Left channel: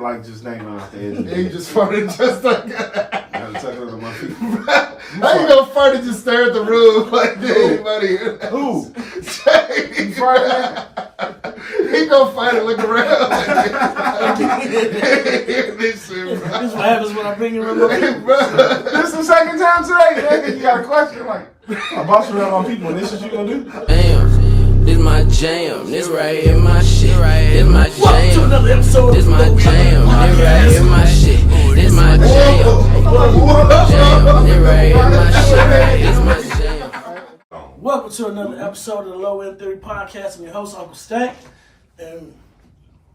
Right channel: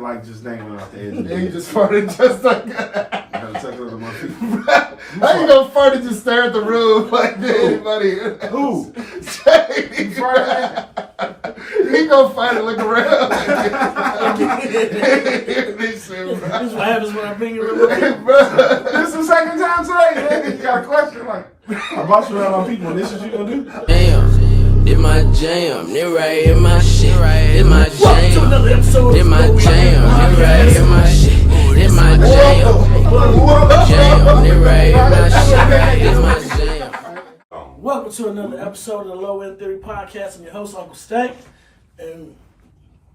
Like just naming off the edge of the You just farted just like that. I had to take it over my feet. How you gonna fart and just stare at the room like anybody? Who? Jay. You farted? He gonna fight and look around. This is what happens when I bring you remote. Hey, bro. This is the second time today, man. You got a question like, I bought you around my people. This is what you gonna do? Damn, did my jam, it right in my shit, did my jam, Welcome to another episode did of my jam, it right in my shit, did my jam, it right in my shit, did my jam. Welcome to another episode of the Low End Theory Podcast. I'm your host, Uncle Stank, and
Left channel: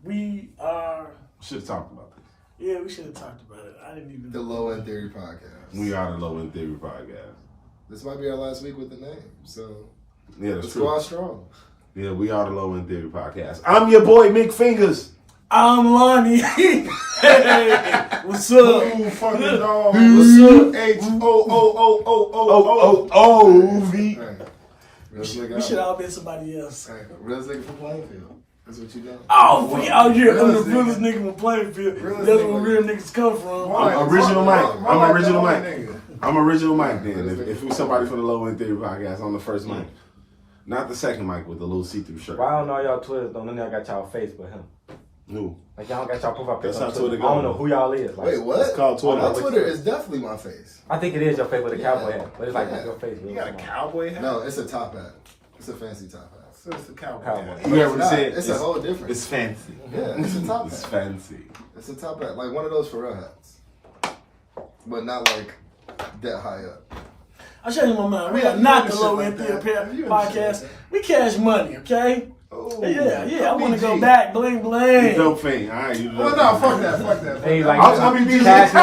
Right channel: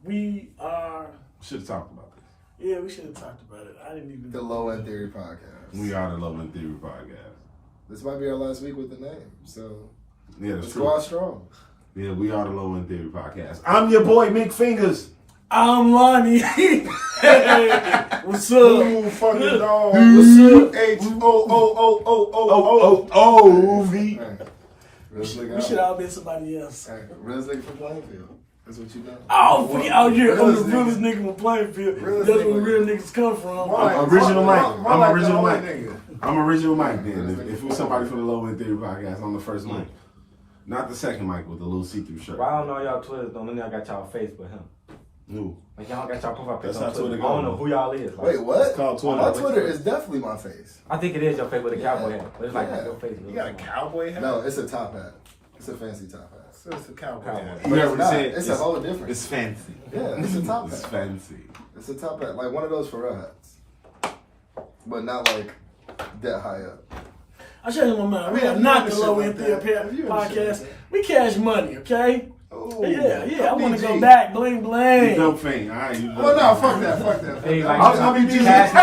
we are... Should have talked about this. Yeah, we should have talked about it. I didn't even... The Low End Theory Podcast. We are the Low End Theory Podcast. This might be our last week with the name, so Yeah, that's let's true. go out strong. Yeah, we are the Low End Theory Podcast. I'm your boy, Mick Fingers. I'm Lonnie. Hey, what's up? Ooh, fucking dog. What's up? H-O-O-O-O-O-O-O-V. Hey, We should all be somebody else. Hey, realest nigga from Plainfield. That's what you know. Oh, we out here. I'm the Realest realest nigga from Plainfield. Realest That's nigga. where real niggas come from. I'm original Mike. I'm original Mike. Nigga. I'm original Mike then. If it was somebody from the Low End Theory Podcast, I'm the first Mike. Not the second Mike with the little see-through shirt. Well, I don't know y'all Twitter, though. None of y'all got y'all face with him. No. Like, y'all got y'all profile That's picture how on Twitter I go. don't know who y'all is. Like, Wait, what? It's called Twitter. My Twitter is definitely my face. I think it is your face with a Yeah. cowboy hat. But it's like Yeah. your face. You got a cowboy hat? No, it's a top hat. It's a fancy top hat. So it's a cowboy Cowboy. hat. But You it's ever not. said It's a whole different. It's fancy. Yeah, it's a top It's hat. fancy. It's a top hat, like one of those for real hats, but not like that high up. I'll show you my mind. We I are mean, not if the you Low understand End Theory like that, if you understand Podcast. like that. We cash money, okay? Ooh. Yeah. I want to BG. go back. Bling, You bling. dope fiend. All right, you dope. Well, no, fuck that. Fuck that. Fuck Hey, that. like, I was gonna be Cash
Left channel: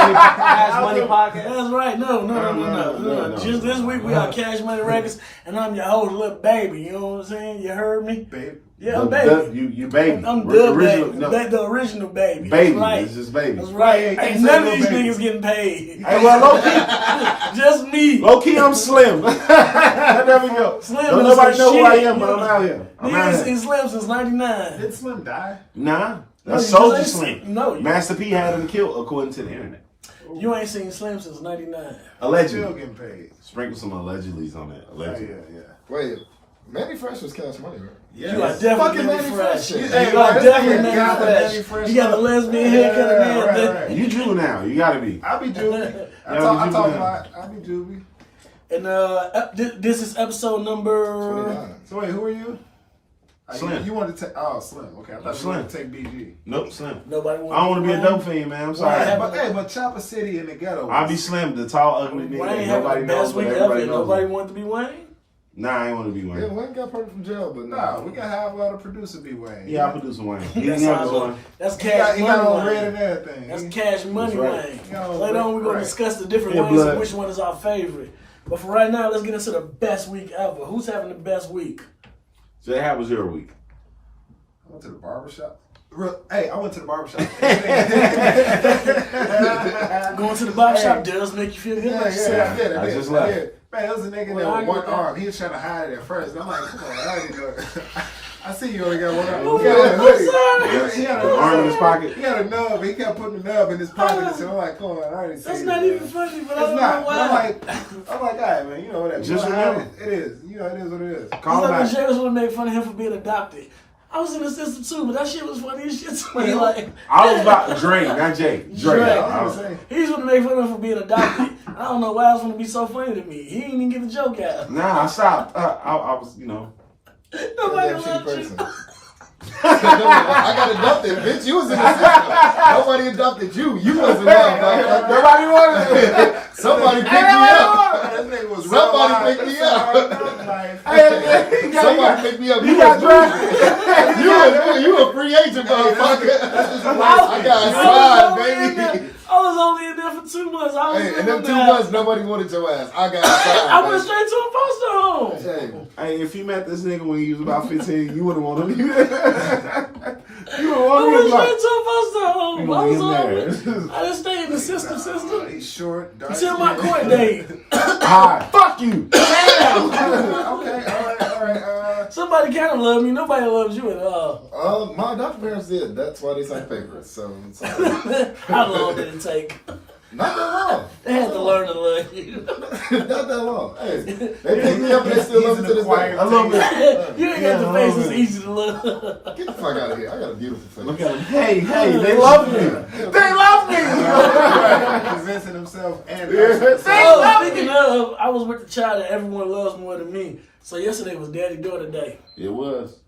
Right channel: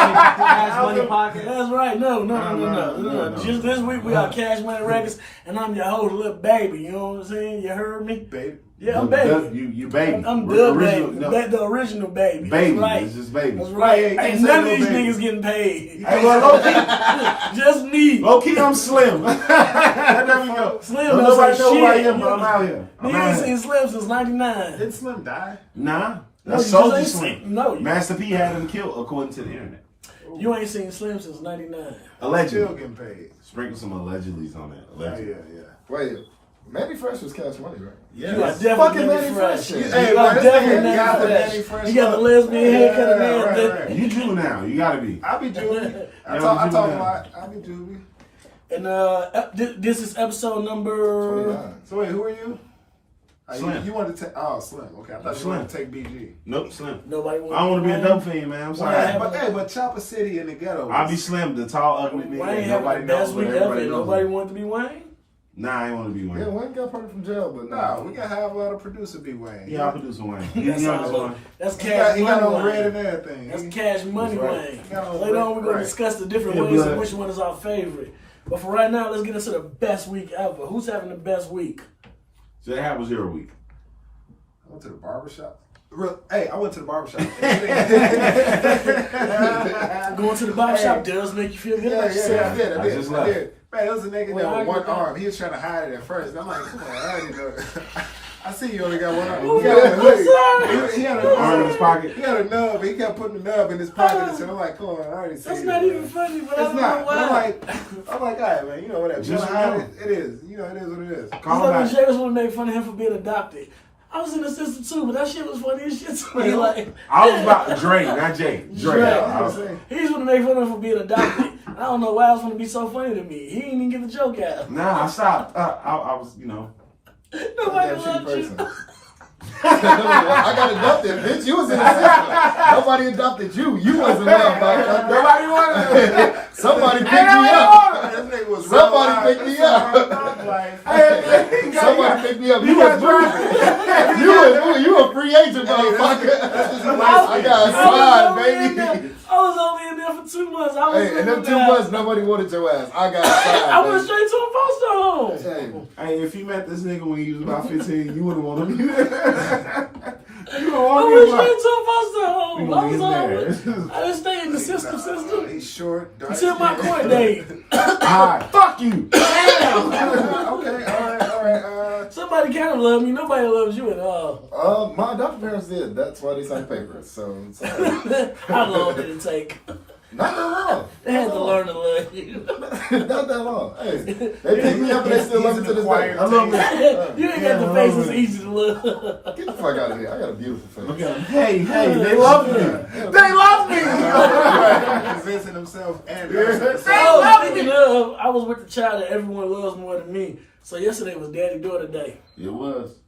Money Podcast. That's right. No. Just this week we are Cash Money Records, and I'm your host, Little Baby. You know what I'm saying? You heard me? Baby. Yeah, I'm baby. You baby. I'm the Original- baby. no, The original baby. baby. That's right. It's just baby. That's right. Hey, Ain't say none of little these baby. niggas getting paid. Hey, well, low Just me. key, I'm slim. There we go. Slim Don't don't nobody say know who I shit. am, but I'm out here. I'm Nigga out ain't here. seen Slim since 99. Did Slim die? Nah, No, that's you Soldier just ain't Slim. seen- no, you- Master P had him killed according to the internet. You ain't seen Slim since 99. Still Allegedly. getting paid. Sprinkle some allegedlys on that. Oh, Allegedly. yeah. Wait, Manny Fresh was Cash Money, right? Yeah. You are Fucking definitely Manny Manny Fresh. Fresh. Hey, You are this definitely nigga Manny got the Fresh. Manny Fresh You got the look. lesbian haircut and right, everything. right. You Jew now. You gotta be. I be Juvie. I Yeah, talk we do about. I be Juvie. And this is episode number 29. So wait, who are you? Slim. You wanted to take? Oh, Slim. Okay, I thought you Slim. wanted to take BG. Nope, Slim. Nobody. I don't want to be a dope fiend, man. I'm sorry. Yeah, But Choppa City in the ghetto. I'll be Slim, the tall, ugly nigga. Wayne that having Nobody the knows, best but week everybody ever. knows. Nobody him. wanted to be Wayne. Nah, I ain't want to be Yeah, Wayne. Wayne got parted from jail, but Nah, we gotta have a lot of producer be Wayne. Yeah, I'll produce Wayne. He's That's the youngest all. one. That's He cash got money on red Wayne. and everything. That's cash money right. Wayne. He got on Later on, we're gonna right. discuss the different Yeah, ways blood. of which one is our favorite. But for right now, let's get into the best week ever. Who's having the best week? So how was your week? I went to the barbershop. Hey, I went to the barbershop. Going to the barber shop does make you feel good about I yourself. did. I just left. Man, there was a nigga Well, there I with one get that. arm. He was trying to hide it at first. And I'm like, come on, I already know. I see you only got one arm. Oh, He got a hoodie. what's He had The arm in a his pocket. He had a nub. He kept putting the nub in his pocket. So I'm like, come on, I already see That's you, not man. even funny, but I It's don't not. know But why. I'm like, all right, man. You know whatever. Just You wanna hide remember. it is. You know, it is what it is. It's Call like when back. Jay was gonna make fun of him for being adopted. I was in the system too, but that shit was funny as shit to me. Like, I was about Dre, not Jay. Dre. Dre. I was- he was gonna make fun of him for being adopted. I don't know why it was gonna be so funny to me. He didn't even get the joke out. Nah, I stopped. I was, Nobody Damn shitty loved you. person. I got adopted, bitch. You was in the system. Nobody adopted you. You wasn't loved, motherfucker. Nobody wanted it. Somebody picked me up. That nigga was Somebody picked me up. up. Somebody picked me up. You got drafted. You a free agent, motherfucker. I got signed, baby. I was only in there for 2 months. I was Hey, in them living 2 there. months, nobody wanted your ass. I got signed. I went baby. straight to a foster home. Hey, Hey, if you met this nigga when he was about 15, you would have wanted him. You would have I wanted went him. straight to a foster home. You I gonna was get on. there. I didn't stay in the system. He's short, dark. Until my court date. Hi. Fuck you. Damn. Okay, all right. Somebody somebody kind of love me. Nobody loves you at all. My adopted parents did. That's why they signed papers. So it's How long did it take? not that long. They had to learn to love you. Not that long. Hey, they picked me up and they still love me to this day. I love it. You ain't got the face that's easy to love. Get the fuck out of here. I got a beautiful face. Look at him. Hey, they love me. They love me. Convincing himself and Speaking of, I was with the child that everyone loves more than me. So yesterday was daddy-daughter day. It was.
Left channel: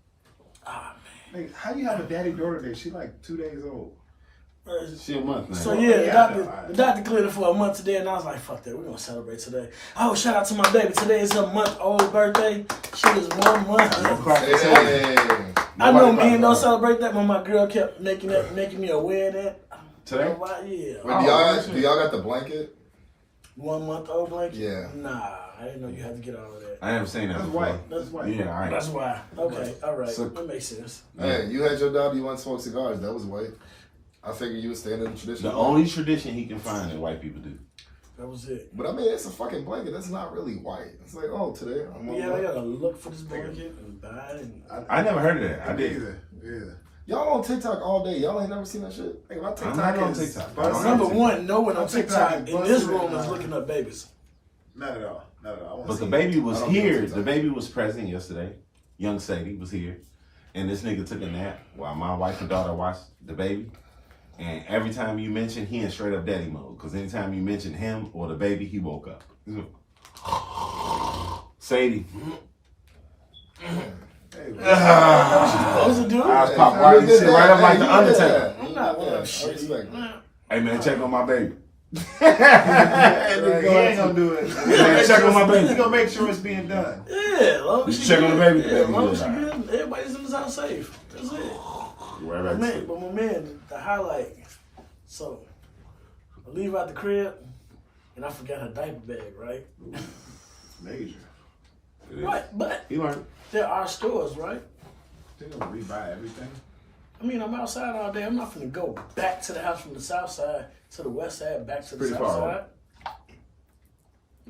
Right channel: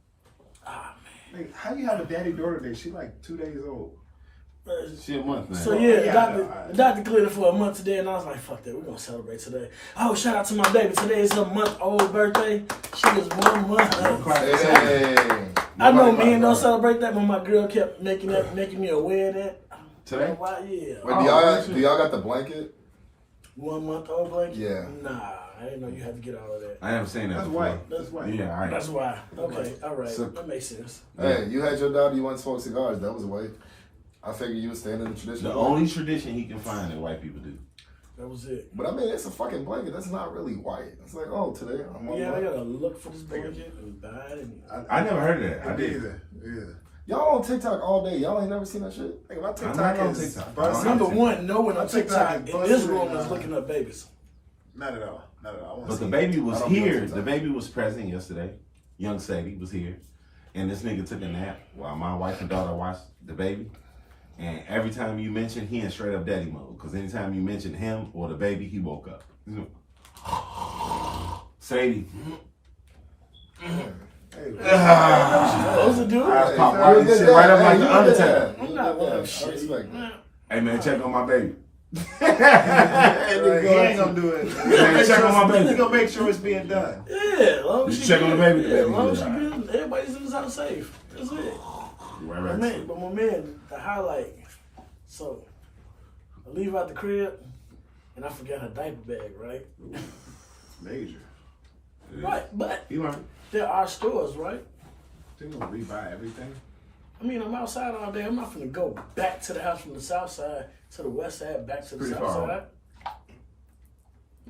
Like, how you have a daddy-daughter day? She like 2 days old. She a month now. So yeah, Yeah, the doctor cleared it for a month today, and I was like, fuck that, we're gonna celebrate today. Oh, shout out to my baby. Today is her month-old birthday. She is 1 month. Hey. I know men don't celebrate that, but my girl kept making me aware of that. Today? Why, yeah. Wait, do y'all got the blanket? 1 month old blanket? Yeah. Nah, I didn't know you had to get all of that. I haven't seen that That's before. white. That's white. Yeah, all right. That's why. Okay, all right. So- That makes sense. Hey, you had your daughter, you want to smoke cigars. That was white. I figured you would stand in the tradition. The only tradition he can find that white people do. That was it. But I mean, it's a fucking blanket. That's not really white. It's like, oh, today I'm on Yeah, I white. gotta look for this blanket and buy it. And I never heard of that. I Me did. either. Yeah. Y'all on TikTok all day. Y'all ain't never seen that shit? Hey, my I'm TikTok not on is TikTok. busting. Number one, no one on My TikTok TikTok is in this busting, room is looking up babies. Not at all. Not at all. I wanna But the see baby it. was I don't be on here. TikTok. The baby was present yesterday. Young Sadie was here. And this nigga took a nap while my wife and daughter watched the baby. And every time you mention, he in straight up daddy mode. Because anytime you mention him or the baby, he woke up. Sadie. Hey, Supposed to do I was it. popping You right, did sit that. right up like Hey, the you did Undertaker. that. I'm You not did one that. of I respect that. Hey man, check on my baby. right, he ain't gonna do it. Man, check on my baby. He gonna make sure it's being done. Yeah, as long as You she check on the good. baby, the Yeah, as baby long as she good. good, everybody's in his house safe. That's it. Right My back man, to but my man, the highlight. So I leave out the crib and I forgot her diaper bag, right? Major. But He learned. there are stores, right? They gonna rebuy everything. I mean, I'm outside all day. I'm not gonna go back to the house from the south side to the west side, back to the Pretty south far side. I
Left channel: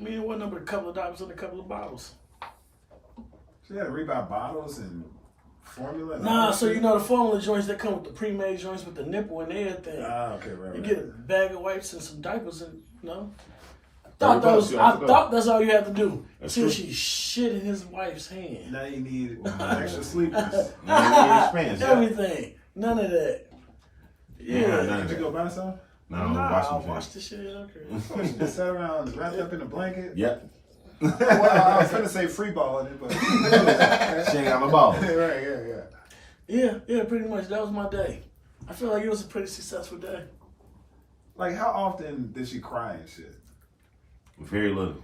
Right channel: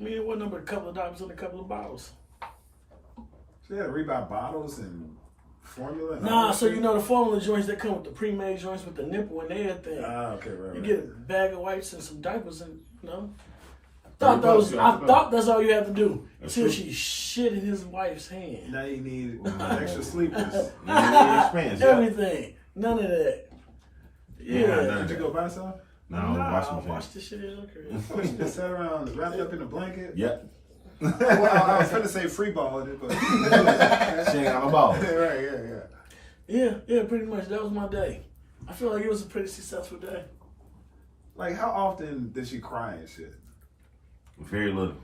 mean, it wasn't but a couple of dollars and a couple of bottles. So you had to rebuy bottles and formula. And all Nah, that so shit? you know the formula joints that come with the pre-made joints with the nipple and everything. Ah, okay, right. You right. get a bag of wipes and some diapers, and you know. I $30 thought that's all you had to do That's until true. she shit in his wife's hand. Now you need extra sleepers. Everything, none of that. Yeah. Nah, Did you go buy some? No, Nah, watch I me. watched the shit in her crib. She just sat around wrapped up in a blanket. Yep. Well, I was gonna say free balling it, but She ain't got no balls. right, yeah. Yeah, pretty much. That was my day. I feel like it was a pretty successful day. Like, how often did she cry and shit? Very little.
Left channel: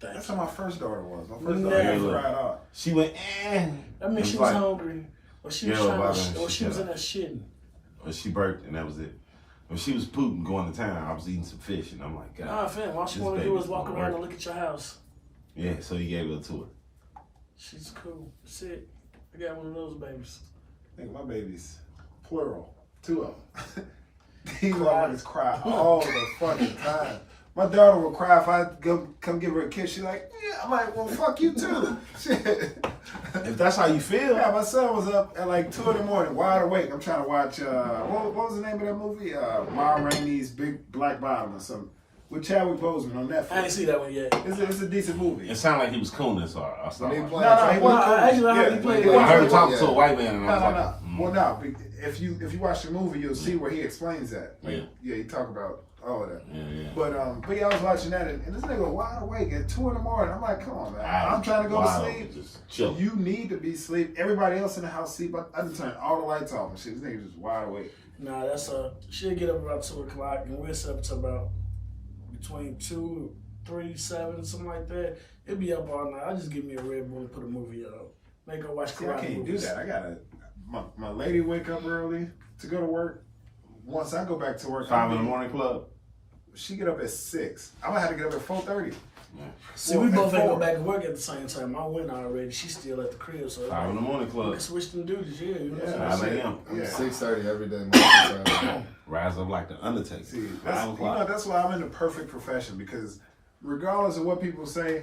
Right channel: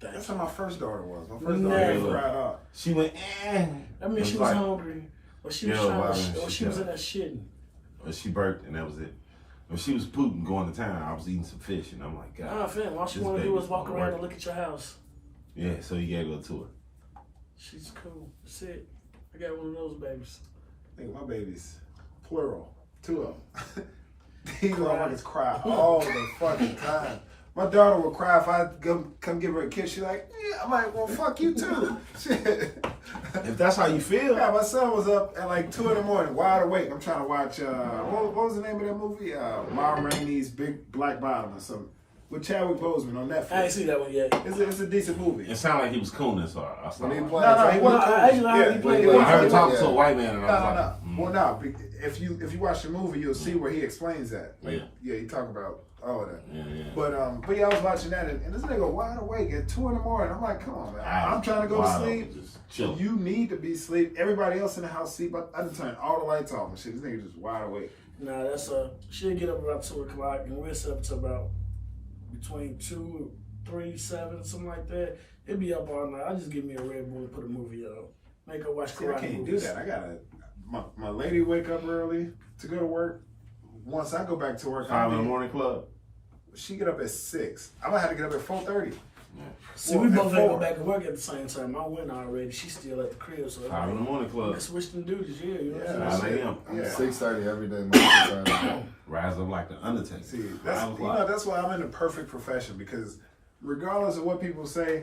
That's Thanks. how my first daughter was. My first Never. daughter cried out. She went, I mean, she was hungry, or she was Yeah, trying well, to, or she she was did. in there shitting. When she burped, and that was it. When she was pooping, going to town, I was eating some fish, and I'm like, God. Nah, fam, all she this want to do baby's is walk gonna around work. and look at your house. Yeah, so you gave her a tour. She's cool. That's it. I got one of those babies. I think my babies, plural, 2 of them. These motherfuckers cry all the fucking time. My daughter will cry if I come give her a kiss. She's like, yeah. I'm like, well, fuck you too. Shit. If that's how you feel, Yeah, my son was up at like 2 in the morning, wide awake. I'm trying to watch, what was the name of that movie? Ma Rainey's Big Black Bottom or something. With Chadwick Boseman on Netflix. I ain't see that one yet. It's a decent movie. it sounded like he was cooning, so I When stopped. they watching. play No, he No, wasn't. I actually heard he played he it. I wasn't. heard him talking Yeah. to a white man, and I was No, like, no. Well, no. If you watch the movie, you'll see where he explains that. Like, Yeah. yeah, he talk about all of that. yeah. But yeah, I was watching that, and this nigga wide awake at 2 in the morning. I'm like, come on, man. I'm trying to go to sleep. Just chill. You need to be asleep. Everybody else in the house sleep. I done turned all the lights off and shit. This nigga just wide awake. Nah, that's she'll get up about 2 o'clock, and we'll sit up to about between 2, 3, 7, something like that. It'd be up all night. I just give me a Red Bull and put a movie on. Make her watch See, I karate can't do movies. that. I gotta. My lady wake up early to go to work. Once I go back to work, 5 in the morning club. She get up at 6. I'm gonna have to get up at 4:30. See, Well, we both at ain't go 4. back to work at the same time. I went already. She's still at the crib, so 5 in the morning we club. can switch them duties. Yeah, you know what I'm Yeah. saying? 5 a.m. I'm Yeah. 6:30 every day. Monday to Friday. Rise up like the Undertaker. See, 5 that's o'clock. that's why I'm in the perfect profession, because regardless of what people say,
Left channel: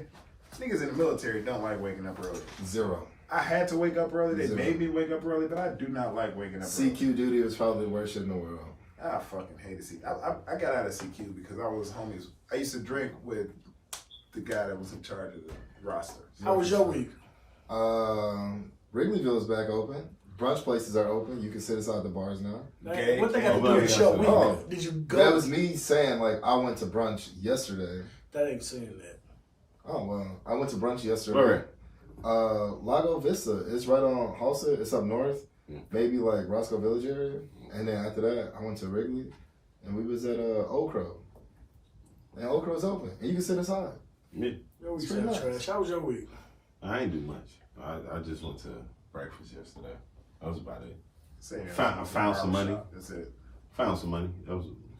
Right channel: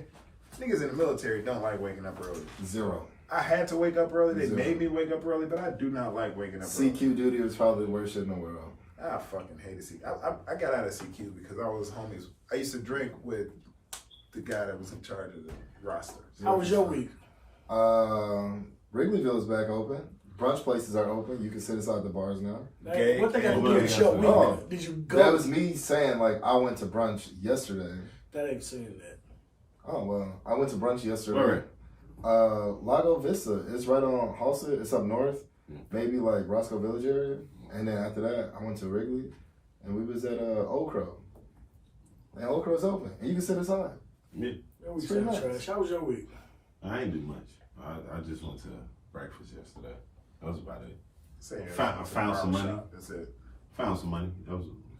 niggas in the military don't like waking up early. 0. I had to wake up early. They made me wake up early, but I do not like waking up early. CQ duty was probably the worst shit in the world. I fucking hated CQ. I got out of CQ because I was homies. I used to drink with the guy that was in charge of the roster. How was your week? Wrigleyville is back open. Brunch places are open. You can sit inside the bars now. What they got to do with your week? Oh, Did you go? that was me saying, like, I went to brunch yesterday. That ain't saying that. Oh, well, I went to brunch yesterday. Where? Lago Vista. It's right on Halsted. It's up north. Maybe like Roscoe Village area. And then after that, I went to Wrigley. And we was at Old Crow. And Old Crow's open. And you can sit inside. Me? Your week It's pretty sound nice. trash. How was your week? I ain't do much. I just went to breakfast yesterday. That was about it. I Found some money. That's it. Found some money.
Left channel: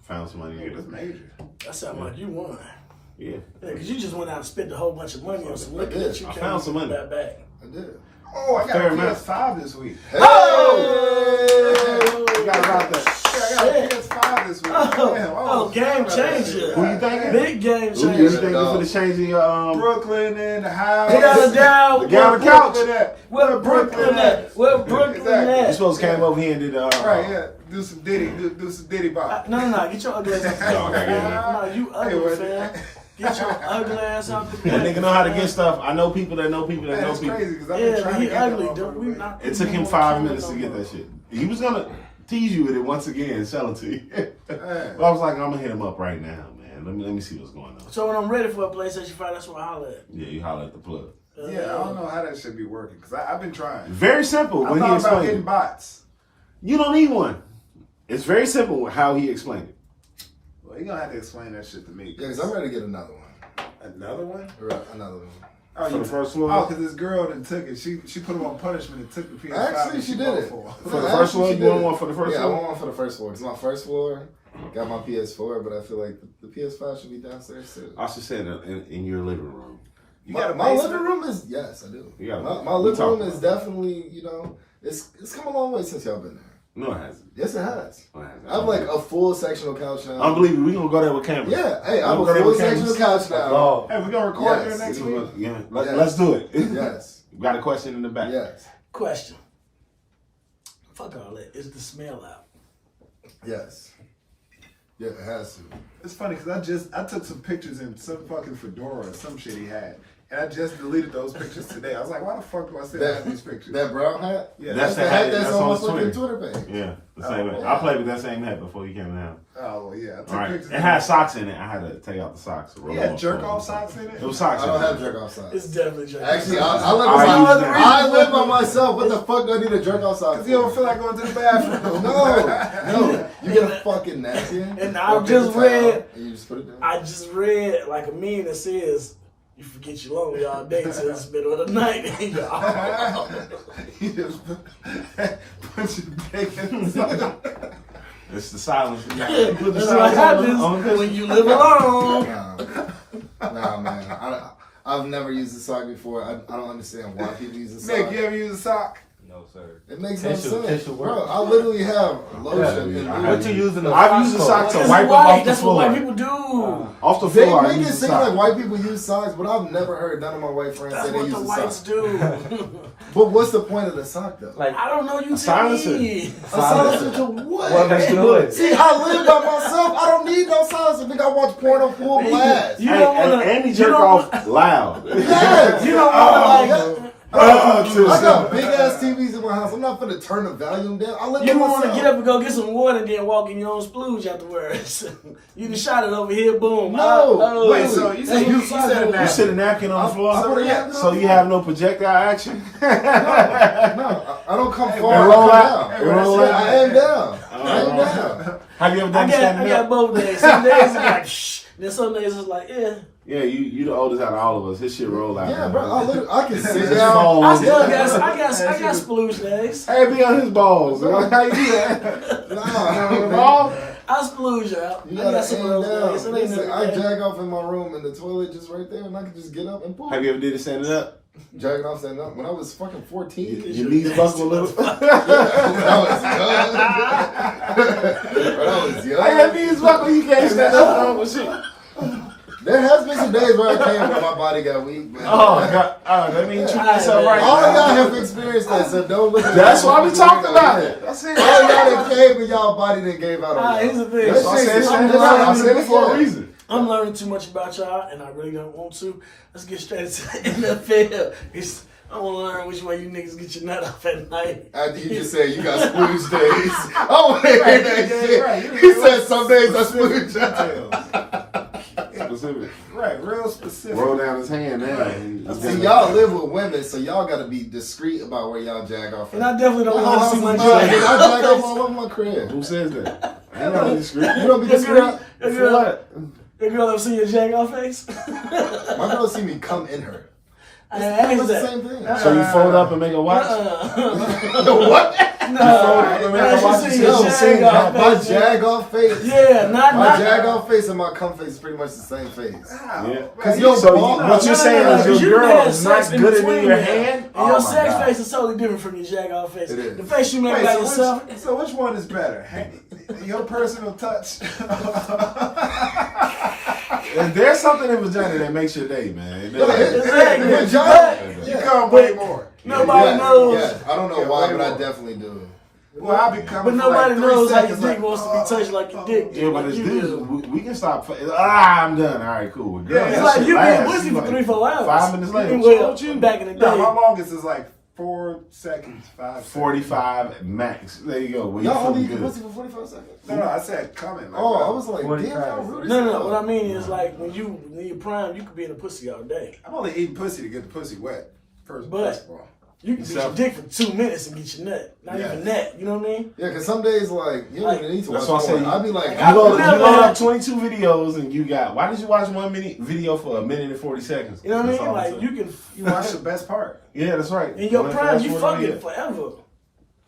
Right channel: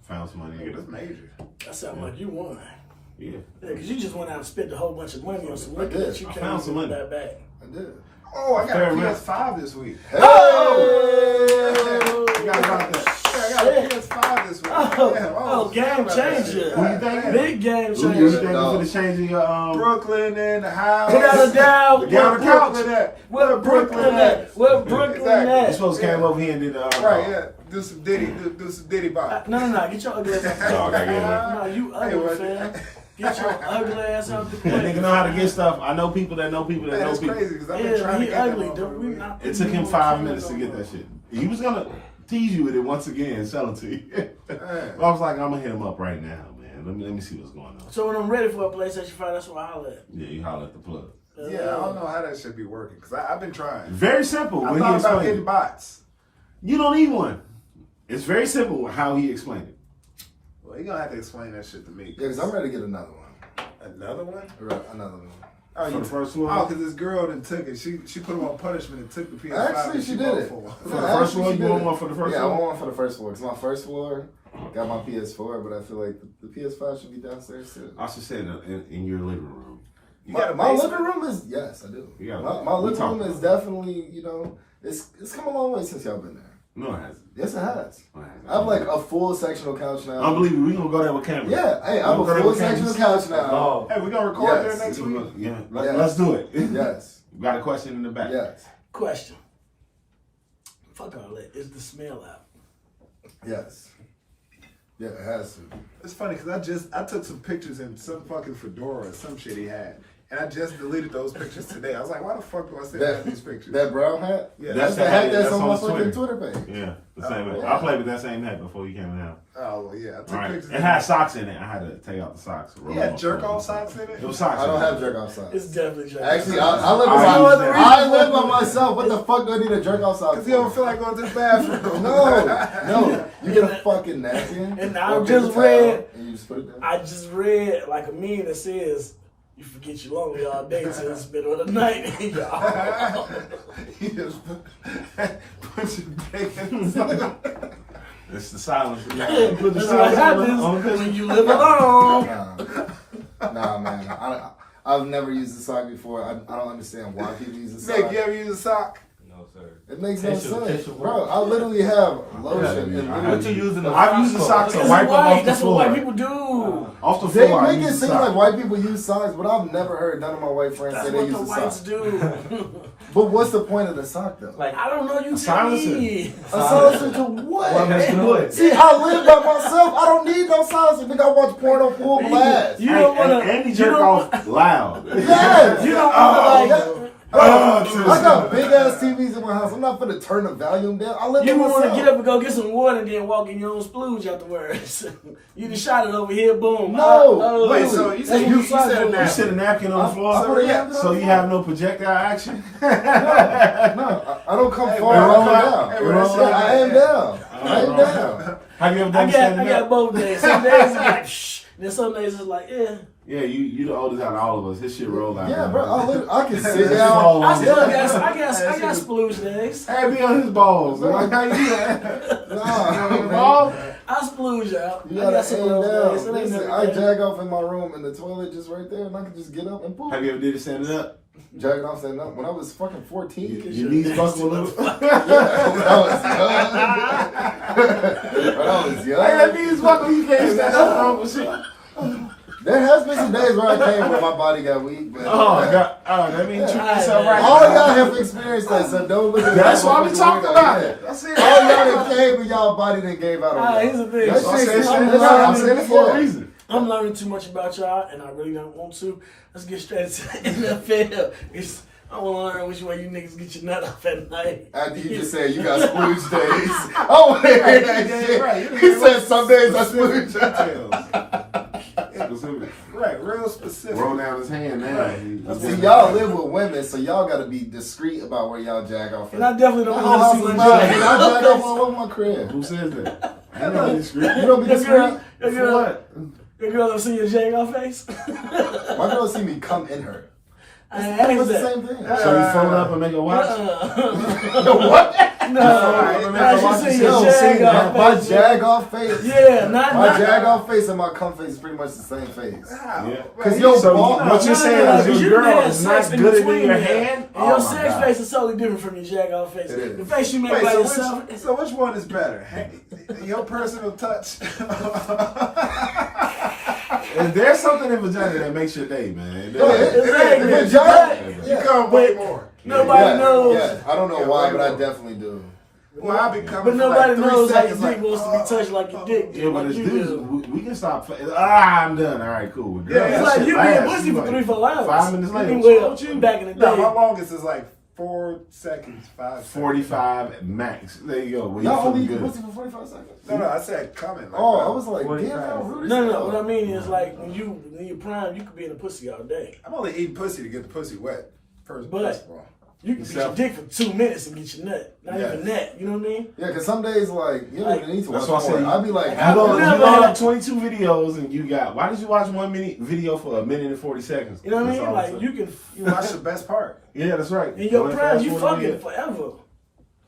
Found some money. Nigga, that's major. That sounds like you won. Yeah. Yeah, because you just went out and spent a whole bunch of money on some liquor did. that you I can't found some even money. get that back. I did. Oh, I got Fair a amount. PS5 this week. Hey! You got about that. I got a PS5 this week. Oh, game changer. Who you thinking? Big game Who you changer. thinking for the changing your Brooklyn in the house. Without a doubt. Get on the couch. Where Brooklyn at? Where Brooklyn Exactly. You at? supposed to came over here and did Right, yeah. Do some Diddy. Do some Diddy bop. No. Get your ugly ass No, I out the gotta get it. No, you ugly, fam. Get your ugly ass out the That nigga know how to get stuff. I know people that know people that Man, know that's people. crazy because I've been Yeah, trying but to he get that ugly, motherfucker, dude. We man. not It took him 5 minutes to get that shit. He was gonna tease you with it once again and sell it to you. But I was like, I'm gonna hit him up right now, man. Let me see what's going on. So when I'm ready for a PlayStation 5, that's what I holler at. Yeah, you holler at the plug. Yeah, I don't know how that should be working because I've been trying. Very simple. I When he thought about explained getting it. bots. You don't need one. It's very simple how he explained it. Well, you're gonna have to explain that shit to me. Yeah, because I'm ready to get another one. Another one? Another one. Oh, For the first one? Oh, because this girl that took it, she put him on punishment and took the PS5. Actually, that she did it. bought For the first floor, you want one for the first Yeah, I floor? want one for the first floor. Because my first floor got my PS4, but I feel like the PS5 should be downstairs too. I should say in your living room. You got a my basement? living room is, yes, I do. You got a- My we living talked room is about definitely, it's come a long way since y'all been there. No, it hasn't. Yes, it has. No, it hasn't. I have like a full sectional couch now. Unbelievable. We gonna go there with cameras. Yeah, hey, I have We'll go a there full with cameras. sectional couch now. Oh. Hey, we gonna record Yes. there next week? Yeah, Yes. let's do it. Yes, We got a question in the back. yes, Question. Fuck all that. Is the smell out? yes. Yeah, it has to. It's funny because I took some pictures in some fucking fedora or some shit he had. And I just deleted those pictures today. I was like, why the fuck do I still have these pictures? That brown hat? Yeah, that's the hat that's on my fucking Twitter page. Yeah, the same hat. yeah. I played with that same hat before you came in the house. Oh, well, yeah. I took All right. pictures. It had socks in it. I had to take out the socks. He had jerk off socks in It it? was socks. I don't in it. have jerk off socks. It's definitely jerk. Actually, I live I by use I live by myself. What the fuck do I need a jerk off sock? Because you don't feel like going to the bathroom. No. You get a fucking napkin. And or I a paper just towel, read- and you just put it down. I just read like a meme that says, you forget you're lonely all day till it's middle of the night. Y'all. You just put your dick in the sock. It's the silence. Put the That's what silence on happens when you live alone. Nah, man. I've never used a sock before. I don't understand why people use a sock. Nick, you ever use a sock? No, sir. It makes no Tissue sense. work. Bro, I literally have lotion and I lube. had What you using? I've used a sock to It's wipe white. off the That's floor. what white people do. Off the They floor, I make it use a seem like sock. white people use socks, but I've never heard none of my white friends That's say they what use the a whites sock. do. But what's the point of the sock though? Like, I don't know. You tell silencer. me. A silencer to what? what makes the noise? See, I live by myself. I don't need no silencer. Nigga, I watch porn on full blast. You don't want to. And he jerk off loud. Yes. You don't want to like. I got big ass TVs in my house. I'm not gonna turn the volume down. I live You by want to myself. get up and go get some water and then walk in your own splooge afterwards. You just shot it over here, boom. No. Wait, so you said you said a You napkin. sit a napkin on the floor, I put a napkin so on you the have no projectile action. No, I don't come far. roll I out. come down. Hey, roll out. I am down. I am down. Have you ever I done got standing up? both days. Some days it's like shh. Then some days it's like yeah. Yeah, you the oldest out of all of us. His shit roll out. Yeah, bro. I can sit It's down. small. I still got splooge days. Hey, be on his balls. How you do that? Nah, Balls? I splooge out. You I got gotta some aim of down. those days. It ain't Listen, never I bad. jag off in my room and the toilet just right there, and I can just get up and poop. Have you ever did it standing up? Jagging off standing up when I was fucking 14. Your knees buckle a little. When I was young. Hey, your knees buckle. You can't stand up on the shit. There has been some days where I came where my body got weak. But God. Oh, that means you yourself right. all y'all have experienced that, so don't look at That's that why we as talking weirdo. about Yeah. it. That's it. All y'all that came and y'all body done gave out on y'all. Here's the thing. That's why I said I said it for a reason. I'm learning too much about y'all, and I really don't want to. Let's get straight into the NFL. I want to learn which way you niggas get your nut off at night. After you just said you got splooge days. I want to hear that shit. Right. He said some days I splooge. Specific. Right, real specific. Roll down his hand now. See, y'all live with women, so y'all got to be discreet about where y'all jag off. And I definitely don't That want whole to see house is my mine. jag I jag off off. all over my crib. Who says that? I ain't not discreet. You don't be discreet? Your girl ever see your jag off face? My girl see me come in her. I It's asked the that. same thing. So you fold up and make a watch? What? No, she see your No, jag off my face. jag off face. Yeah, My not jag off face and my cum face is pretty much the same face. Yeah. Cause your So ball, what you're saying is because your you girl had is not sex in good between in your them. hand? And your Oh my sex God. face is totally different from your jag off face. It is. The face you make Wait, by so yourself. which one is better? Your personal touch? If there's something in vagina that makes your day, man. No, Exactly. You come way more. Nobody knows. Yeah, I don't know Yeah, why, way but I more. definitely do. Well, I'll be coming But for nobody like 3 knows how your seconds, dick like, wants to be touched like your dick. Yeah, but like it's you dudes, do. we can stop. I'm done. All right, cool. With girls, Yeah, It's that like shit you be in lasts. pussy You for like 3-4 hours. 5 minutes later. Well, What's wrong with back in the No, day. my longest is like 4 seconds, 5 seconds. 45 max. There you go. Well, Y'all only you eat good. pussy for 45 seconds? No, I said coming. Like, Oh, I was like, 45. damn, how rude is No, that? what I mean is like when you in your prime, you could be in a pussy all day. I'm only eating pussy to get the pussy wet. First But- of all. You can beat your dick for 2 minutes and get your nut. Not Yeah. even that. You know what I mean? Yeah, because some days, like, you don't Like, even need to That's watch what I porn. said. I'd be like, I You go- load up 22 videos and you got. Why did you watch 1 minute video for 1 minute and 40 seconds? You know what I That's mean? all I'm Like saying. you can. You watch the best part. Yeah, that's right. In your Go ahead, prime, fast you forward fucking it. forever.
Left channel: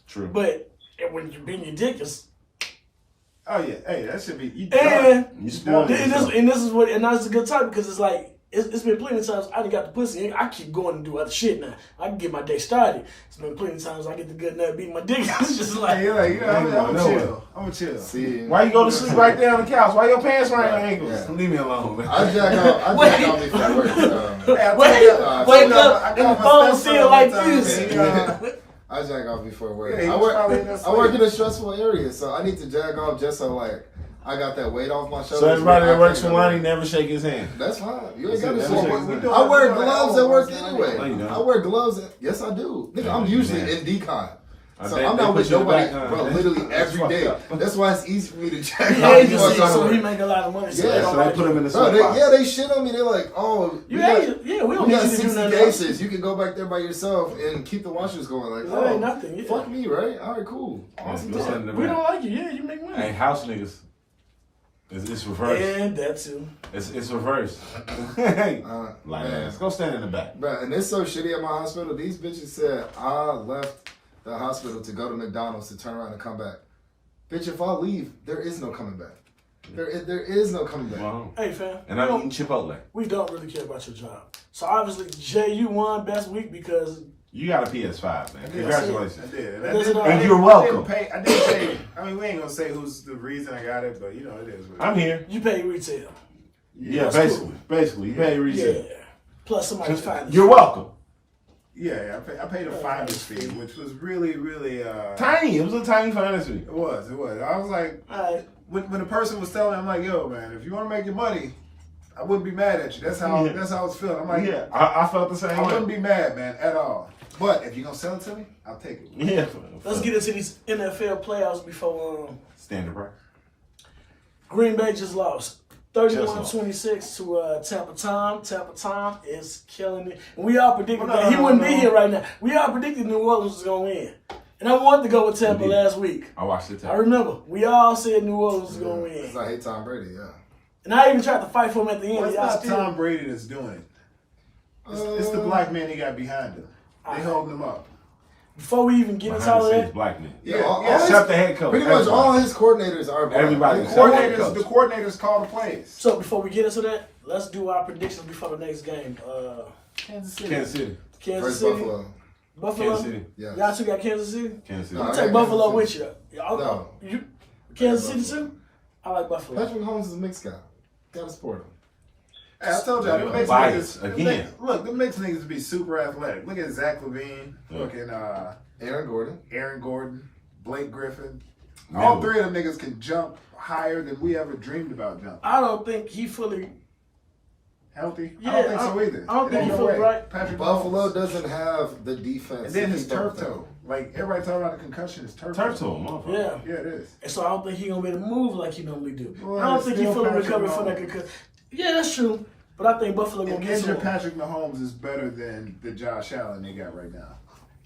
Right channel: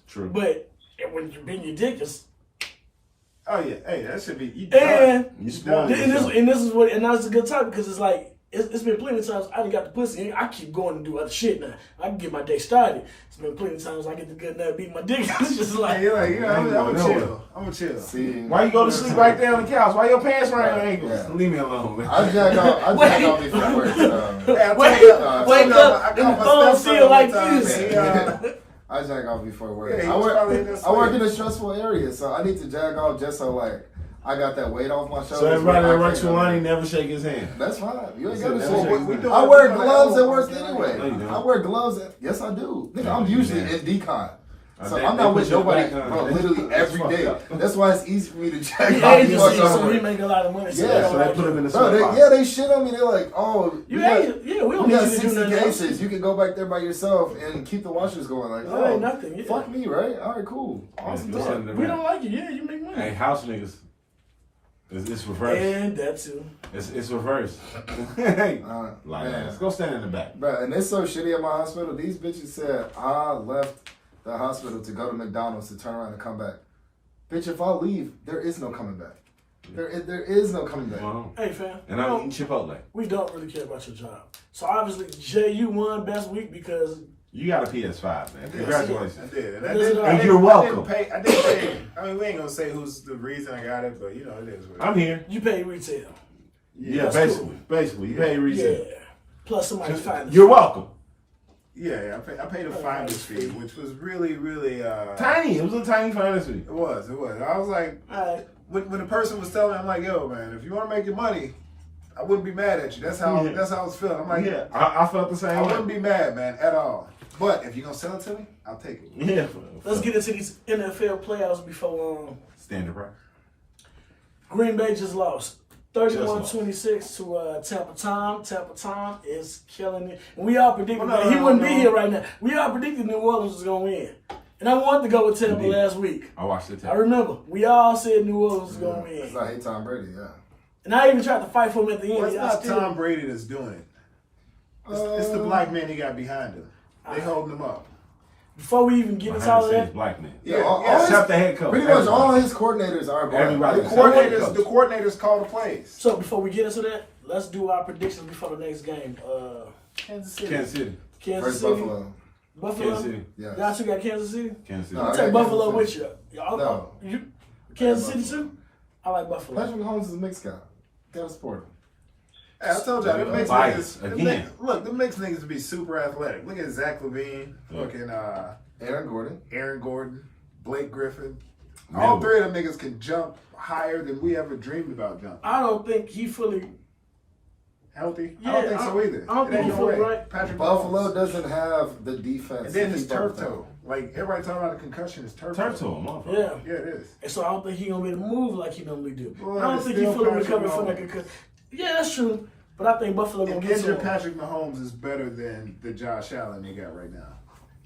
True. But when you bend your dick, it's Oh yeah, hey, that should be. You and You spoiled yourself. this is what and that's a good time because it's like it's been plenty of times I done got the pussy. I keep going and do other shit now. I can get my day started. It's been plenty of times I get the good nut, beat my dick. It's just like Hey, you're like, I'm going gonna nowhere. chill. I'm gonna chill. see, Why you go to sleep right there on the couch? Why your pants around your ankles? Yeah. Leave me alone, man. I jag off before work. Hey, I wake told up, you, wake I up, got and my the phone stepson still like one time, this. and he, I jag off before work. Yeah, he I was probably in work. that I work sleep. in a stressful area, so I need to jag off just so like I got that weight off my shoulders. So everybody where I that works can't for go Lonnie there. never shake his hand. That's fine. You ain't He got to said shake. never shake his hand. I wear we doing gloves at work elbows, anyway. No, you don't. I wear gloves. Yes, I do. Nigga, I'm usually in decon. So They- I'm they not put with you nobody, back on. bro, That's literally every fucked day. up. That's why it's easy for me to check the out agency, before I go so to we work. make a lot of money. So Yeah, they don't So they like put it. him in the Bro, sweat they shit on me. They're like, oh, You we got, ain't, yeah, we don't we need got you to do 60 nothing else. cases. You can go back there by yourself and keep the washers going. Like, That ain't nothing, yeah. fuck me, right? All right, cool. Awesome. Go talk. send them We back. don't like it. Yeah, you make money. Hey, house niggas. It's reverse. And that too. It's reverse. Hey, like man. ass. Go stand in the back. Bro, and it's so shitty at my hospital. These bitches said I left the hospital to go to McDonald's to turn around and come back. Bitch, if I leave, there is no coming back. There is no coming back. Wow. Hey fam, And I'm eating Chipotle. we don't really care about your job. So obviously, Jay, you won best week because You got a PS5, man. I Congratulations. did. And But I listen, didn't, and I didn't- you're welcome. I didn't pay. I mean, we ain't gonna say who's the reason I got it, but you know, it is what it I'm here. you pay retail. Yeah, that's basically. cool. Basically, you pay resale. Yeah. Plus somebody find You're welcome. Yeah, I paid a finder's fee, which was really, really Tiny. It was a tiny finance fee. It was. I was like, All right. when the person was telling me, I'm like, yo, man, if you want to make your money, I wouldn't be mad at you. That's how Yeah. that's how I was feeling. I'm like, Yeah, I felt the same I way. wouldn't be mad, man, at all. But if you're gonna sell it to me, I'll take it. Yeah. Let's get into these NFL playoffs before Standard price. Green Bay just lost. 31-26 to Tampa Tom. Tampa Tom is killing it. And we all predicted Well, no, that he no, wouldn't no. be here right now. We all predicted New Orleans was going to win. And I wanted to go with Tampa Indeed. last week. I watched it. I remember. We all said New Orleans was going to Because win. I hate Tom Brady, yeah. And I even tried to fight for him at the end. Well, it's Y'all not still- Tom Brady that's doing it. It's the black man he got behind him. They holding him up. Before we even get into all Behind of the scenes, that, black man. Yeah, Except the head coach. Pretty much Everybody. all his coordinators are black. Everybody. The Except coordinators call the plays. so before we get into that, let's do our predictions before the next game. Kansas City. Kansas City. Kansas First City. Buffalo. Buffalo. Kansas City. Yeah. Y'all two got Kansas City? Kansas City. No, I I'll got take Buffalo Kansas with you. Y'all, No. you Kansas I got City too? I like Buffalo. Patrick Mahomes is a mixed guy. Gotta support him. Hey, I told y'all, them mixed Bias niggas. again. Look, them mixed niggas be super athletic. Look at Zach LaVine, fucking Aaron Gordon. Blake Griffin. Never. All three of them niggas can jump higher than we ever dreamed about jumping. I don't think he fully. Healthy? Yeah, I don't think so either. I don't think It he ain't fully way. right. Patrick Buffalo Mahomes. doesn't have the defense. And then to his keep up turf with them. toe. Like, everybody talking about the concussion is turf toe. Turf toe, motherfucker. Yeah. Yeah, it is. And so I don't think he gonna be able to move like he normally do. Well, I don't it's think he still fully Patrick recovered from that Mahomes. concussion. Yeah, that's true. But I think Buffalo gonna And get injured some. Patrick Mahomes is better than the Josh Allen they got right now.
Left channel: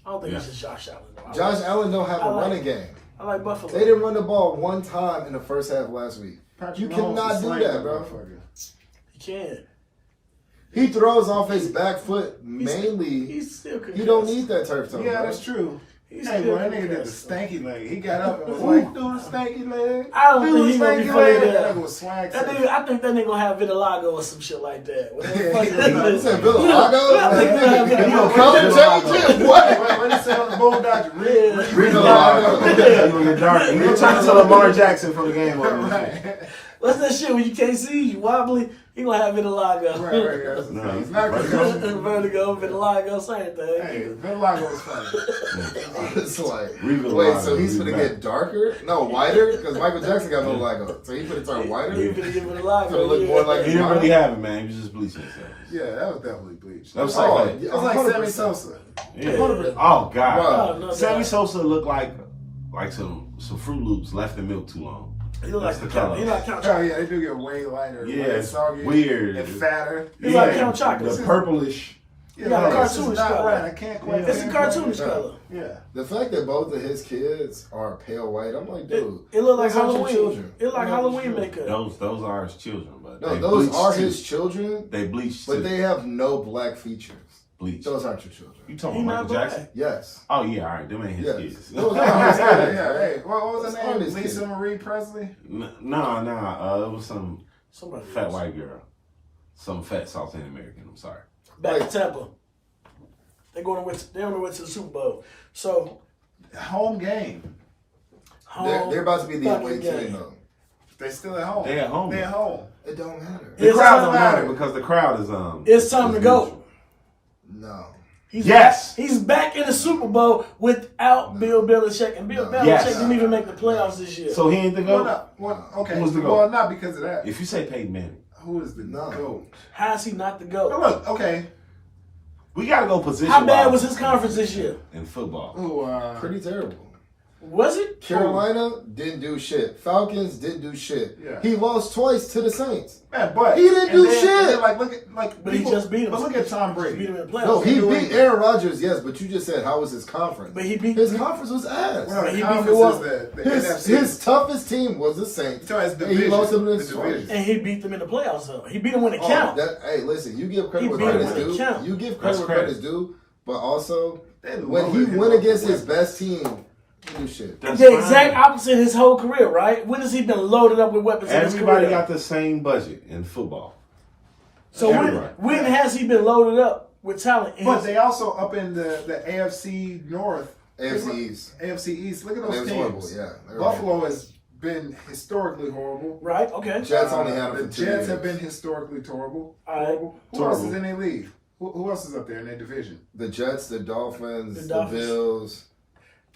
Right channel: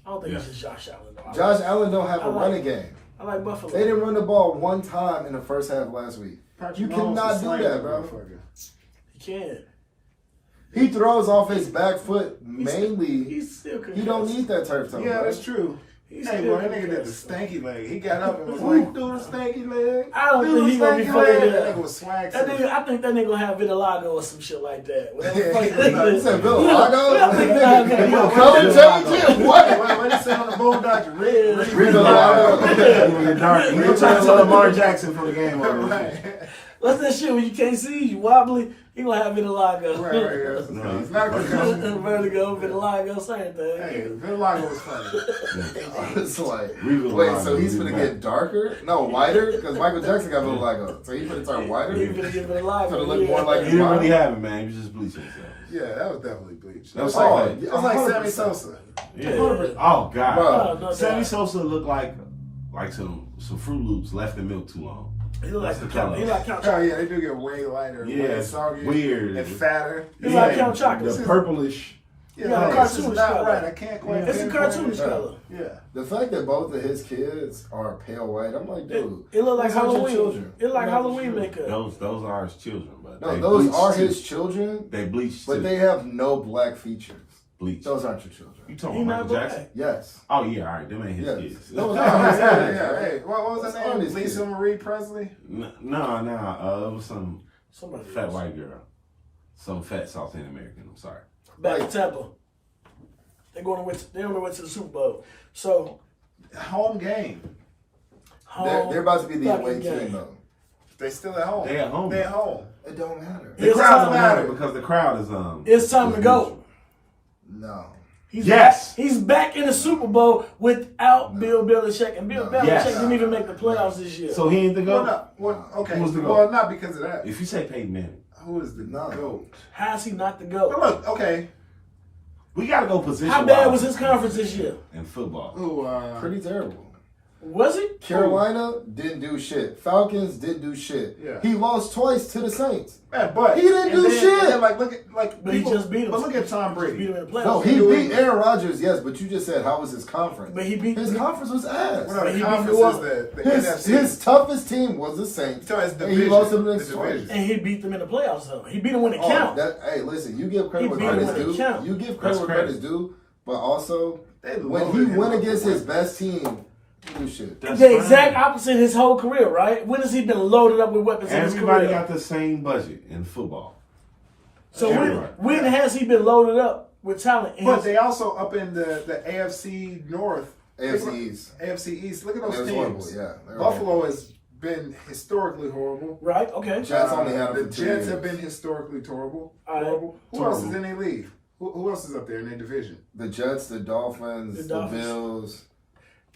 I don't think Yeah. it's just Josh Allen. Though. Josh Allen don't have a I like- running game. I like Buffalo. They didn't run the ball one time in the first half last week. Patrick You Mahomes cannot is do slaying that, bro. motherfucker. He can. He throws off his back foot mainly. He's still concussed. You don't need that turf toe. Yeah, bro. that's true. He's Hey, still boy, that nigga did the concussed. stanky leg. He got up and was like, do the stanky leg. I don't do think the he gonna be stanky fully leg. there. That nigga was swag. That nigga, I think that nigga gonna have vitiligo or some shit like that. Whatever the fuck He that is. said vitiligo? I think he'll have You vitiligo. gonna color change him? What? What he said on the Bulldogs? Vitiligo. You gonna get dark. You trying to tell Lamar Jackson from the game over. Right. What's that shit when you can't see, you wobbly? He gonna have vitiligo. Right. That's No, no, it's not a concussion. Vertigo, vitiligo, same thing. Hey, vitiligo was funny. It's like, Vitiligo, wait, so he's gonna really get darker? No, whiter? Because Michael Jackson got vitiligo. So he's gonna turn whiter? He finna get vitiligo. Gonna look more like He didn't really have it, man. He was just bleaching himself. Yeah, that was definitely bleached. That was Oh, like, It was like 100%. Sammy Sosa. yeah. 100%. Oh God, Bro, no Sammy doubt. Sosa looked like some Fruit Loops left in milk too long. He look That's like the Count. color. He like Count Oh Chocolate. yeah, they do get way lighter, Yeah, way it's soggy, weird. and fatter. He's like Count Chocolate. The purplish. Yeah, got a like, this is cartoonish not color. right. I can't quite. It's a pinpoint cartoonish it. color. Yeah. The fact that both of his kids are pale white, I'm like, dude. It look like those aren't your Halloween. children. It like Those aren't your Halloween children. makeup. Those are his children, but No, they those bleached are too. his children, They bleached but too. they have no black features. bleached. Those aren't your children. You talking He about not Michael black. Jackson? Yes. Oh yeah, all right. Them ain't his Yes. kids. Those Yeah, aren't his yeah, kids. yeah. Hey, what was her That's name? honest, Lisa kid. Marie Presley. No. It was some Somebody fat else. white girl. Some fat South American. I'm sorry. Back to Tampa. They on the way to the Super Bowl. So Home game. They're about to be the fucking away game. team, though. They still at home. They at home. They at home. It don't matter. The It's crowd time don't to matter matter. because the crowd is It's time to go. neutral. No. He's Yes. back. He's back in the Super Bowl without Bill Belichick, and Bill No. Belichick Yes. didn't even make the playoffs this year. So he ain't the Well, GOAT. not, well, okay. Who was the GOAT? Well, not because of that. If you say Peyton Manning, Who is the No. GOAT? How is he not the But GOAT? look, okay. we gotta go position. How bad was his conference this year? in football? Who? Pretty terrible. Was it? Carolina didn't do shit. Falcons didn't do shit. Yeah. He lost twice to the Saints. Man, but He didn't and do then- shit. and then, like, look at But he just beat him. But look at Tom He beat Brady. him in the playoffs. No, he New beat England. Aaron Rodgers, yes, but you just said how was his conference? But he beat His conference was ass. Well, He the beat conference New is Orleans. the His NFC. toughest team was the Saints. So it's And he division. lost them The next twice. division. and he beat them in the playoffs. Though he beat them when it Oh, counted. hey, listen, you give credit He where beat him credit's when it due. count. You give That's credit where credit. credit's due, but also They when he loaded him went up against with his best team, he do shit. That's The fine. exact opposite his whole career, right? When has he been loaded up with weapons in his Everybody career? got the same budget in football. So Everybody. when has he been loaded up with talent? in But his- they also up in the AFC North. AFC East. AFC East. Look at It those was teams. horrible, yeah. They were Buffalo has been historically horrible. right? Okay. Jets only had him The for 2 Jets years. have been historically horrible. All right. Horrible. Who else is in their league? Who else is up there in their division? The Jets, the Dolphins, The the, Dolphins. Bills.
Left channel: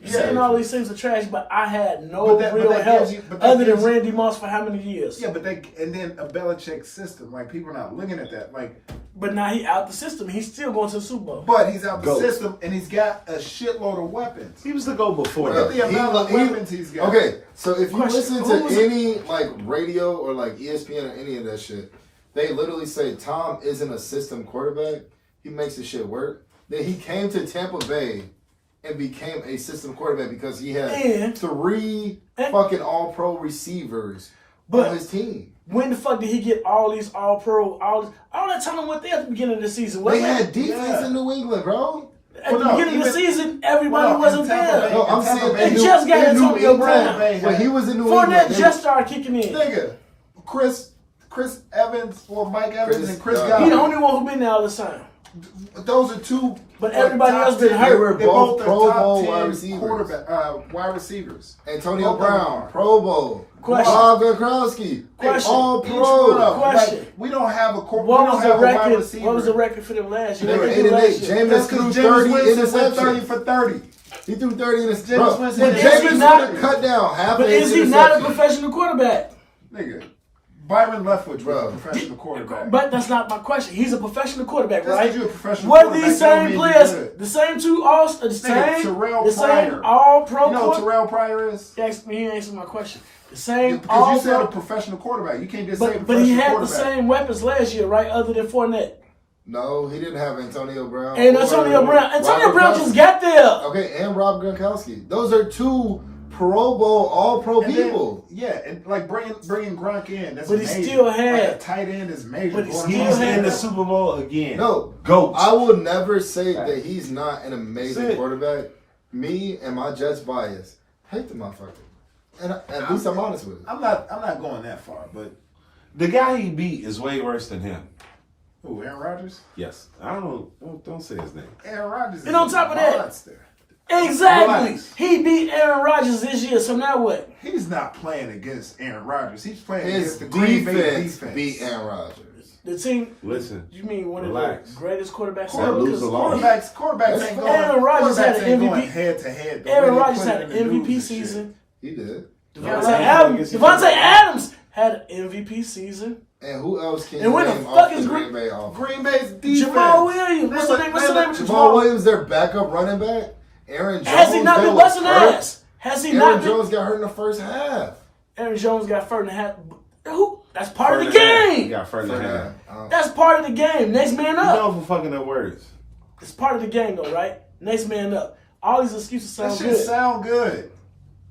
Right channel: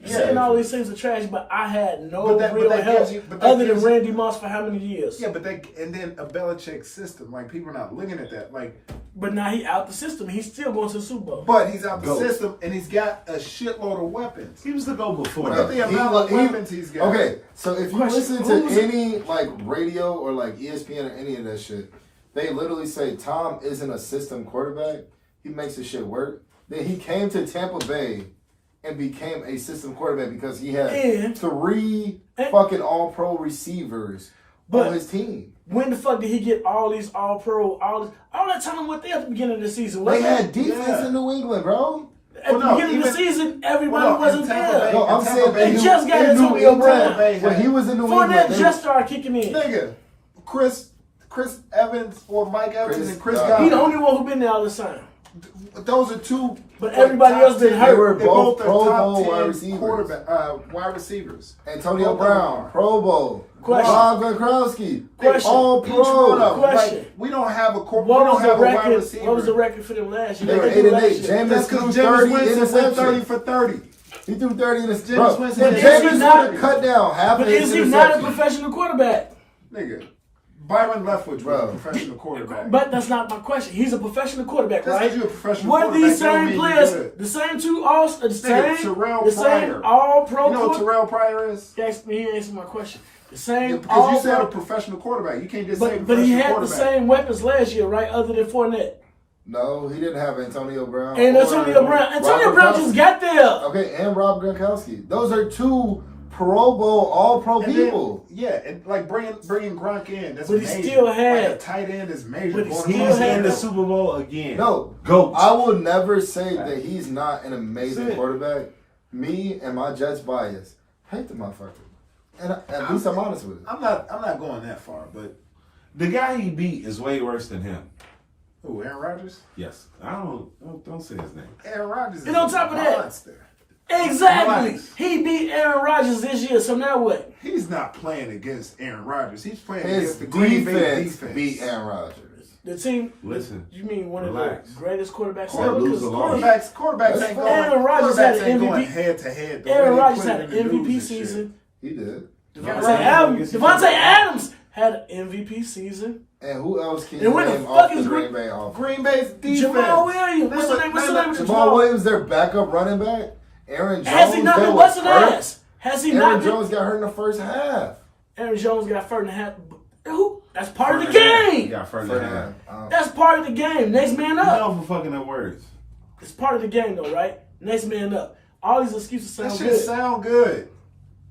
Saying all these things are trash, but I had no But that- but real that help gives you- but that other than gives you- Randy Moss for how many years? Yeah, but and then a Belichick system. Like, people are not looking at that. Like, But now he out the system. He's still going to the Super Bowl. but he's out the Go. system and he's got a shitload of weapons. He was the GOAT before Look that. at the amount of weapons he's got. Okay, so if you Question, listen who's- to any like radio or like ESPN or any of that shit, they literally say Tom isn't a system quarterback. He makes the shit work. Then he came to Tampa Bay and became a system quarterback because he had And- 3 and- fucking all-pro receivers But- on his team. When the fuck did he get all these all pro, all that time went there at the beginning of the season? They Wasn't had it? defense Yeah. in New England, bro. At Well, the no, beginning of the even- season, everybody Well, no, wasn't in Tampa there. Bay- No, I'm in Tampa saying Bay, They New- just got in New Antonio England, Brown. when he was in New England. Fournette they just were- started kicking in. Nigga, Chris Evans or Mike Evans and Chris He He Godwin. the only one who been there all the time. Those are two. But everybody top else been 10 hurt. They were They both are Pro top Bowl 10 wide receivers. wide receivers. Antonio Both of them Brown, are. Pro Bowl. Question. Bob Gronkowski. Question. All Each one of pro. them. Question. Like, we don't have a What we don't was have the a wide record? receiver. What was the record for them last year? They were What they do 8-8. last year? Jameis That's threw because 30 Jameis Winston went 30 interceptions. for 30. He threw 30 interceptions. Jameis Bro, Winston when had Jameis 30. would have cut down half But of his is he not a interceptions. professional quarterback? Nigga, Byron Leftwich was Bro. a professional quarterback. But that's not my question. He's a professional quarterback, Just right? 'cause you're a professional Were quarterback, these don't same mean players, you're good. the same two all, the same, Terrell the same Pryor. all-pro You know what quarterback? Terrell Pryor is? He answered my question. The same Because you said a all-pro, professional quarterback. You can't just say but professional he had the quarterback. same weapons last year, right? Other than Fournette No, he didn't have Antonio Brown. and or Antonio Brown. Antonio Rob Brown Gronkowski. just got there. Okay, and Rob Gronkowski. Those are two Pro Bowl, All-Pro And then- people. Yeah, and like bringing Gronk in, that's But he major. still had- like a tight end is major. But he Going still across He's had- in the Super Bowl again. No, GOAT. I will never say that he's not an amazing That's it. quarterback. Me and my Jets bias hate the motherfucker, and at least I'm honest with it. I'm not going that far, but The guy he beat is way worse than him. who? Aaron Rodgers? Yes. Don't say his name. Aaron Rodgers is And on top of that- monster. Exactly. Relax. He beat Aaron Rodgers this year, so now what? He's not playing against Aaron Rodgers. He's playing His against the Green Bay defense defense. beat Aaron Rodgers. The team. Listen. You mean one Relax. of the greatest quarterbacks Quarter- ever? lose Because alone. Quarterbacks That's ain't fine. going. Aaron Rodgers had quarterbacks an ain't going MVP. head to head. Aaron Rodgers had an MVP season. He did. Devontae Right. Adams. Devontae Adams had an MVP season. And who else can And you when the name fuck off the is Green Bay offense? Green Bay's defense. Jamal Williams. What's the name? What's the name of Jamal Williams, their backup running back. Aaron Jones. Has he not that been was busting hurt. ass? Has he Aaron not been? Jones got hurt in the first half. Aaron Jones got first and a half. Who? That's part of the He game. got further First than half. That's part of the game. Next man You up. know for fucking up words. It's part of the game, though, right? Next man up. All these excuses That sound shit good. sound good.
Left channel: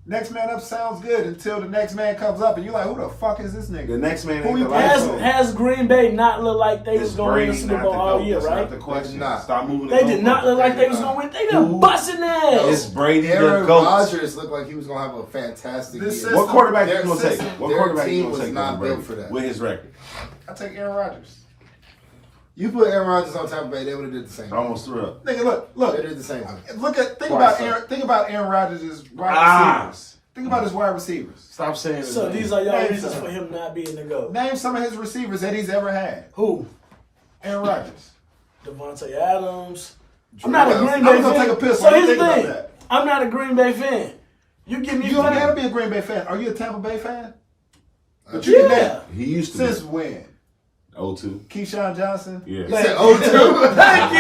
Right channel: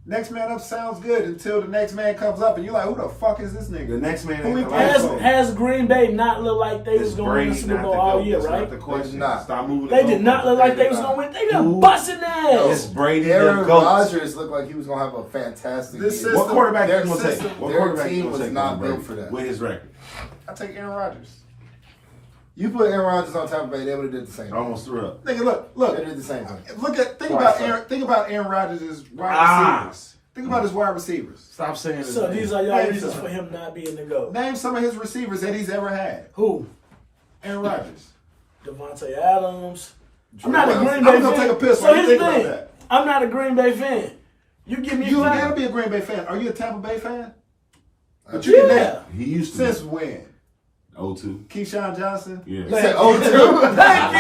Next man up sounds good until the next man comes up and you're like, who the fuck is this The nigga? next man Who ain't he the plays last for? Has Green Bay not looked like they was It's going to win the Brady, Super not Bowl the all GOAT. year, That's right? not the question. not. Stop moving. They the did not look goalposts. like they was going to win. They done busting ass. It's Brady Aaron the GOAT. Rodgers looked like he was gonna have a fantastic This year. is- What quarterback Their you gonna take? system- What their quarterback team you gonna was take? not over built Brady for that. with his record. I take Aaron Rodgers. You put Aaron Rodgers on Tampa Bay, they would have did the same. I almost threw up. Nigga, look. They did the same thing. Think about Aaron Rodgers' wide Ah. receivers. Think about his wide receivers. Stop saying his So name. these are y'all Name reasons some. for him not being the GOAT. Name some of his receivers that he's ever had. Who? Aaron Rodgers. Devontae Adams. I'm not a Well, Green I'm Bay gonna fan. take a piss So when you here's think the about thing. that. I'm not a Green Bay fan. You give me You don't flack. gotta be a Green Bay fan. Are you a Tampa Bay fan? But Yeah. you can name. He used to Since be when? 02. Keyshawn Johnson? Yeah. He said 0-2. Thank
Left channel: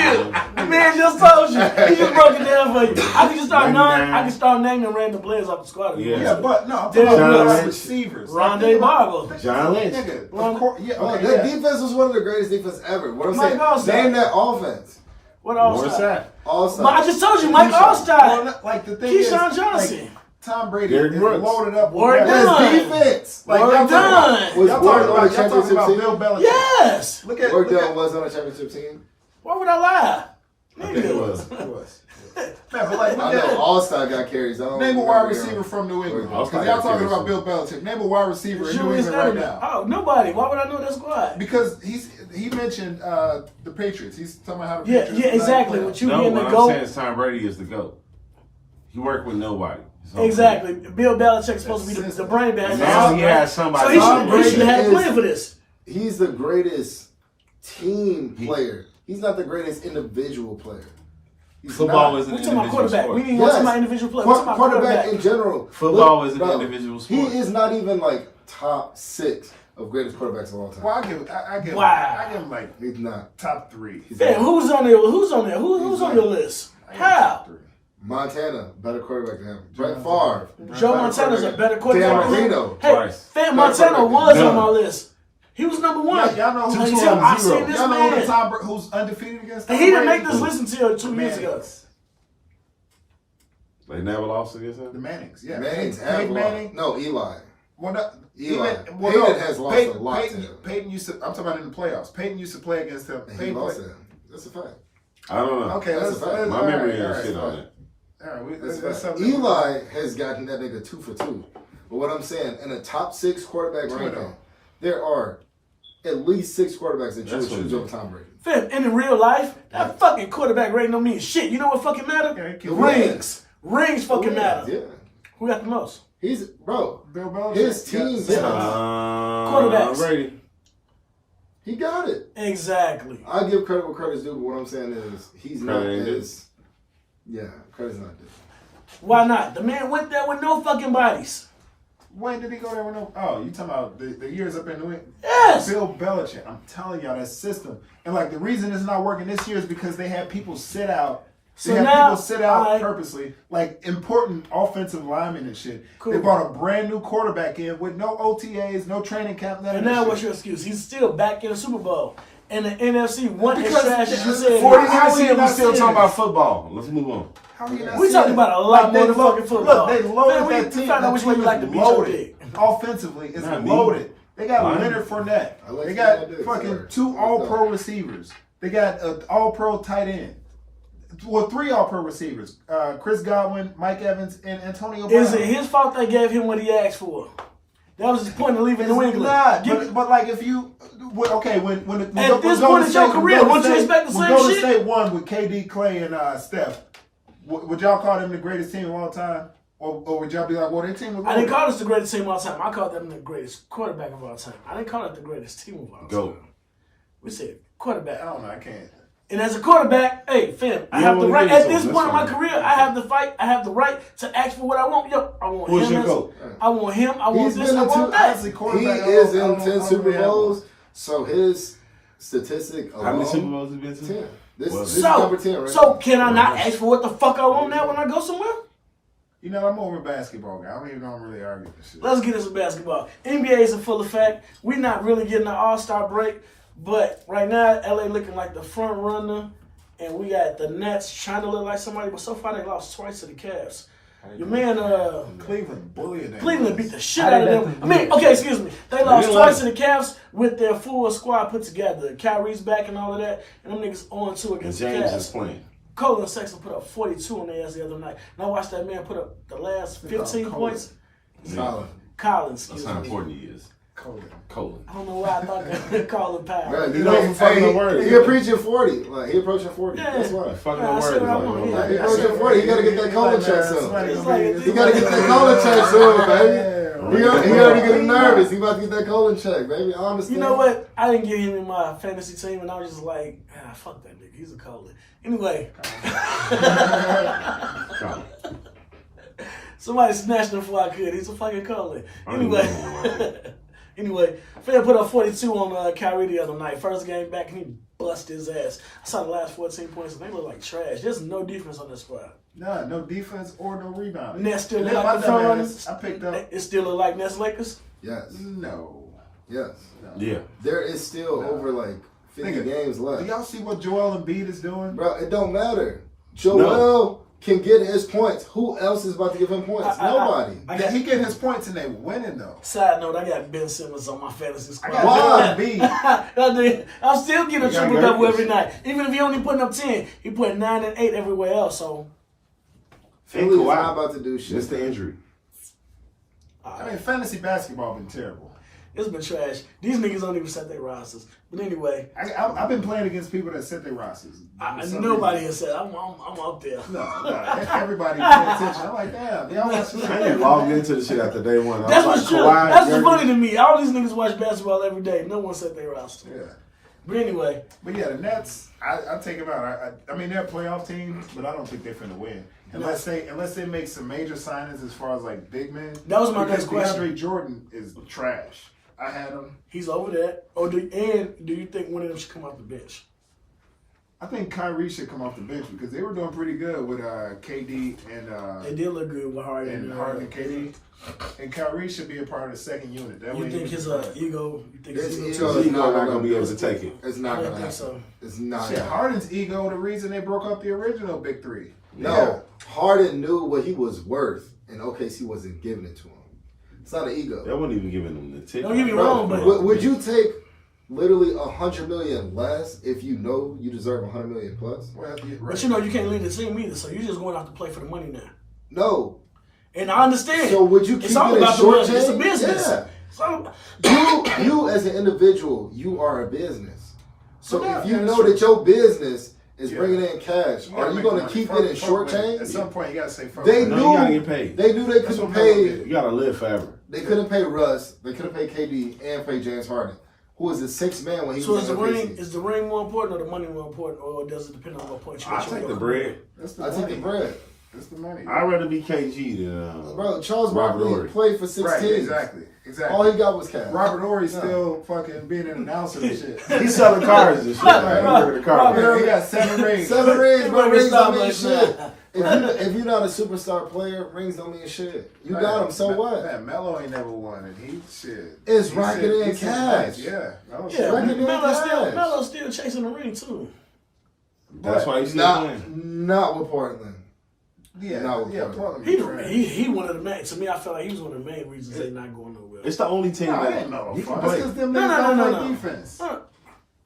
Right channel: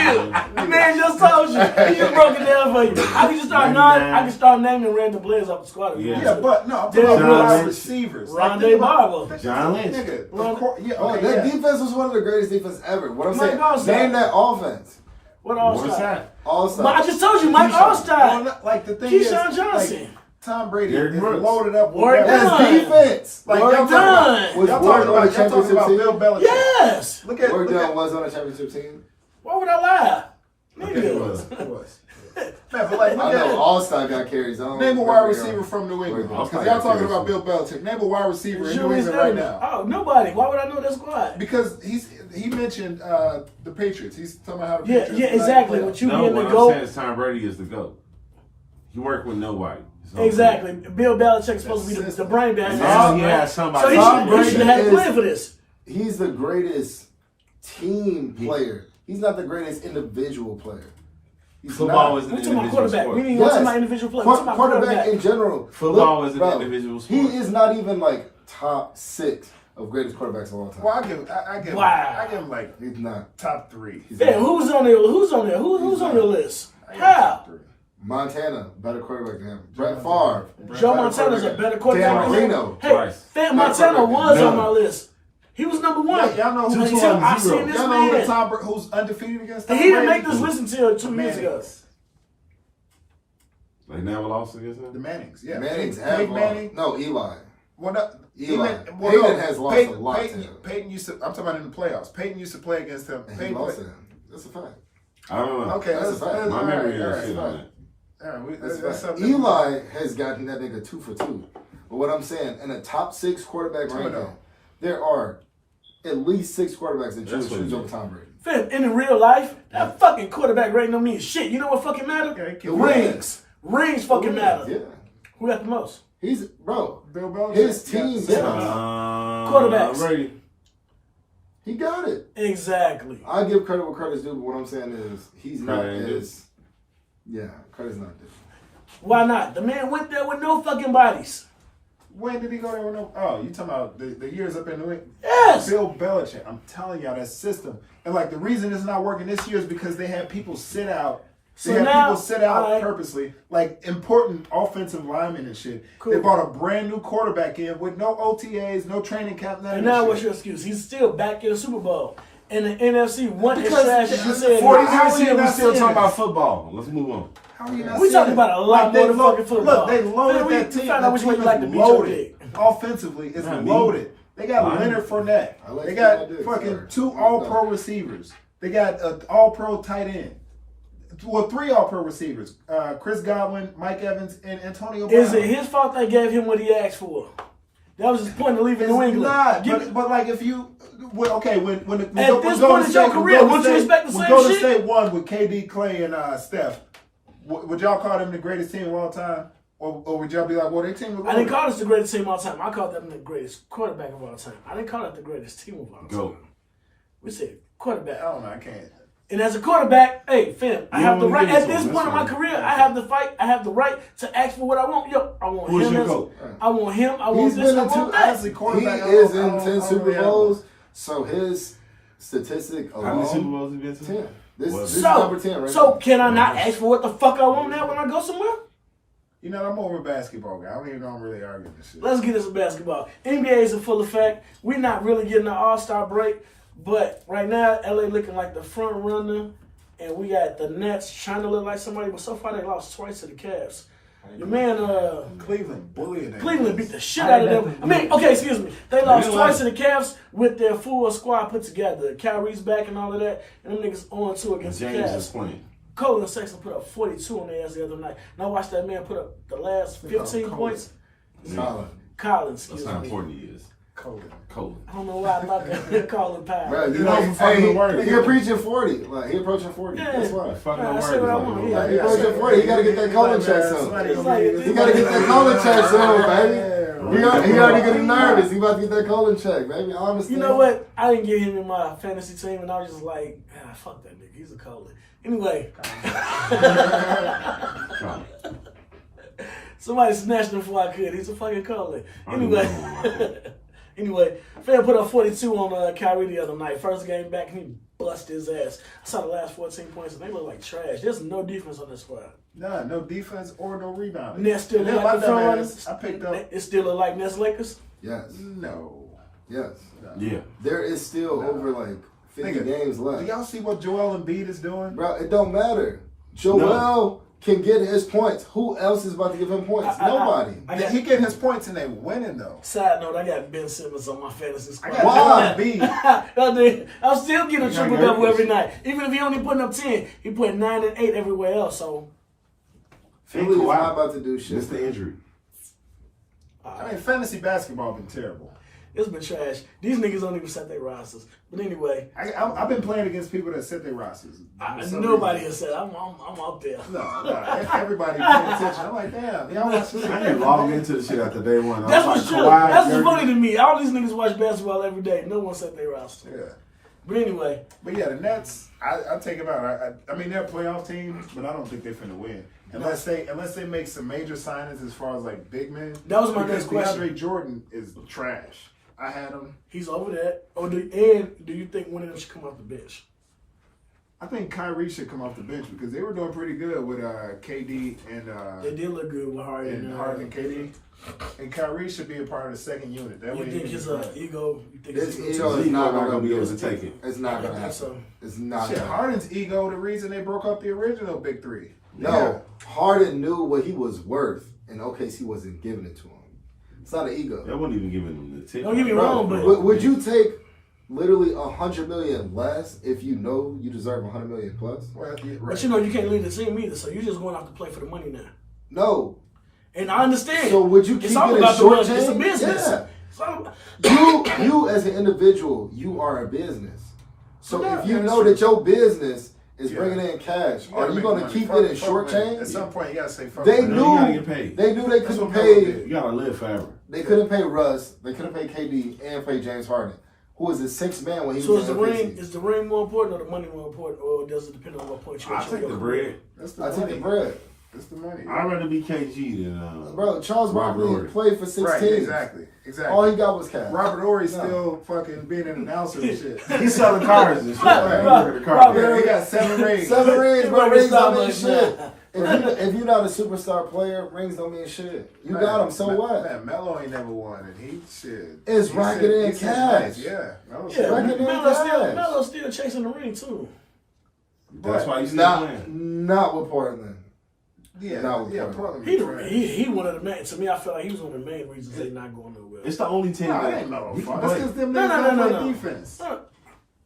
you. Man just told you. He just broke it down for you. I can just start naming random players off the squad. Yeah. Yeah, but no, I'm Derrick talking about Brooks. wide receivers. Rondé Barber. John Lynch. Nigga, Ron- of course, yeah, Oh, okay, that yeah. defense was one of the greatest defenses ever. What I'm Mike saying, Allstott. name that offense. What else? What's that? All-Star. But I just told you, Mike Well, Allstott. like the thing is, Keyshawn Johnson. like, Tom Brady Derrick is Brooks. loaded up with Warren weapons. Dunn. His defense. Like Warren y'all Dunn. talking Was about, Warren on the y'all talking championship about team? Bill Belichick. Yes. Look at Word look Dunn at was on a championship team. Why would I lie? I think it was. Who was. Man, but like I look know at All-Star got carries on. name a wide receiver from New England. Word Dunn. Because y'all talking about Bill Belichick. Name a wide receiver in New Julius England right Edelman. now. Oh, nobody. Why would I know that squad? Because he mentioned the Patriots. He's talking about how the Yeah, Patriots. yeah, are not exactly. playoffs. With you No, being what the I'm GOAT. saying is Tom Brady is the GOAT. He worked with nobody. So Exactly. Bill Belichick's supposed to be the brain behind And this. now he has somebody. So he Tom should, he should have Brady played for this. He's the greatest team player. He's not the greatest individual player. He's Football not. is an We're talking about individual quarterback. sport. We didn't Yes. talk about individual players. We're talking about Quarterback quarterback. in general. Football is an bro, individual He sport. is not even like top 6 of greatest quarterbacks of all time. Well, I give him like He's not. top 3. Damn, who's on there? Who's on there? Who's on your list? How? Montana, better quarterback than him. Brett Favre. Joe Montana's a better quarterback. Dan Marino. Hey, Twice. Fat Montana was None. on my list. He was number one. Y'all know who Until I seen this Y'all know man. who's undefeated against Tom He didn't Brady? make this list until 2 years ago. Mannings. They never lost against him? The Mannings, yeah. Manning's Peyton have Manning. lost. No, Eli. Well, no, Eli. well, Peyton no, has lost Peyton, a lot to Peyton, him. Peyton used to. I'm talking about in the playoffs. Peyton used to play against him. And he Peyton lost played- him. That's a fact. I don't know. Okay, That's let's, a fact. let's, My all memory right, all is right, shit all on right. it. All right, That's that's a fact. something. Eli has gotten that nigga 2 for 2. But what I'm saying, in a top 6 quarterback 2-0. ranking, there are at least 6 quarterbacks that you That's would what choose it over is. Tom Brady. Fam, and in real life, that fucking quarterback rating don't mean shit. You know what fucking matter? Yeah, he The can- rings. Rings fucking matter. Yeah. Who got the most? He's bro. Bill Belichick. His team. Quarterbacks. Brady. He got it. Exactly. I give credit where credit's due, but what I'm saying is he's not Credit ain't as. Yeah, credit's not due. Why not? The man went there with no fucking bodies. When did he go there with no? Oh, you talking about the years up in New England? Yes. Bill Belichick. I'm telling y'all that system. And like the reason it's not working this year is because they have people sit out. They have people sit out purposely, like important offensive linemen and shit. Cool. They brought a brand new quarterback in with no OTAs, no training camp, none And of that now shit. what's your excuse? He's still back in the Super Bowl. And the NFC wasn't as Because trash as you said. 49 How are you season, we not still saying talking this? about football. Let's move on. How are you not We seeing talking it? about a lot more than fucking football. Look, they loaded Man, we that team. found out which way you like to beat your loaded. dick. Offensively, it's Not me. loaded. They got Mine. Leonard Fournette. I like They to got see my dick, fucking sorry. 2 All-Pro receivers. They got an All-Pro tight end. Well, 3 All-Pro receivers. Chris Godwin, Mike Evans, and Antonio Brown. Is it his fault they gave him what he asked for? That was his point of leaving New England. Not, but like if you, okay, when At this point in your career, wouldn't you expect the when same Golden shit? State won with KD, Clay, and Steph, would y'all call them the greatest team of all time? Or would y'all be like, well, their team was I didn't call this the greatest team of all time. I called them the greatest quarterback of all time. I didn't call it the greatest team of all time. Go. We said quarterback. I don't know, I can't. And as a quarterback, hey, fam, I You have don't the wanna right, give it at to this him, point in that's my fine. career, I have the fight, I have the right to ask for what I want. Yo, I want Who's him your as, GOAT? I want him, I want He's this, been I in want two. that. As a He quarterback, is I in don't 10 really Super have one. Bowls, so his statistic How many Super alone. Bowls have you been to? 10. This Well, is number 10, right? So can I not ask for what the fuck I want now when I go somewhere? You know, I'm more of a basketball guy. I don't even know I'm really arguing this shit. Let's get into basketball. NBA is in full effect. We're not really getting an all-star break, but right now, LA looking like the front runner, and we got the Nets trying to look like somebody, but so far they lost twice to the Cavs. Your man, Cleveland bullying them. Cleveland beat the shit out of them. I mean, okay, excuse me. They lost twice to the Cavs with their full squad put together. Kyrie's back and all of that, and them niggas on 2 And against the James is Cavs. playing. Colin Sexton put up 42 on their ass the other night. And I watched that man put up the last 15 points. Colin, That's excuse how me. important he is. Colin. Colin. I don't know why I thought that Colin Powell. Bro, You know, for fucking the word. he approaching 40. Like, he approaching 40. Yeah. That's why. Fucking Yeah, I the said word. what I is want, all yeah. over. He approaching 40. He got to get that colon check soon. It's like- He got to get that colon check soon, baby. He already getting nervous. He about to get that colon check, baby. I understand. You know what? I didn't get him in my fantasy team, and I was just like, fuck that nigga. He's a Colin. Anyway. Colin. Somebody snatched him before I could. He's a fucking Colin. I don't Anyway. Anyway, Fam put up 42 on Kyrie the other night. First game back, and he busted his ass. I saw the last 14 points, and they look like trash. There's no defense on this squad. Nah, no defense or no rebounding. Nets still look And like my the front dumbass, runners. I picked up. It still look like Nets Lakers. Yes. No. Yes. Yeah. There is still over like 50 Nigga, games Do left. y'all see what Joel Embiid is doing? Bro, it don't matter. Joel can get his points. Who else is about to give him points? Nobody. He getting his points and they winning though. Side note, I got Ben Simmons on my fantasy squad. I got Why? Joel Embiid. I'm still getting a You got triple double Lakers. every night. Even if he only putting up 10, he put 9 and 8 everywhere else. So Philly is Kawhi. not about to do shit. Just the injury. I mean, fantasy basketball been terrible. it's been trash. These niggas don't even set their rosters. But anyway, I've been playing against people that set their rosters. For some nobody reason. has said I'm out there. No, everybody paying attention. I'm like, damn, y'all watch this. I ain't logged into the shit after day one. I That's was what's like, true. Kawhi, That's what's Dirk. funny to me. All these niggas watch basketball every day. No one set their roster. Yeah. But anyway, But yeah, the Nets, I take them out. I mean, they're a playoff team, but I don't think they're finna win unless they make some major signings as far as like big men. That was my Because next question. DeAndre Jordan is trash. I had him. he's over that. Do you think one of them should come off the bench? I think Kyrie should come off the bench because they were doing pretty good with KD They and did look good with Harden. and Harden and KD. And Kyrie should be a part of the second unit. That way You he think can his play. ego? You think His his ego He's is not not gonna be do able it. to take it. It's not I gonna don't think happen. so. It's not. Shit, gonna happen. Harden's ego, the reason they broke up the original Big Three. No, Harden knew what he was worth, and OKC wasn't giving it to him. It's not an ego. They wasn't even giving him the ticket. Don't get me Bro, wrong, but would you take literally $100 million less if you know you deserve $100 million plus? Well, yeah, right. But you know you can't lead the team either, so you're just going out to play for the money now. No. And I understand. So would you keep It's all it about a the short money. It's a chain? business. Yeah. It's all- You as an individual, you are a business. So Yeah, if you that's know true. that your business is bringing in cash. You Are gotta you make going to money. keep Fuck- it in fuck short money. change? At some point, you gotta say fuck. They money. No, you gotta knew get paid. they knew they That's couldn't what Melo pay. did. You gotta live forever. They couldn't pay Russ. They couldn't pay KD and pay James Harden, who was a 6 man when he So was is in the ring OKC. more important or the money more important, or does it depend on what point you I reach in take your the career? bread. That's the I money. take the bread. That's the money. I'd rather be KG than Bro, Charles Robert Barkley Horry. played for 16. Right, exactly. All he got was cash. Robert Horry's No. still fucking being an announcer and shit. He's selling cars and shit. Like, Right. look at the car. Robert- He got 7 rings. 7 rings, bro. He Rings don't working mean shit. Starbucks If you're not a superstar player, rings don't mean shit. You got them, so what? Man, Melo ain't never won it. He shit. It's He racking said- in he said cash. nice, Yeah. Melo's Yeah, Record in cash. Melo's still chasing the ring too. That's why he's still playing. Not with Portland. Yeah, No, yeah. Portland. Portland. He one of the main. To me, I feel like he was one of the main reasons they not going nowhere. It's the only team No, it that ain't no he can fuck. That's play. because them No, niggas no, don't no, play no. defense.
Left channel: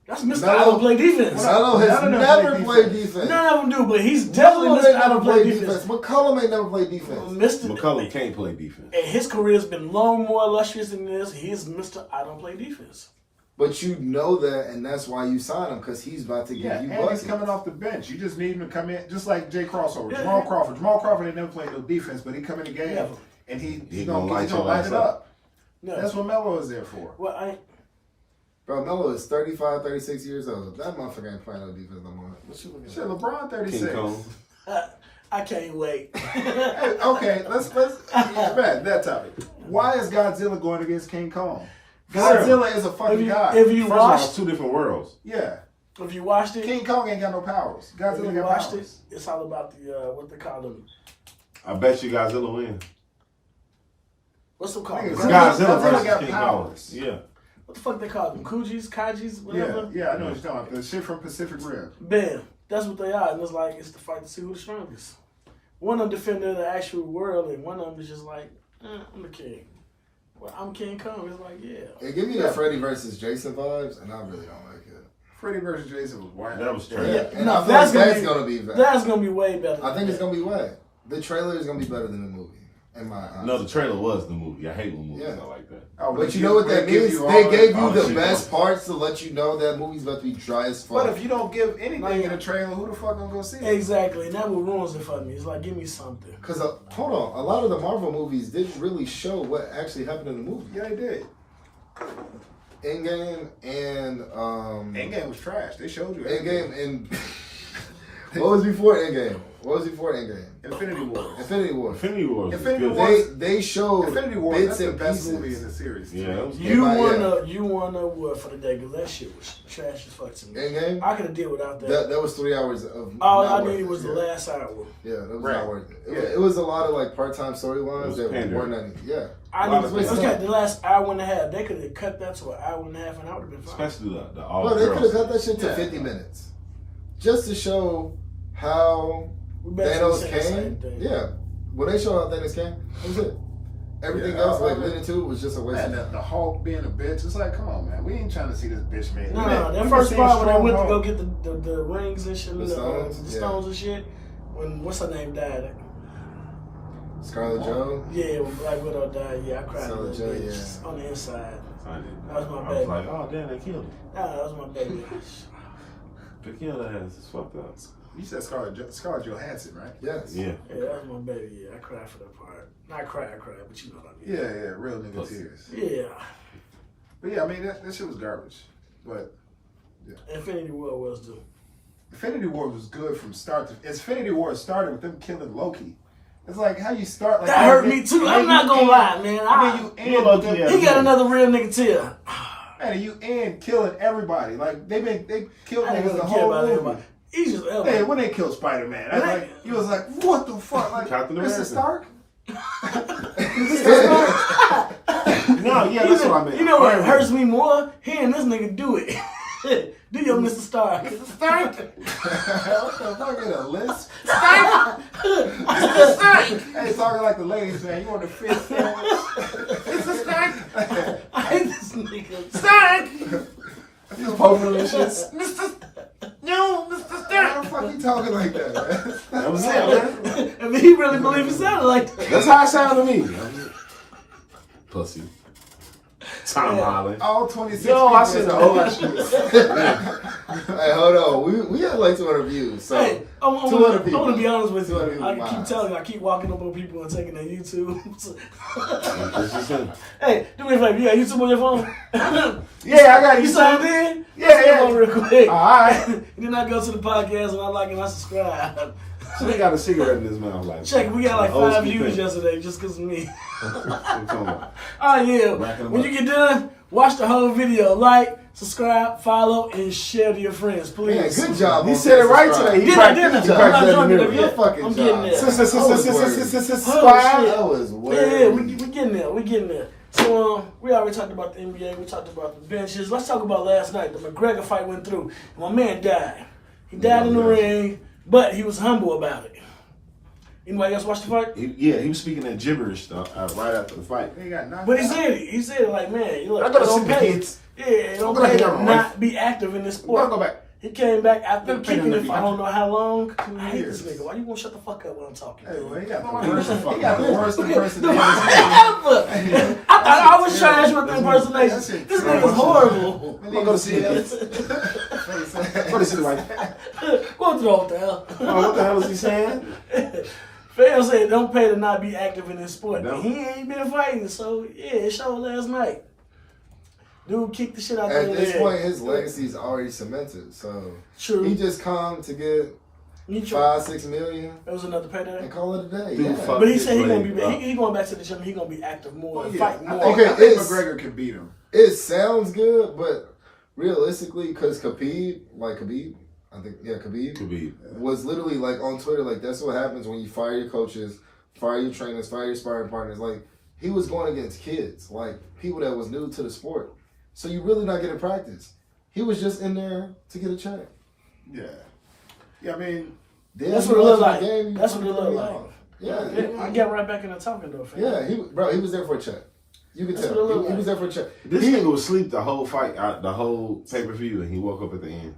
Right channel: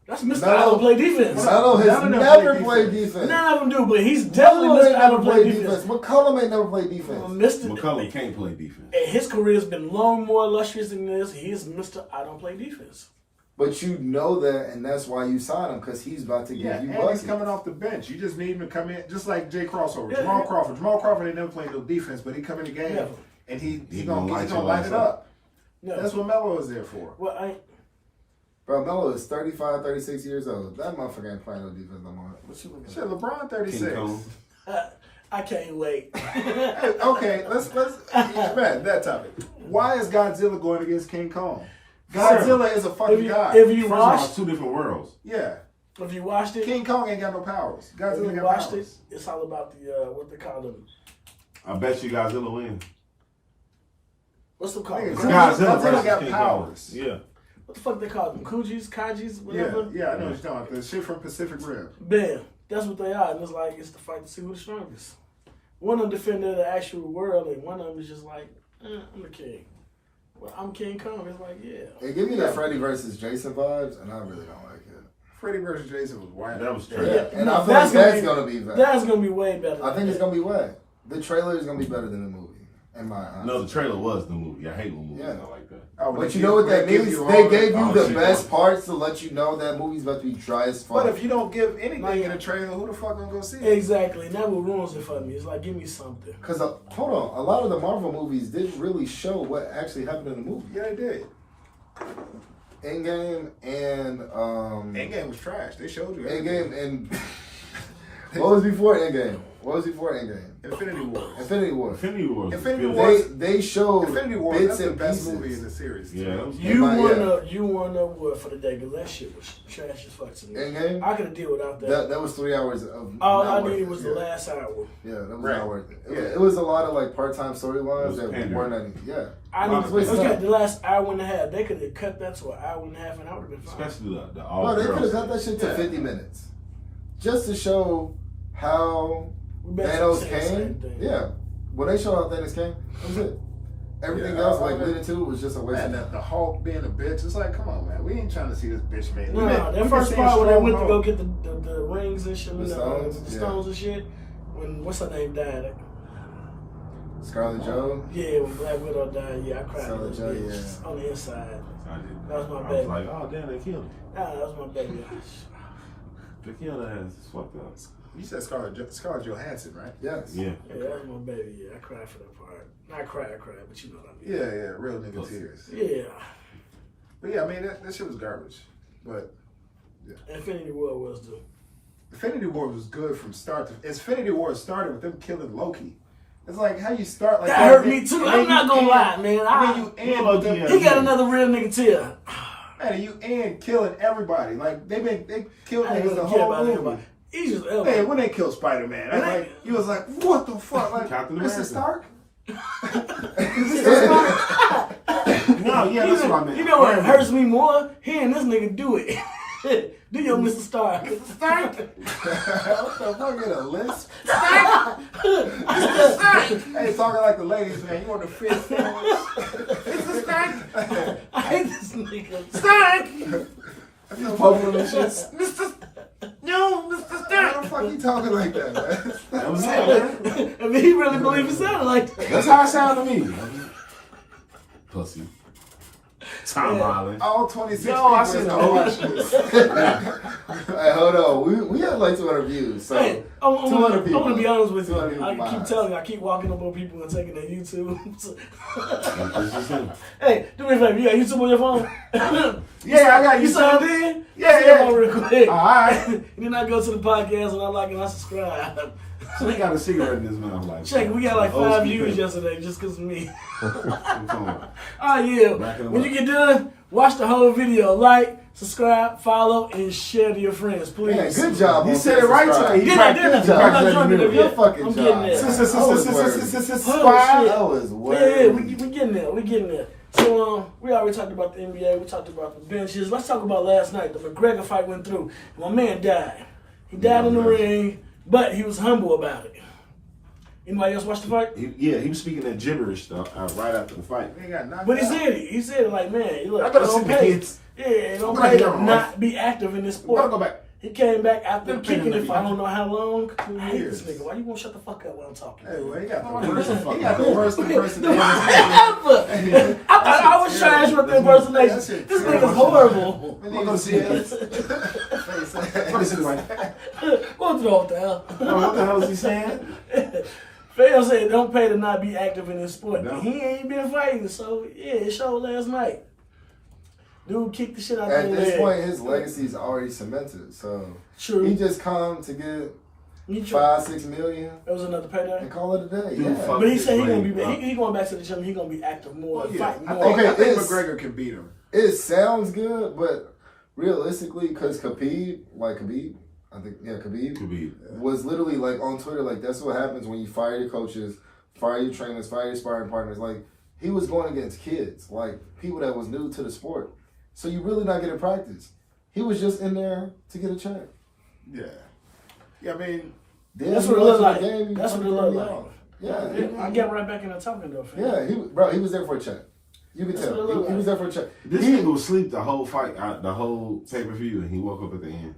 That's Mr. Melo- I don't play defense. Melo has None of them never play played defense. defense. None of them do, but he's definitely Melo Mr. ain't I never don't play played defense. defense. McCollum ain't never played defense. Mr. McCullum can't play defense. And his career has been long more illustrious than this. He's Mr. I don't play defense. But you know that, and that's why you sign him, because he's about to give Yeah, you and he's buckets. coming off the bench. You just need him to come in, just like Jay Crossover, Yeah, Jamal yeah. Crawford. Jamal Crawford ain't never played no defense, but he come in the game Yeah. and he He gonna gonna light your light ass it up. up. No. That's what Melo is there for. Well, I Bro, Melo is 35, 36 years old. That motherfucker ain't playing no defense no more. What you looking Shit, at? LeBron King 36. Kong. I can't wait. Hey, okay, let's man, that topic. Why is Godzilla going against King Kong? Godzilla is a fucking guy. If you First of all, watched, it's two different worlds. Yeah, if you watched it, King Kong ain't got no powers. if Godzilla you got watched powers. it, it's all about the what they call them. I bet you Godzilla win. What's them called? Nigga, Godzilla Godzilla versus got King powers. Kong. Yeah. What the fuck they call them? Kajis, whatever. Yeah, I know what you're talking about. The shit from Pacific Rim. Bam. That's what they are, and it's the fight to see who's the strongest. One of them defending the actual world, and one of them is just like, I'm the king. Well, I'm King Kong. It's like, yeah. Hey, give me the Freddy versus Jason vibes, and I really don't like it. Freddy versus Jason was wild. That was Yeah, trash. and No, I feel like that's be- gonna be better. That's gonna be way better. I think it's gonna be way. The trailer is gonna be better than the movie, in my eyes. No, the trailer was the movie. I hate when movies Yeah. are like that. Oh, But they you know what give- that give means? you They all gave the- you all the shit best on. parts to let you know that movie's about to be dry as fuck. But if you don't give anything in a trailer, who the fuck gonna go see it? Exactly, and that what ruins it for me. It's like, give me something. Because, hold on, a lot of the Marvel movies didn't really show what actually happened in the movie. Yeah, they did. Endgame and Endgame was trash. They showed you. Endgame and what was before Endgame? What was before Endgame? Infinity War. Infinity War. Infinity War. was Infinity good. War- They showed Infinity War. bits That's the and best pieces. movie in the series. Yeah, that was You my- won a word for the day because that shit was trash as fuck to me. Endgame. I could have dealt without that. That was 3 hours of. All not I worth needed it. was the Yeah. last hour. Yeah, that was Right. not worth it. Yeah. It was a lot of like part-time It storylines was that pandering. weren't any. Yeah. I lot need of to things. okay, the last hour and a half. They could have cut that to an hour and a half, and I would have been fine. Especially the all Well, they could have girls. cut that shit to Yeah. 50 minutes, just to show how We basically Thanos saying the same came. thing. Yeah, when they showed how Thanos came, that was it. Everything Yeah, else, I like mean- leading to it, was just a waste And of the time. Hulk being a bitch, it's like, come on, man. We ain't trying to see this bitch man. No, We been- that we been first seeing part when they strong went to go Hulk. get the rings and shit, The and stones, the yeah. stones and shit. When what's her name died? Scarlet Joe. Yeah, when Black Widow died, yeah, I cried a Scarlet little Joe, bit yeah. on the inside. I did. That was my I baby. was like, oh damn, they killed him. Nah, that was my baby. They killed that ass. It's fucked up. You said Scarlett Johansson, right? Yes. Yeah. Yeah, that was my baby. Yeah, I cried for that part. Not cry, I cried, but you know what I mean. Yeah, real nigga Pussy. tears. Yeah. But yeah, I mean that shit was garbage. But Infinity War was the. Infinity War was good from start to. Infinity War started with them killing Loki. It's like how you start like That hurt me too. and I'm then not you gonna end- lie, man. And then you end with them, Yeah. He got another real nigga tear. and you end killing everybody. Like they killed I ain't niggas gonna the care whole about movie. everybody. He just Hey, when they killed Spider-Man, I was like, you was like, what the fuck, like Captain Mr. America. Stark? No, yeah, that's what I meant. You know what hurts me more? Hearing this nigga do it. Do your Mr. Stark. Mr. Stark. What the fuck is a lisp? Hey, talking like the ladies, man. You want the fish sandwich? Mr. Stark. I hate this nigga. Stark. He's poking them shit. Mr. No, Mr. Stark. Why the fuck you talking like that, man? That was it, man. I mean, he really believe he sounded like that. That's how it sounded to me. Pussy. Tom Yeah. Holland. All 26 Yo, people I is seen the gonna whole watch this. Hey, hold on. We have like 200 views. So Hey, I 200 people. want to be honest with you. 200 people I keep minds. telling you, I keep walking up on people and taking their YouTube. It's just him. Hey, do me a favor. You got YouTube on your phone? Yeah, I got You you. signed in? Yeah, Come on real quick. All right. And then I go to the podcast and I like and I subscribe. So he got a cigarette in his mouth. Like, Check, we got like old 5 school views thing. yesterday just because of me. What you talking about? Oh yeah. Racking 'em When up. you get done, watch the whole video. Like, subscribe, follow, and share to your friends, please. Man, good job. He on said it right subscribe. today. He Did I, practiced- didn't I? he I'm practiced not that drunk in the enough mirror. yet. Good fucking I'm job. getting there. That was Yeah, weird. we getting there. We getting there. So we already talked about the NBA. We talked about the benches. Let's talk about last night. The McGregor fight went through, and my man died. He died in the ring, but he was humble about it. Anybody else watch the fight? He was speaking that gibberish stuff right after the fight. He got knocked But he out. said it. He said it like, man, look, I gotta it don't see the pay. kids. Yeah, it don't I'm gonna pay get to on, not right? be active in this We're gonna sport. go back. He came back after Them kicking paying it for I don't know how long. I 2 hate years. this nigga. Why you won't shut the fuck up when I'm talking? Hey, well, he got the worst. He got the worst impersonation. I thought I was trash with the impersonation. That shit This trash. nigga's horrible. We Go need to to see see it. it. Go to see the wife. Go to the hotel. Oh, what the hell is he saying? Fam said don't pay to not be active in this sport. No. He ain't been fighting, so yeah, it showed last night. Dude kicked the shit out At of this leg. point, his legacy is already cemented. So True. he just come to get He tried. 5-6 million That was another payday. and call it a day. Dude, Yeah. fuck. But he said he His gonna be leg, he going back to the gym. He gonna be active more, Well, yeah. fight I more. think, Okay, I think it's- McGregor can beat him. It sounds good, but realistically, because Khabib, Could be. was literally like on Twitter, like that's what happens when you fire your coaches, fire your trainers, fire your sparring partners. Like he was going against kids, like people that was new to the sport. So you really not getting practice. He was just in there to get a check. Yeah. Yeah, I mean, Then That's you what it looked watching like. the game, you That's what it fucking looked me like. out. Yeah, Yeah, I get right back in the talking though, fam. yeah. He was there for a check. You could That's tell. what it looked He like. was there for a check. This nigga was asleep the whole fight, the whole pay-per-view, and he woke up at the end.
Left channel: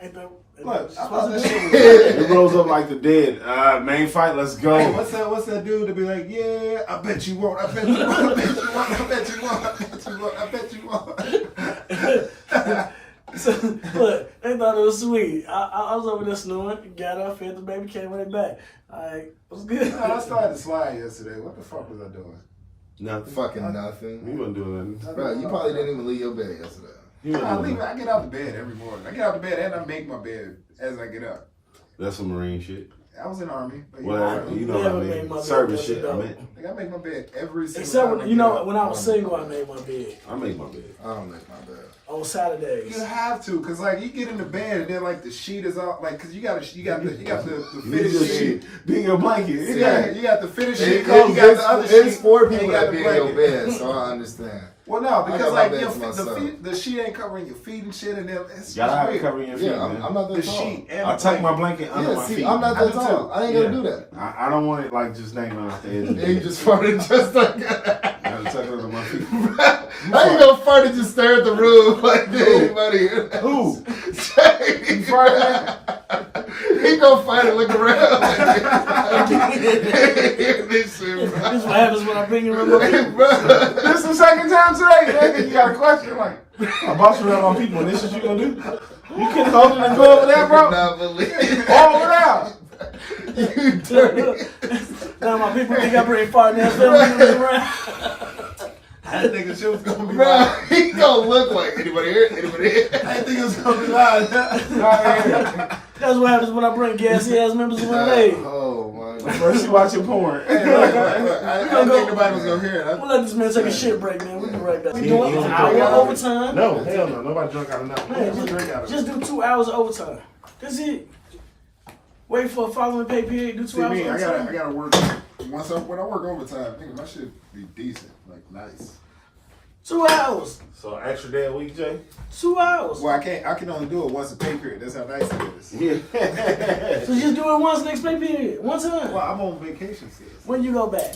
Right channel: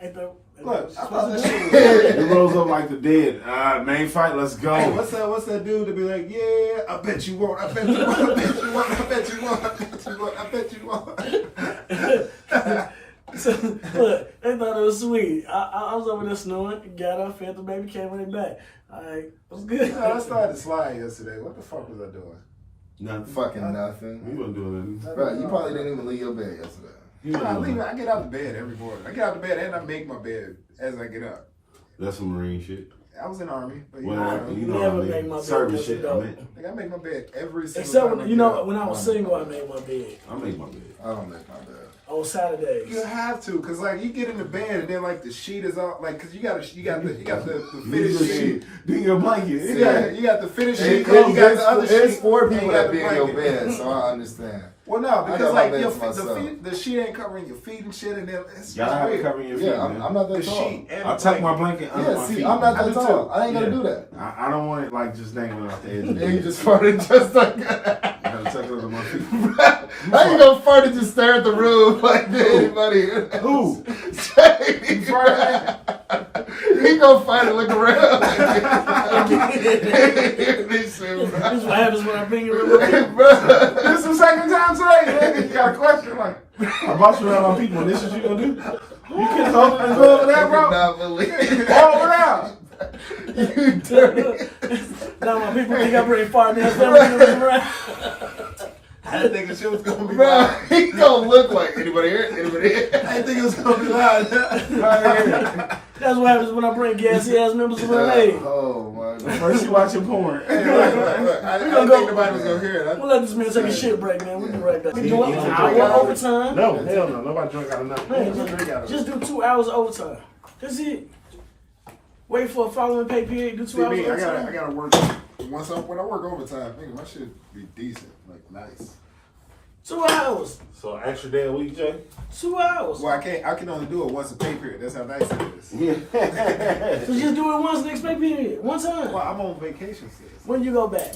Ain't that, look, I thought that shit was. He rose up like the dead. Main fight, let's go. Hey, what's that dude to be like, yeah, I bet you won't, I bet you won't, I bet you won't, I bet you won't, I bet you won't, I bet you won't. So, look, they thought it was sweet. I was over there snoring, got up, fed the baby, came right back. Alright, what's good? I started to slide yesterday. What the fuck was I doing? Nothing. Fucking We nothing. wasn't doing nothing. Bro, you probably didn't even leave your bed yesterday. He wasn't I doing leave. nothing. I get out of bed every morning. I get out of bed and I make my bed as I get up. That's some Marine shit. I was in the Army, but Well, you know Never what I made mean. my bed, Service that's shit, I dope. meant. like, I make my bed every single Except time. when, I you get know, up. when I was single, I made my bed I make my bed. I don't make my bed. on Saturdays. You have to, cause like you get in the bed and then like the sheet is all like, cause you got the You fitted just sheet. be in your blanket. Yeah, you got the fitted sheet. It- Then you got the other sheet. It's for and people you got that the be in your blanket. bed, so I understand. Well, no, got because my like bed your to myself. the sheet ain't covering your feet and shit, and then it's Y'all have to weird. cover your feet, Yeah, man. I'm not The that tall. sheet. And I the tuck my blanket. blanket under Yeah, my see, feet. I'm not I that do tall. too. I ain't gonna Yeah. do that. I don't want it like just dangling off the edge of the And you bed. just farted just like that. I gotta tuck it under my feet. How you gonna fart and just stare at the room like anybody? Who? Jay. He gonna fight and look around. This shit, bro. This is what happens when I bring you in. Hey, bro. This is the second time today, nigga. You got a question like, I bought you around my people, and this is what you gonna do? You couldn't hold it and go over there, I bro? cannot believe All over there. you dirty. Now my people think I bring fart in their family around. I didn't think the shit was gonna be Bro, loud. he gonna look like anybody here? Anybody here? I didn't think it was gonna be loud. That's what happens when I bring gassy ass members of my age. Oh my god. First you watching porn. I didn't think nobody was gonna hear it. We'll let this man take a shit break, man. We'll be right back. We You doing don't an drink hour out of it? overtime. No, hell no. Nobody drunk out of nothing. Man, just do 2 hours of overtime. That's it. Wait for a following pay period. Do 2 See hours me, of I overtime. gotta work when I work overtime. Nigga, my shit be decent, like nice. 2 hours. So extra day a week, Jay? 2 hours. Well, I can only do it once a pay period. That's how nice it is. Yeah. So just do it once next pay period. One time. Well, I'm on vacation still. When you go back.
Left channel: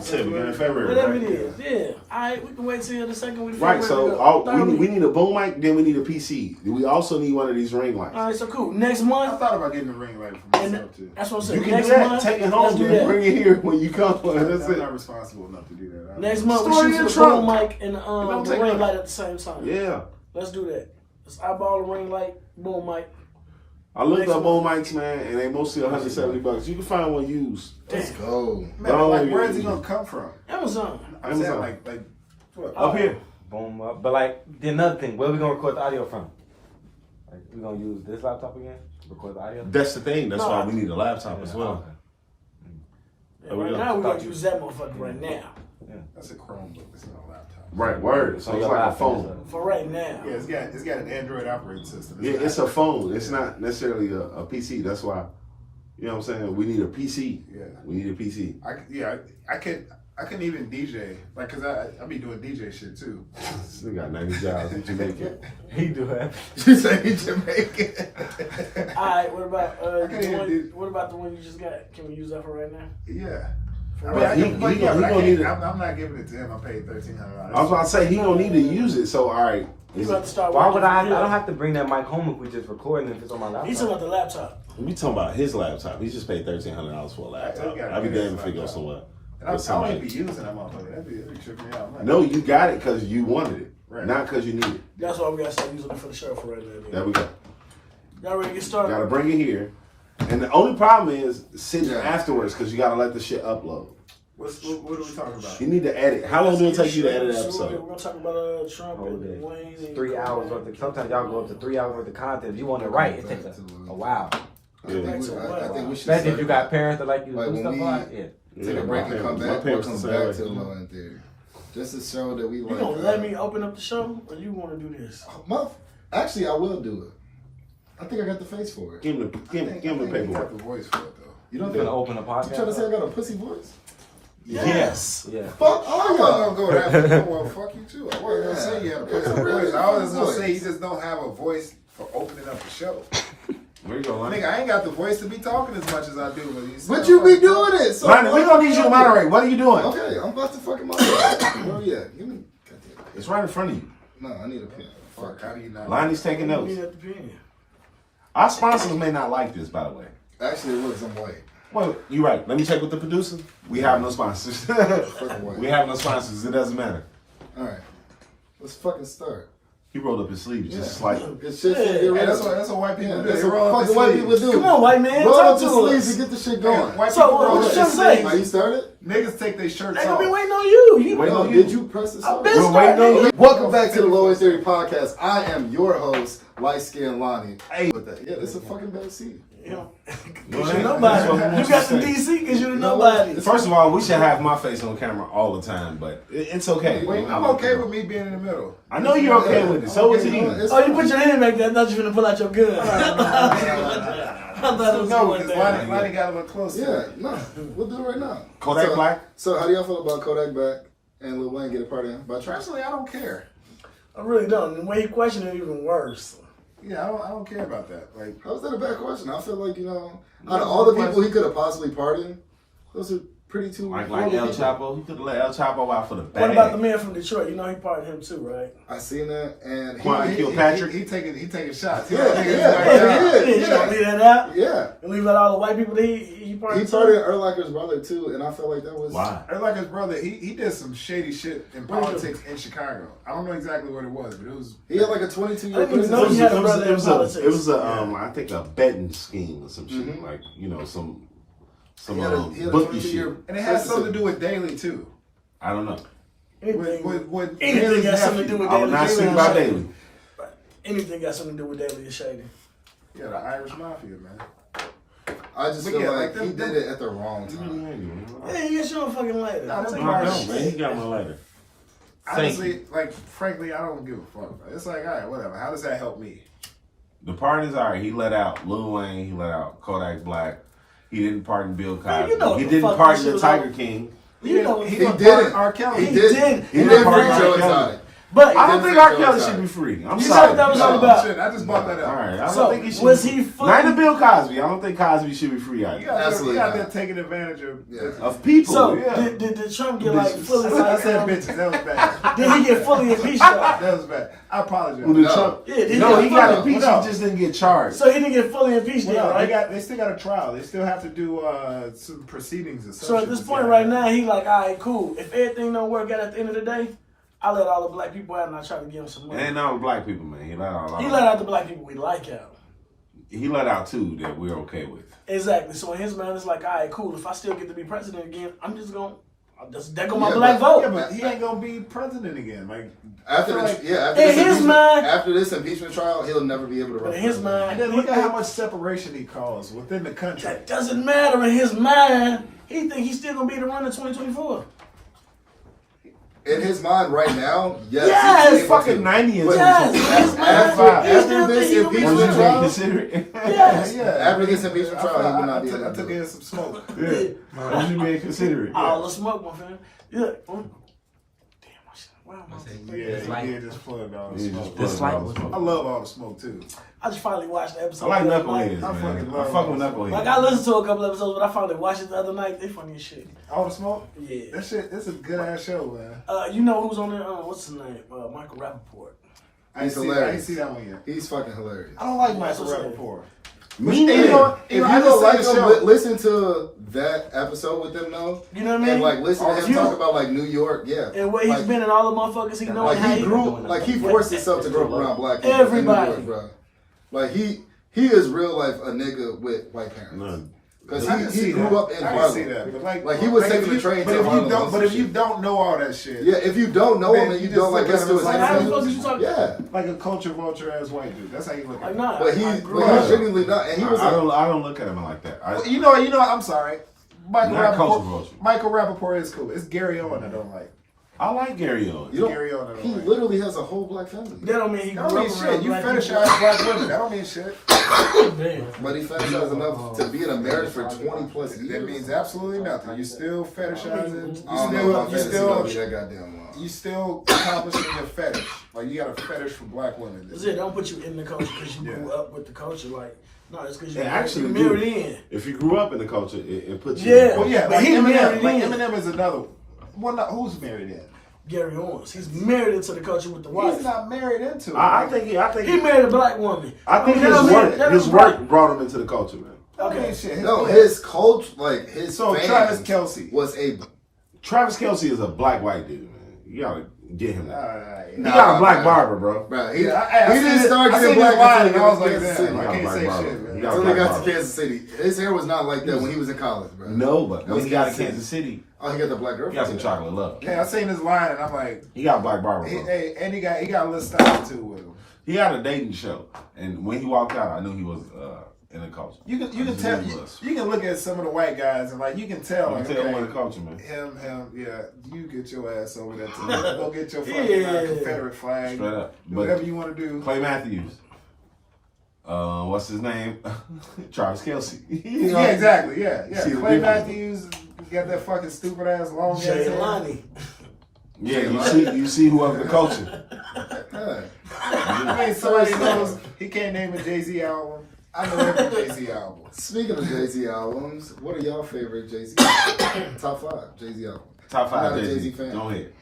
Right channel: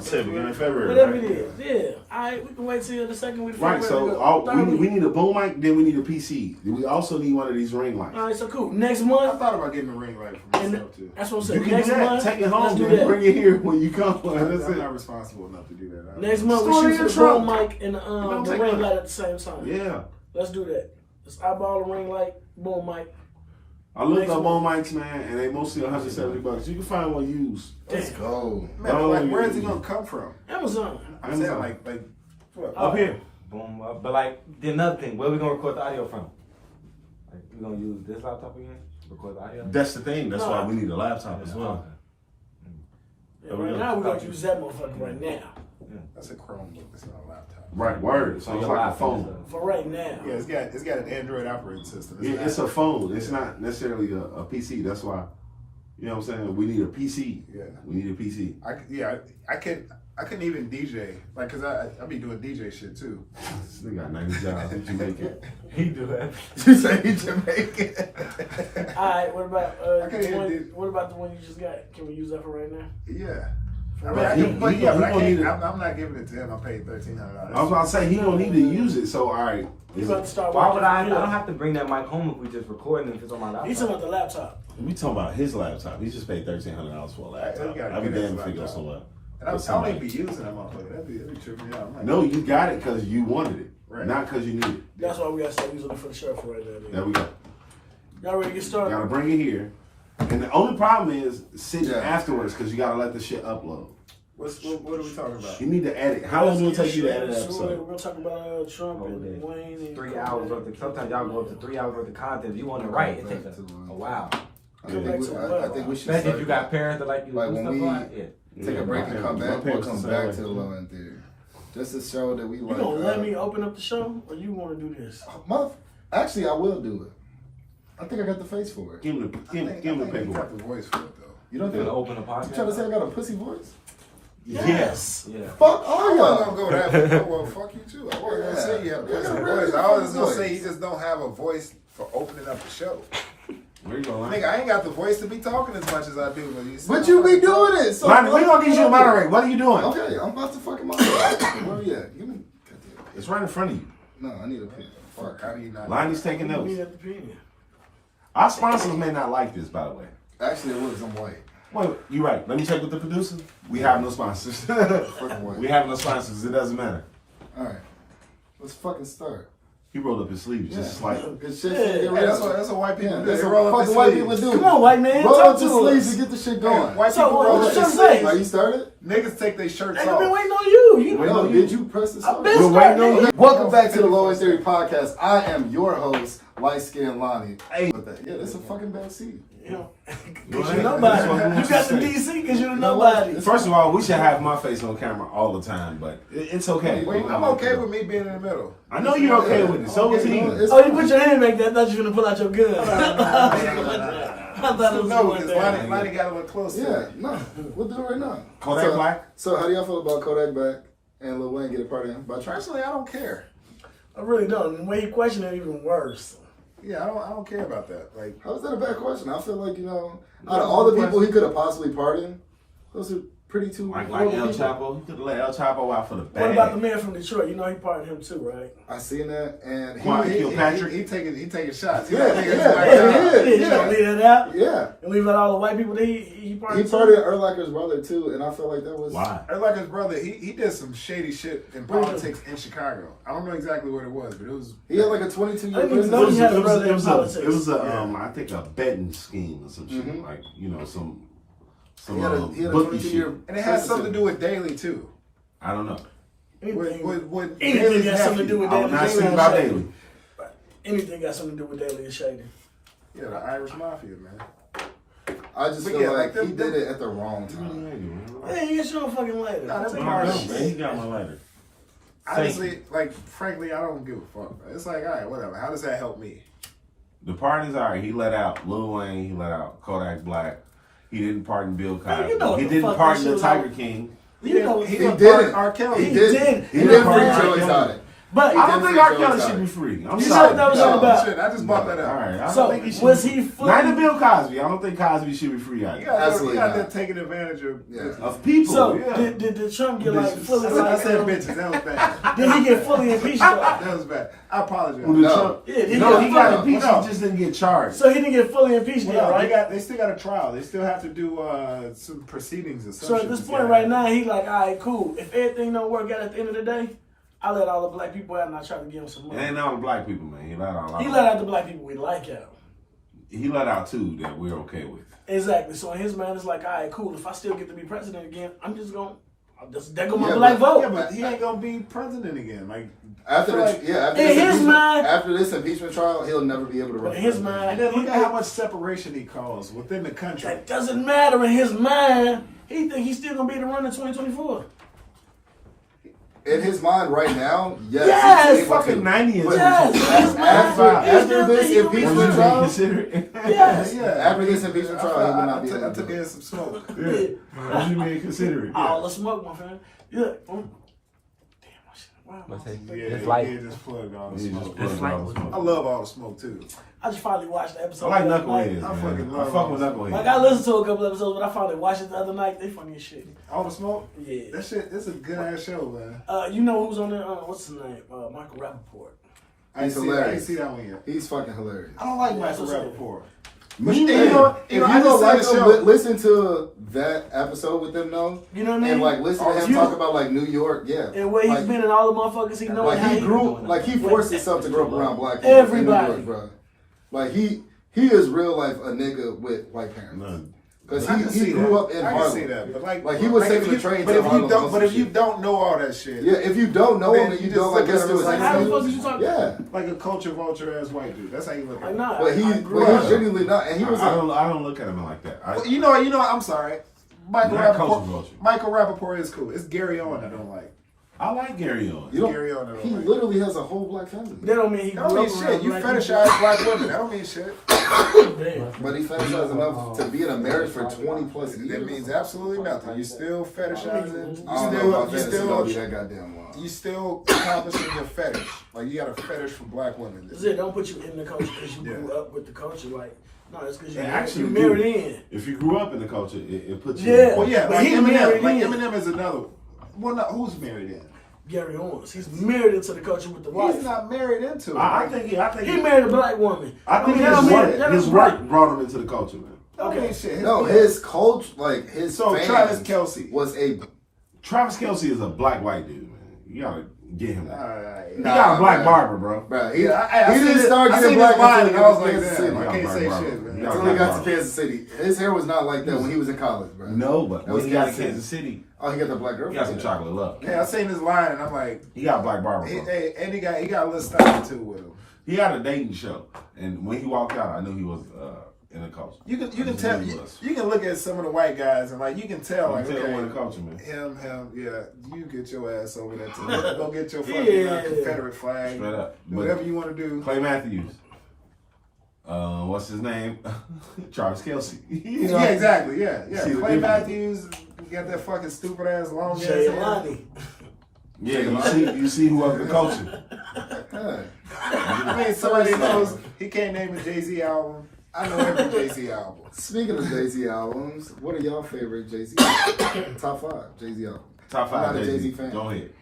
Said beginning of February. Whatever right? it is. Yeah. Alright, we can wait till the second week. of Right, February. so we need a boom mic, then we need a PC. We also need one of these ring lights. Alright, so cool. Next I month. thought about getting a ring light for And myself too. that's what I'm You saying. can Next do that. month. Take it let's home, do then that. bring it here when you come. That's I'm it. not responsible enough to do that. Next month we Store it shoot in the your trunk. boom mic and don't the take ring mine. light at the same time. Yeah. Let's do that. It's eyeball the ring light, boom mic. I looked up on mics, man, and they mostly $170. You can find one used. Let's go. Man, Oh, like, where yeah. is he gonna come from? Amazon. I'm saying Amazon. like what? Oh. Up here. Boom. But like, the another thing, where we gonna record the audio from? Like, we gonna use this laptop again? Record the audio? That's the thing. That's why we need a laptop as well. Yeah, right now we're gonna use that motherfucker right now. That's a Chromebook. It's not a laptop. Right, word. So it's like a phone. For right now. Yeah, it's got an Android operating system. Yeah, it's a phone. It's not necessarily a PC. That's why, you know what I'm saying? We need a PC. Yeah. We need a PC. I couldn't even DJ, like, cause I be doing DJ shit too. This nigga got 90 jobs in Jamaica. He do it. You say he Jamaican. Alright, what about can't even do- what about the one you just got? Can we use that for right now? Yeah. For I mean, right I he- can, but he yeah, gonna- but I he gonna can't. need it. I'm not giving it to him. I paid $1,300. I was about to say, he don't need to use it. So, all right. You about to start Why working would I for don't him. have to bring that mic home if we just recording if it's on my laptop? He's talking about the laptop. We talking about his laptop. He just paid $1,300 for a laptop. gotta I'll be get his damned if he goes laptop. somewhere. And I with don't somebody. even be using that motherfucker. That'd be tripping me out. I'm like, No, you got it because you wanted it, Right. not because you need it. That's why we gotta start using it for the show for right now. There we go. Y'all ready to get started? Gotta bring it here. And the only problem is sitting Yeah. afterwards because you gotta let the shit upload. what are we talking about? You need to edit. How long will it take you to edit an We're episode? gonna talk about Trump and Wayne and 3 hours worth of, sometimes y'all go up to 3 hours worth of content. If you want it right, it takes a while. I think we should Especially if you start- got parents that like you Like do when stuff we- like yeah. take a break my and come parents- back. my We'll parents come the same back way. to the Law in Theory. Just to show that we You like. gonna let me open up the show, or you want to do this? Actually, I will do it. I think I got the face for it. Give him the, give him the He got paperwork. the voice for it though. You don't You think? gonna open a podcast? You trying to say I got a pussy voice? Yes. Yeah. Fuck I all wasn't y'all. gonna go that. Well, fuck you too. I wasn't gonna say you have a pussy voice. I was just gonna say you just don't have a voice for opening up the show. Where you going, Nigga, I ain't got the voice to be talking as much as I do. But you be doing it. So Lonnie, we gonna get you to moderate. What are you doing? Okay, I'm about to fucking moderate. Where we at? Give me. It's right in front of you. No, I need a pen. Fuck, how do you not? Lonnie's taking You notes. need at the pen. Our sponsors may not like this, by the way. Actually, it was. I'm white. Well, you're right. Let me check with the producer. We have no sponsors. Fucking white. We have no sponsors. It doesn't matter. All right. Let's fucking start. He rolled up his sleeves just slightly. Good shit. Yeah. Get Hey, rid that's of what it. that's what white people Yeah, do. that's They what roll up fucking their white sleeves. people do. Come on, white man. Roll Talk up the to sleeves us. and get the shit going. White So, people what roll was up you their trying to say? sleeves. Are you started? Niggas take their shirts Ain't off. gonna be waiting on you. You Wait, know. no, Did you press this? I've off? been We're waiting on starting. you. Welcome back to the Low End Theory Podcast. I am your host, Light Skin Lonnie. Hey. Yeah, this is a fucking bad seat. You know, Well, cause you're that's nobody. what we want You got you the to say. DC because you're the know what? nobody. First of all, we should have my face on camera all the time, but it's okay. Wait, I'm okay with me being in the middle. I know you're okay with it. So is he. It's- Oh, you put your hand back there. I thought you were gonna pull out your gun. I thought it was No, like because that. Lonnie got a little close to Yeah, it. no, we'll do it right now. Kodak so, Black? So, how do y'all feel about Kodak Black and Lil Wayne get a part in? By Trump? Personally, I don't care. I really don't. And the way he questioned it, even worse. Yeah, I don't care about that. Like, How is that a bad question? I feel like, out of all the people he could have possibly pardoned, those are pretty two Like horrible El people. Chapo. He could have let El Chapo out for the bag. What about the man from Detroit? You know he pardoned him too, right? I seen that, and Quan Kilpatrick? he taking shots. Yeah, Niggas yeah, like, yeah. You don't leave that out. yeah, And leave out all the white people that he he pardoned. pardoned Urlacher's brother too, and I feel like that was Why? Or like his brother, he did some shady shit in politics in Chicago. I don't know exactly what it was, but it was. He had like a 22-year I didn't even prison. know he had a brother in It politics. was I think a betting scheme or some shit. Like, some He had a bookie 22-year shit. And it has something to do with Daly too. I don't know. With Anything Daly's got something to do nephew. with I will Daily. not Daily speak and about Shady. Daily. Anything got something to do with Daily and Shady. Yeah, the Irish Mafia, man. I just But feel yeah, like like he them- did it at the wrong time. Hey, you get your fucking lighter. Nah, Take them No, I my bars- don't, shit. man. He got my lighter. Honestly, like, frankly, I don't give a fuck. It's like, all right, whatever. How does that help me? The pardons are he let out Lil Wayne, he let out Kodak Black. He didn't pardon Bill Cosby. Man, you know what he the didn't fuck pardon this the shit was Tiger about. King. You know He didn't did pardon it. R. Kelly. He did. did. He He did didn't free pardon Joe R. Kelly. Exotic. But I did don't think free R. Joe Kelly Exotic. should be free. I'm You sorry. said that was No. all about. Shit, I just bought that All up. right. I don't So think he should was be he free. fully? Neither Bill Cosby. I don't think Cosby should be free either. You got Absolutely there not. taking advantage of. Yeah. Of people. So yeah. did Trump get like Bitches. fully? I said bitches. That was bad. Did he get fully impeached? Though? That was bad. I apologize. Who did No. Trump? Yeah, he no, got he got fucked. impeached. What He just didn't get charged. So he didn't get fully impeached yet, Well, right? they still got a trial. They still have to do some proceedings or something. So at this point right now, he like, all right, cool. If everything don't work out at the end of the day, I let all the black people out and I try to give him some It money. ain't all the black people, man. He let out a lot. He let out the black people we like out. He let out two that we're okay with. Exactly. So in his mind, it's like, all right, cool. If I still get to be president again, I'm just going to, there go my Yeah, black vote. Yeah, but he ain't gonna be president again. Like After like, after this impeachment trial, he'll never be able to run. But in his and mind, then look at how much separation he caused within the country. that doesn't matter. In his mind, he think he's still going to be the run in 2024. In his mind right now, yes. Yes! he's He's able fucking to. 90 and But Yes, in his mind, after this he still think impeachment he trial, Consider it. Yes. after this impeachment trial, he will not be able I to took do in it. some smoke. Yeah. What you mean consider it? All the smoke, my friend. Yeah. Damn, my shit. Wow, What's that? Yeah, It's he like- did just plug all the He smoke. just plugged like- all the smoke. I love all the smoke too. I just finally watched the episode. I like the other night. Knuckleheads, I man. fucking love I fuck with those. Knuckleheads. Like, I listened to a couple episodes, but I finally watched it the other night. They funny as shit. All the smoke? Yeah. That shit, it's a good ass show, man. You know who's on there? What's his name? Michael Rappaport. I He's ain't hilarious. see that one yet. He's fucking hilarious. I don't like Yeah, Michael that's what Rappaport. Me you neither. know- If you you know, I don't just like said him, the show. listen to that episode with them though, You know what I mean? and like listen to him You- talk about like New York, yeah. And where he's Like- been and all the motherfuckers he knows. Like how he grew, like he forced himself to grow up around black people Everybody. in New York, bro. Like he is real life a nigga with white parents. No. Because I can he see grew that. up in I can Harlem. see that, but Like, he was if taking the you- train But to if you Harlem don't, or but some if you shit. don't know all that shit, Yeah, if you don't know Then him and you you just don't like look at listen him to as his like, how the fuck songs, is you talking? yeah. like a culture vulture ass white dude. That's how you look at Like, it. nah. But I he's grew up. genuinely not, and he was I a, don't look at him like that. I, You know. I'm sorry. Michael Not culture Rappaport. vulture. Michael Rappaport is cool. It's Gary Owen I don't like. I like Gary Owens. you don't, Gary Owen I don't he like. literally has a whole black family. That don't mean he That grew don't up mean around shit. You black fetishize black women. That don't mean shit. people. Damn. But he fetishized enough to be in a marriage for 20 plus years. That means absolutely nothing. You still fetishizing. I don't know about You fantasy gonna be still. that goddamn long. You still accomplishing your fetish. Like you got a fetish for black women. That's it. Don't put you in the culture because you Yeah. grew up with the culture. Like, no, it's because you It actually you married do. in. If you grew up in the culture, it puts you. Yeah. Well, yeah, But like he married Eminem. Like in. Eminem is another. Well, no, who's married in? Gary Owens. He's married into the culture with the wife. He's not married into it. I think He married a black woman. I think that don't mean- that his don't work mean- brought him into the culture, man. Okay, shit. No, his culture, like his So fans Travis Kelce. was a. Travis Kelce is a black white dude, man. You gotta get him. He Nah, got a black man. barber, bro. Bro, he, Yeah, I he seen didn't it- start I getting seen black his line until and I was he like, got to Kansas damn, City. I can't Black say barber. shit, man. You got Until a he black got to barber. Kansas City. His hair was not like that when he was in college, bro. No, but That when was he got to Kansas City. Kansas City, Oh, he got the black he girlfriend. got some chocolate love. Hey, I seen his line and I'm like, He got a black barber, bro. hey, and he got a little style too with him. He had a dating show, and when he walked out, I knew he was in the culture. You can I just tell knew he was. you can look at some of the white guys and like you can tell You like can tell him okay, in the culture, man. him, yeah, you get your ass over there too. Go get your fucking Yeah. Confederate flag. Straight up. Do But whatever you want to do. Clay Matthews. What's his name? Travis Kelce. Yeah, exactly. Yeah. See the Clay difference. Matthews got that fucking stupid ass long ass hair. Jaylani. Yeah, you see who of the culture. Huh. I mean, somebody knows he can't name a Jay-Z album. I know every Jay-Z album. Speaking of Jay-Z albums, what are y'all favorite Jay-Z top 5 Jay-Z albums? Top I'm not five a Jay-Z. Jay-Z fan. Go ahead.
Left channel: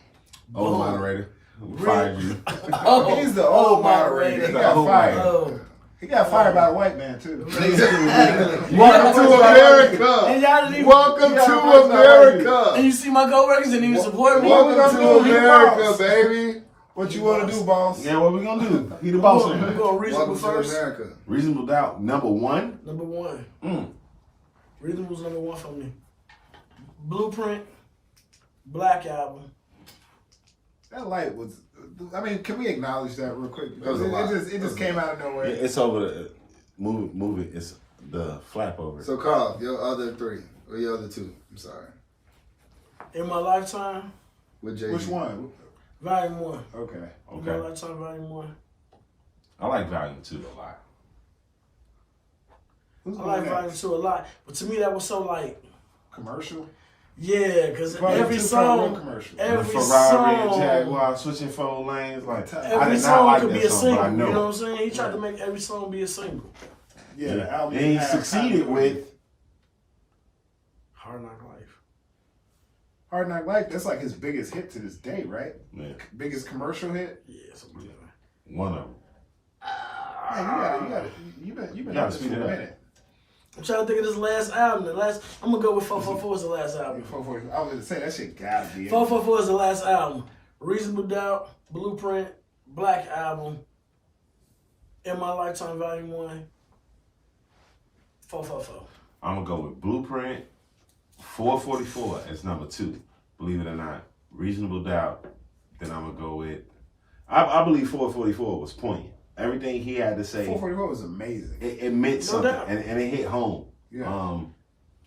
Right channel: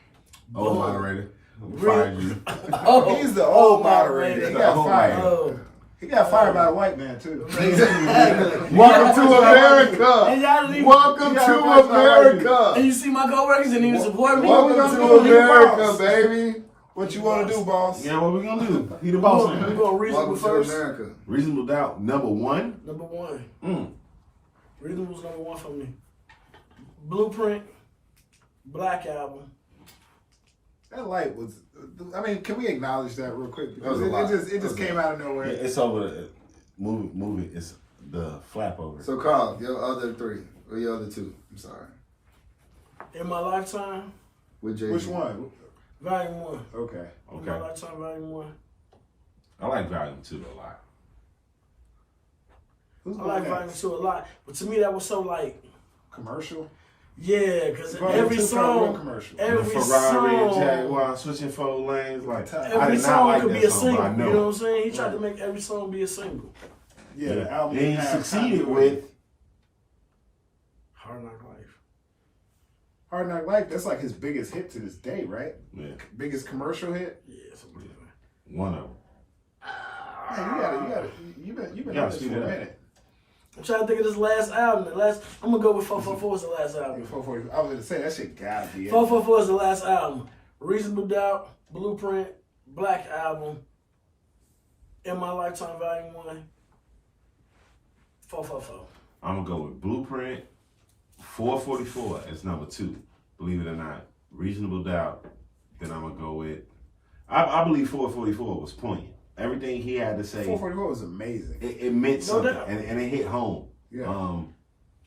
Old moderator. We fired you. Oh, He's the old moderator. He got old fired. Oh. He got fired by a white man too. Welcome to America. And y'all didn't even, Welcome Yeah, to that's not America. and you see my coworkers and even support me. What we Welcome gonna to do? He the America, boss. baby. What you want to do, boss? Yeah, what we gonna do? He the boss We're man. going reasonable Welcome to first. America. Reasonable doubt. Number one. Number one. Mm. Reasonable's number one for me. Blueprint. Black Album. That light was. I mean, can we acknowledge that real quick? That was Because a lot. it just came out of nowhere. It's over the movie. It's the flap over. So, Carl, your other 3 or your other 2? I'm sorry. In my lifetime, With Jay-Z. Which one? Volume 1. Okay. In my Okay. lifetime, Volume 1. I like Volume 2 a lot. Who's I going like next? Volume 2 a lot. But to me, that was so like, Commercial. yeah, because Volume every 2 felt real song, commercial. The every Ferrari and song, Jaguar switching 4 lanes. Like I every did not song like could that be a song, single. but I You know what I'm know. saying? He tried to make every song be a single. Yeah, the album. And he had succeeded continuity. with Hard Knock Life. Hard Knock Life. That's like his biggest hit to this day, right? yeah, Biggest commercial hit. Yeah, something like that. one of them. Man, you've been Yeah, on this for speed a it up. minute. I'm trying to think of this last album. I'm gonna go with 444 is the last album. 440. I was gonna say that shit gotta be it. 444 is the last album. Reasonable Doubt, Blueprint, Black Album, In My Lifetime Volume 1, 444. I'm gonna go with Blueprint, 444 as number 2. Believe it or not, Reasonable Doubt. Then I'm gonna go with. I believe 444 was poignant. Everything he had to say. 444 was amazing. It meant something, and it hit home. Yeah.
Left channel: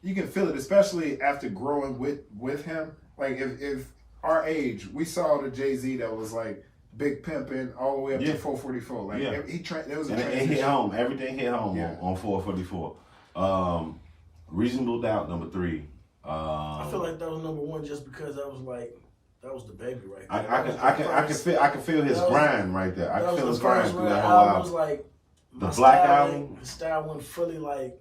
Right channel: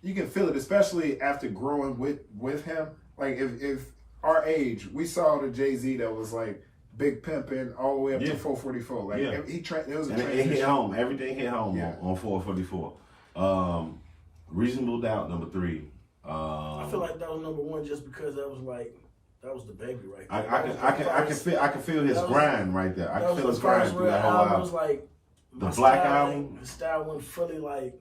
You can feel it, especially after growing with him. Like if our age, we saw the Jay-Z that was like big pimping all the way up to 444. Like it was a transition. It hit home. Everything hit home on 444. Reasonable Doubt number 3. I feel like that was number 1 just because that was the baby right there. I can feel his grind right there. I can feel his grind through that whole album. Was like the Black Album. The style wasn't fully like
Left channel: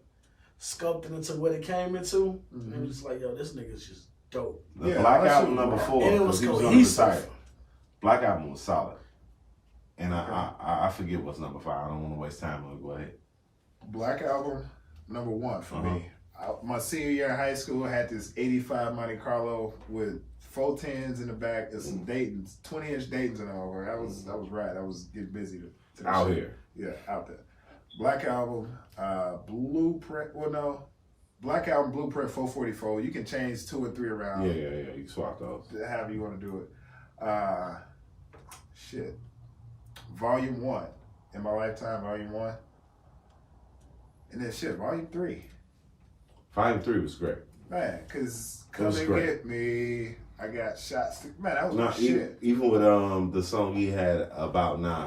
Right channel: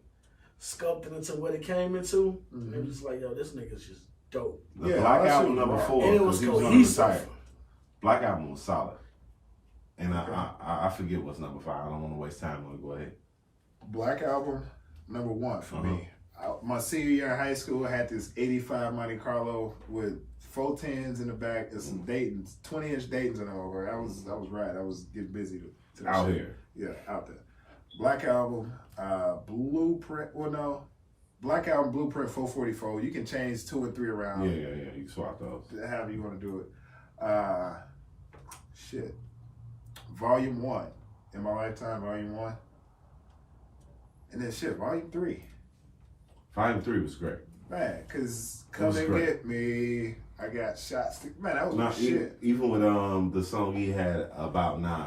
sculpted into what it came into. Mm-hmm. It was just like, yo, this nigga's just dope. The Black Album number 4. And it was he was on the cohesive. side. Black Album was solid. And I forget what's number 5. I don't want to waste time. Go ahead. Black Album number 1 for me. My senior year in high school, I had this 85 Monte Carlo with 410s in the back and some Daytons, 20-inch Daytons in over. I was right. I was getting busy to Out shit. here. Yeah, out there. Black Album, Blueprint. Well, no, Black Album, Blueprint, 444. You can change 2 and 3 around. Yeah. You can swap those. However you want to do it. Shit. Volume 1. In My Lifetime, Volume 1. And then shit, Volume 3. Volume 3 was great. Man, because It Come was and great. Get Me, I got shots. Man, that was No, my shit. even with the song he had about Nas,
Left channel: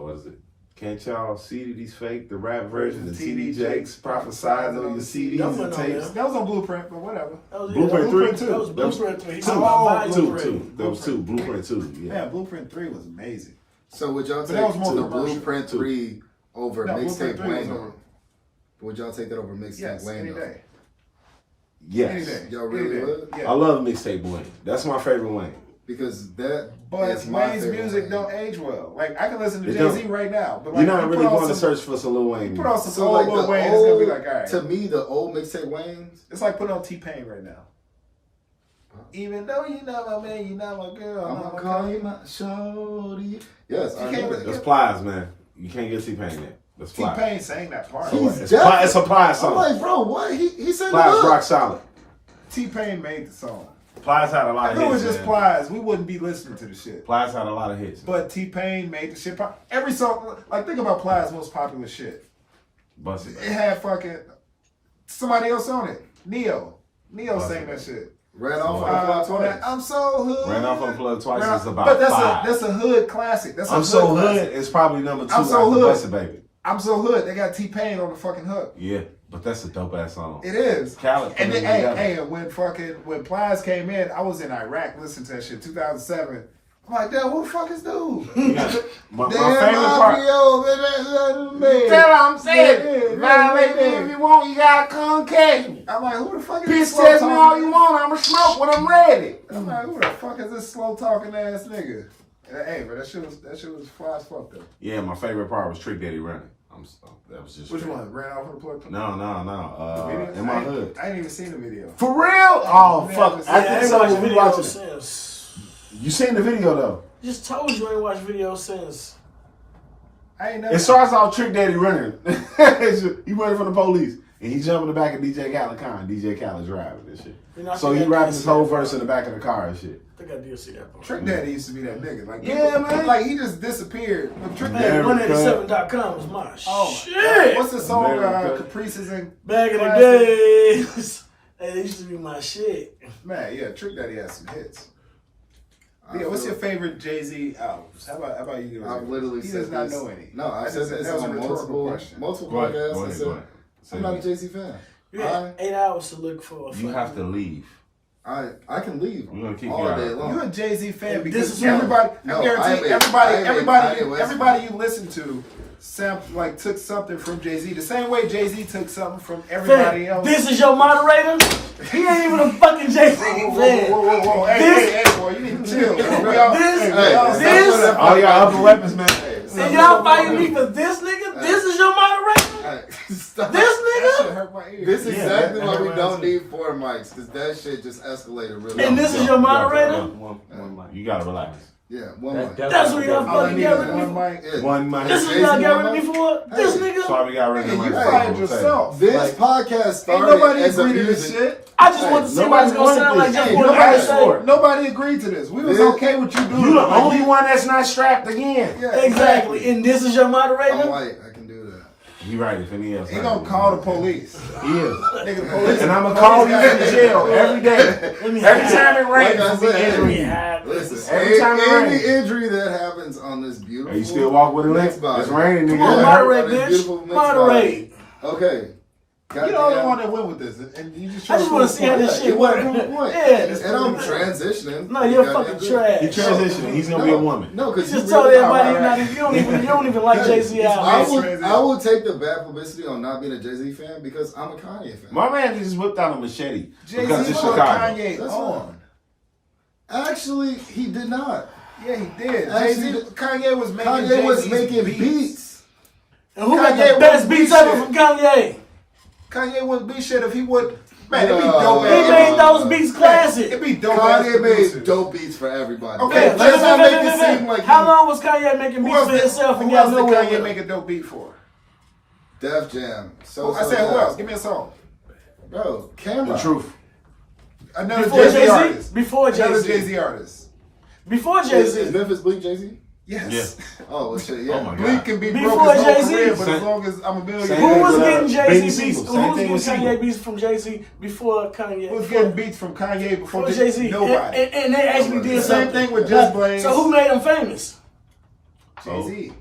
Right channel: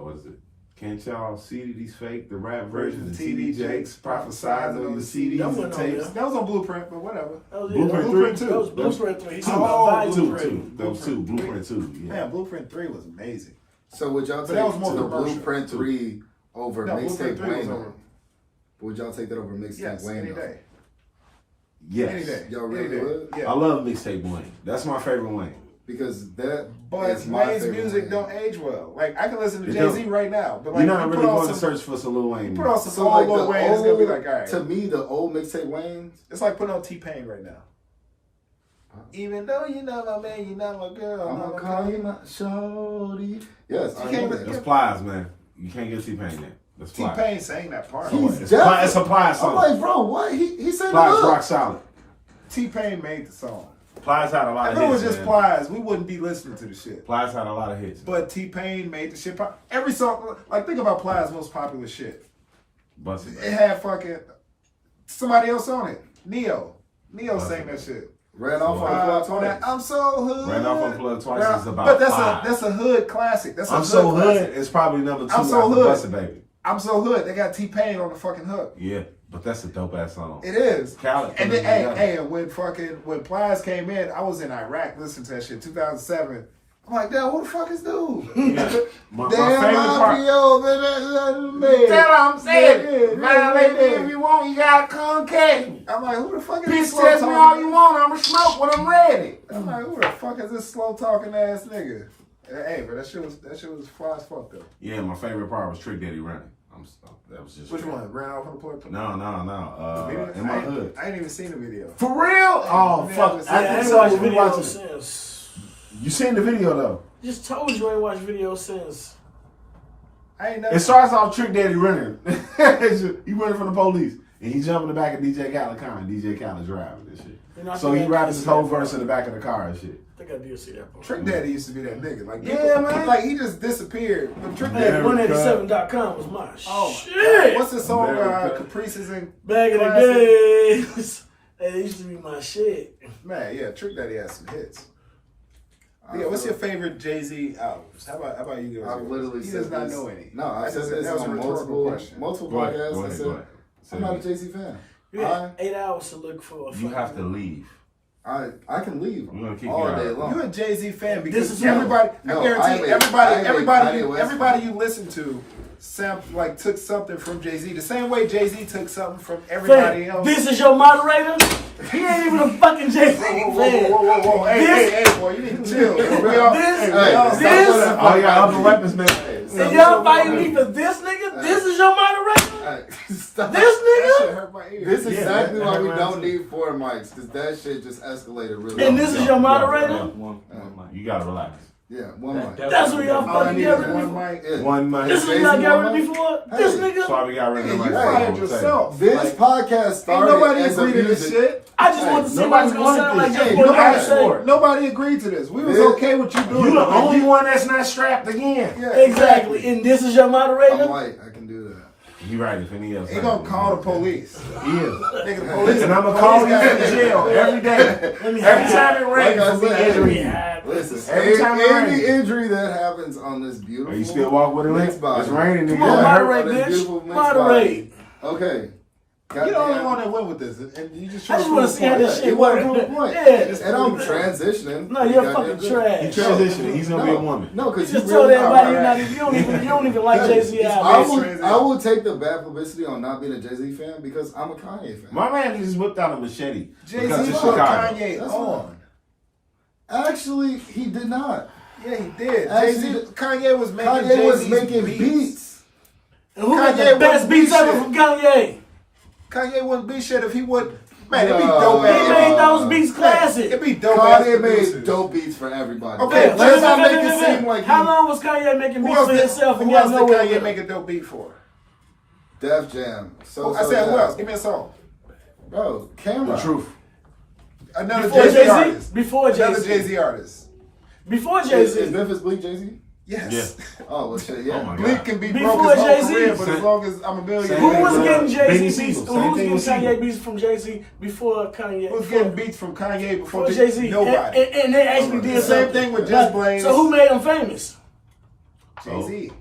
what is it? Can't y'all see that he's fake? The rap version, the TD Jakes prophesying on the CDs That and wasn't on tapes. there. That was on Blueprint, but whatever. That was, Blueprint 3? That was Blueprint 3. He talking Two. about Volume Two. 3. Those 2. Blueprint 2. Yeah. Man, Blueprint 3 was amazing. So would y'all But take that was more the commercial. Blueprint 3 over No, Mixtape Blueprint 3 was Wayne? over. Would y'all take that over Mixtape Yes, Wayne? any though? day. Yes. Any day. Y'all Any really day. would? Yeah. I love Mixtape Wayne. That's my favorite Wayne. Because that But is my Wayne's favorite music Wayne. don't age well. Like, I can listen to It Jay-Z don't. right now, but like, You're not you really put on going to some- search for some Lil Wayne. Put on some So like Lil the Wayne, it's gonna be old, like, all right. to me, the old Mixtape Waynes, It's like putting on T-Pain right now. Even though you're not my man, you're not my girl. I'm gonna call you my shorty. Yes, I can't know really- that. That's Plies, man. You can't get T-Pain there. That's Plies. T-Pain sang that part. He's It's deaf. It's a Plies I'm song. like, bro, what? He said Plies it rock up. solid. T-Pain made the song. Plies had a lot If of it hits. was just man. Plies, we wouldn't be listening to the shit. Plies had a lot of hits. But T-Pain made the shit pop. Every song, like, think about Plies' most popular shit. Busted. It had fucking somebody else on it. Neo Busted. sang that shit. Ran off on the clock On that, twice. I'm so hood. Ran Off Unplugged twice Ran- is about But that's 5. that's a hood classic. That's a I'm hood So classic. Hood is probably number 2 I'm So after Hood. Busted Baby. I'm so hood. They got T-Pain on the fucking hook. Yeah, but that's a dope ass song. It is. Khaled And then, put it together. when Plies came in, I was in Iraq listening to that shit. 2007. I'm like, damn, who the fuck is dude? Yeah. My Damn, favorite part. That's what I'm saying. Violate me if you want, you gotta come catch me. I'm like, who the fuck is Bitch, this slow test me all talking? you want, I'ma smoke when I'm ready. I'm like, who the fuck is this slow talking ass nigga? Hey, but that shit was fly as fuck though. Yeah, my favorite part was Trick Daddy running. That was just Which one? Ran off on the plug? No. The video? In my hood. I ain't even seen the video. For real? Oh Yeah, fuck! I Yeah, I After ain't this, watched we video watching it. since. You seen the video though? Just told you I ain't watched video since. I ain't never. It starts off Trick Daddy running. He running from the police, and he jump in the back of DJ Khaled car, and DJ Khaled driving this shit. You know, I So think he I rapping did his see whole that verse part. in the back of the car and shit. I think I did see that part. Trick Daddy used to be that nigga. Like, Yeah, man. Like, he just disappeared. But Trick Man, Daddy. 187.com was my Oh my shit. God. What's the song? America. Caprices and Back in the Classic. days. Hey, it used to be my shit. Man, yeah, Trick Daddy has some hits. Yeah, what's your favorite Jay-Z albums? How about you guys? I've literally He said does not this. know any. No, I've said this that was a on rhetorical question. multiple Go ahead, podcasts. go I ahead, said, go ahead. I'm not a Jay-Z fan. You had 8 hours to look for a You have to leave. I can leave We're gonna kick all you day out. long. You're a Jay-Z fan This because is everybody. no, I guarantee I am a Kanye West everybody fan. you listen to, took something from Jay-Z. The same way Jay-Z took something from everybody else. This is your moderator? He ain't even a fucking Jay-Z Whoa, fan. whoa. Hey, This- hey, boy, you need to chill. We all, This- we all- Hey, this- stop putting that Oh, fucking- yeah, upper weapons, man. Hey, And y'all fighting me for this nigga? This is your moderator? Alright, stop. This That shit nigga? hurt my ear. This is exactly that why we hurt don't my ear. need 4 mics, because that shit just escalated really. And this is your moderator? You gotta relax. Yeah, 1 mic. That's what y'all All I fucking need got is rid of me one for? mic. Yeah. One mic. This is Jay-Z what y'all got rid one of me mic? for? This Hey. That's nigga? why we got rid of Nigga, the you mic. fired yourself. This Like, podcast ain't started nobody as a agreed to this music. shit. I just wanted to see what it's gonna sound like. Hey, Just Hey, for the nobody, sake. nobody agreed to this. We was This- okay with you doing You it. the Like, only one that's not strapped again. Yeah, Exactly. And this is your I'm moderator? white. I can do that. He right. If any else, He gonna call the police. He is. Nigga, the police. And I'm gonna call you in jail every day. Let me Every hide. time it rains, Like I I'm be said, injuring Let me you. hide. Listen, Every time it any rains. injury that happens on this beautiful, Are you still walk with it? mixed body. It's raining. Come nigga. on, Yeah. moderate, On this bitch. beautiful mixed Moderate. Okay. You the only Goddamn. one that went with this, and you just. I just want to see how this Yeah, shit you wanna works. prove a point. Yeah. And I'm transitioning. No, you're Goddamn fucking good. trash. He transitioning. He's gonna be a woman. No, You because just told everybody you're not Alright. even, you don't even like Jay-Z I album. will take the bad publicity on not being a Jay-Z fan because I'm a Kanye fan. My man just whipped out a machete Jay-Z because it's put Chicago. Kanye That's on. Actually, he did not. Yeah, he did. Actually, Jay-Z, Kanye was making Kanye was Jay-Z's making beats. And who got Kanye the best wouldn't beats be ever shit. from Kanye? Kanye wouldn't be shit if he would. Man, it'd be No, dope. He Yeah. made those beats classic. It'd be dope. ass Kanye made producers. dope beats for everybody. Okay, Let's not make it seem like How long was Kanye making Who beats else for did, himself and who got else did nowhere Kanye with make him? a dope beat for? Def Jam. So I said who Jam. else? Give me a song. Bro, Camera. The truth. Another Before Jay-Z Jay-Z? artist. Before Another Jay-Z. Jay-Z artist. Before Is Jay-Z. Memphis Bleak Jay-Z? Yes. Oh, well, shit, yeah. Oh my Bleak God. can be Before broke his whole Jay-Z. career, but as Same- long as I'm a millionaire. same Who thing was with, getting Benny Jay-Z beats? Siegel. Who Same was thing getting with Kanye Siegel. beats from Jay-Z before Kanye? Who was getting beats from Kanye before Before Jay-Z. Nobody. And they actually did The same something. thing with Just Blaze. So who made them famous? Jay-Z.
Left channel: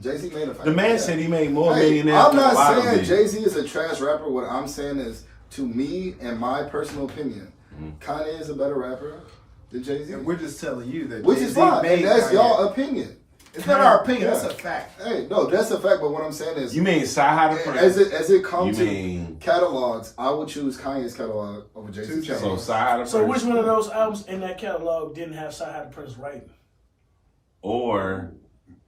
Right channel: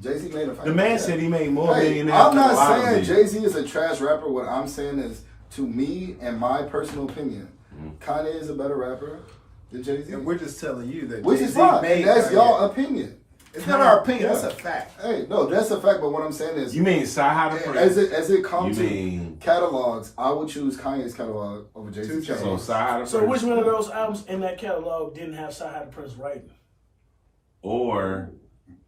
Jay-Z made a The man said he made more Hey, millionaires. I'm than a lot not of saying them. Jay-Z is a trash rapper. What I'm saying is, to me and my personal opinion, Kanye is a better rapper than Jay-Z. And we're just telling you that Which Jay-Z is fine. made And that's Kanye. y'all opinion. It's not our opinion. Yeah. That's a fact. Hey, no, that's a fact. But what I'm saying is, You mean Sci-Hi the as Prince? it comes You to mean- catalogs, I would choose Kanye's catalog over Jay-Z's Two So catalog. Sci-Hi the So Prince. which one of those albums in that catalog didn't have Sci-Hi the Prince writing? Or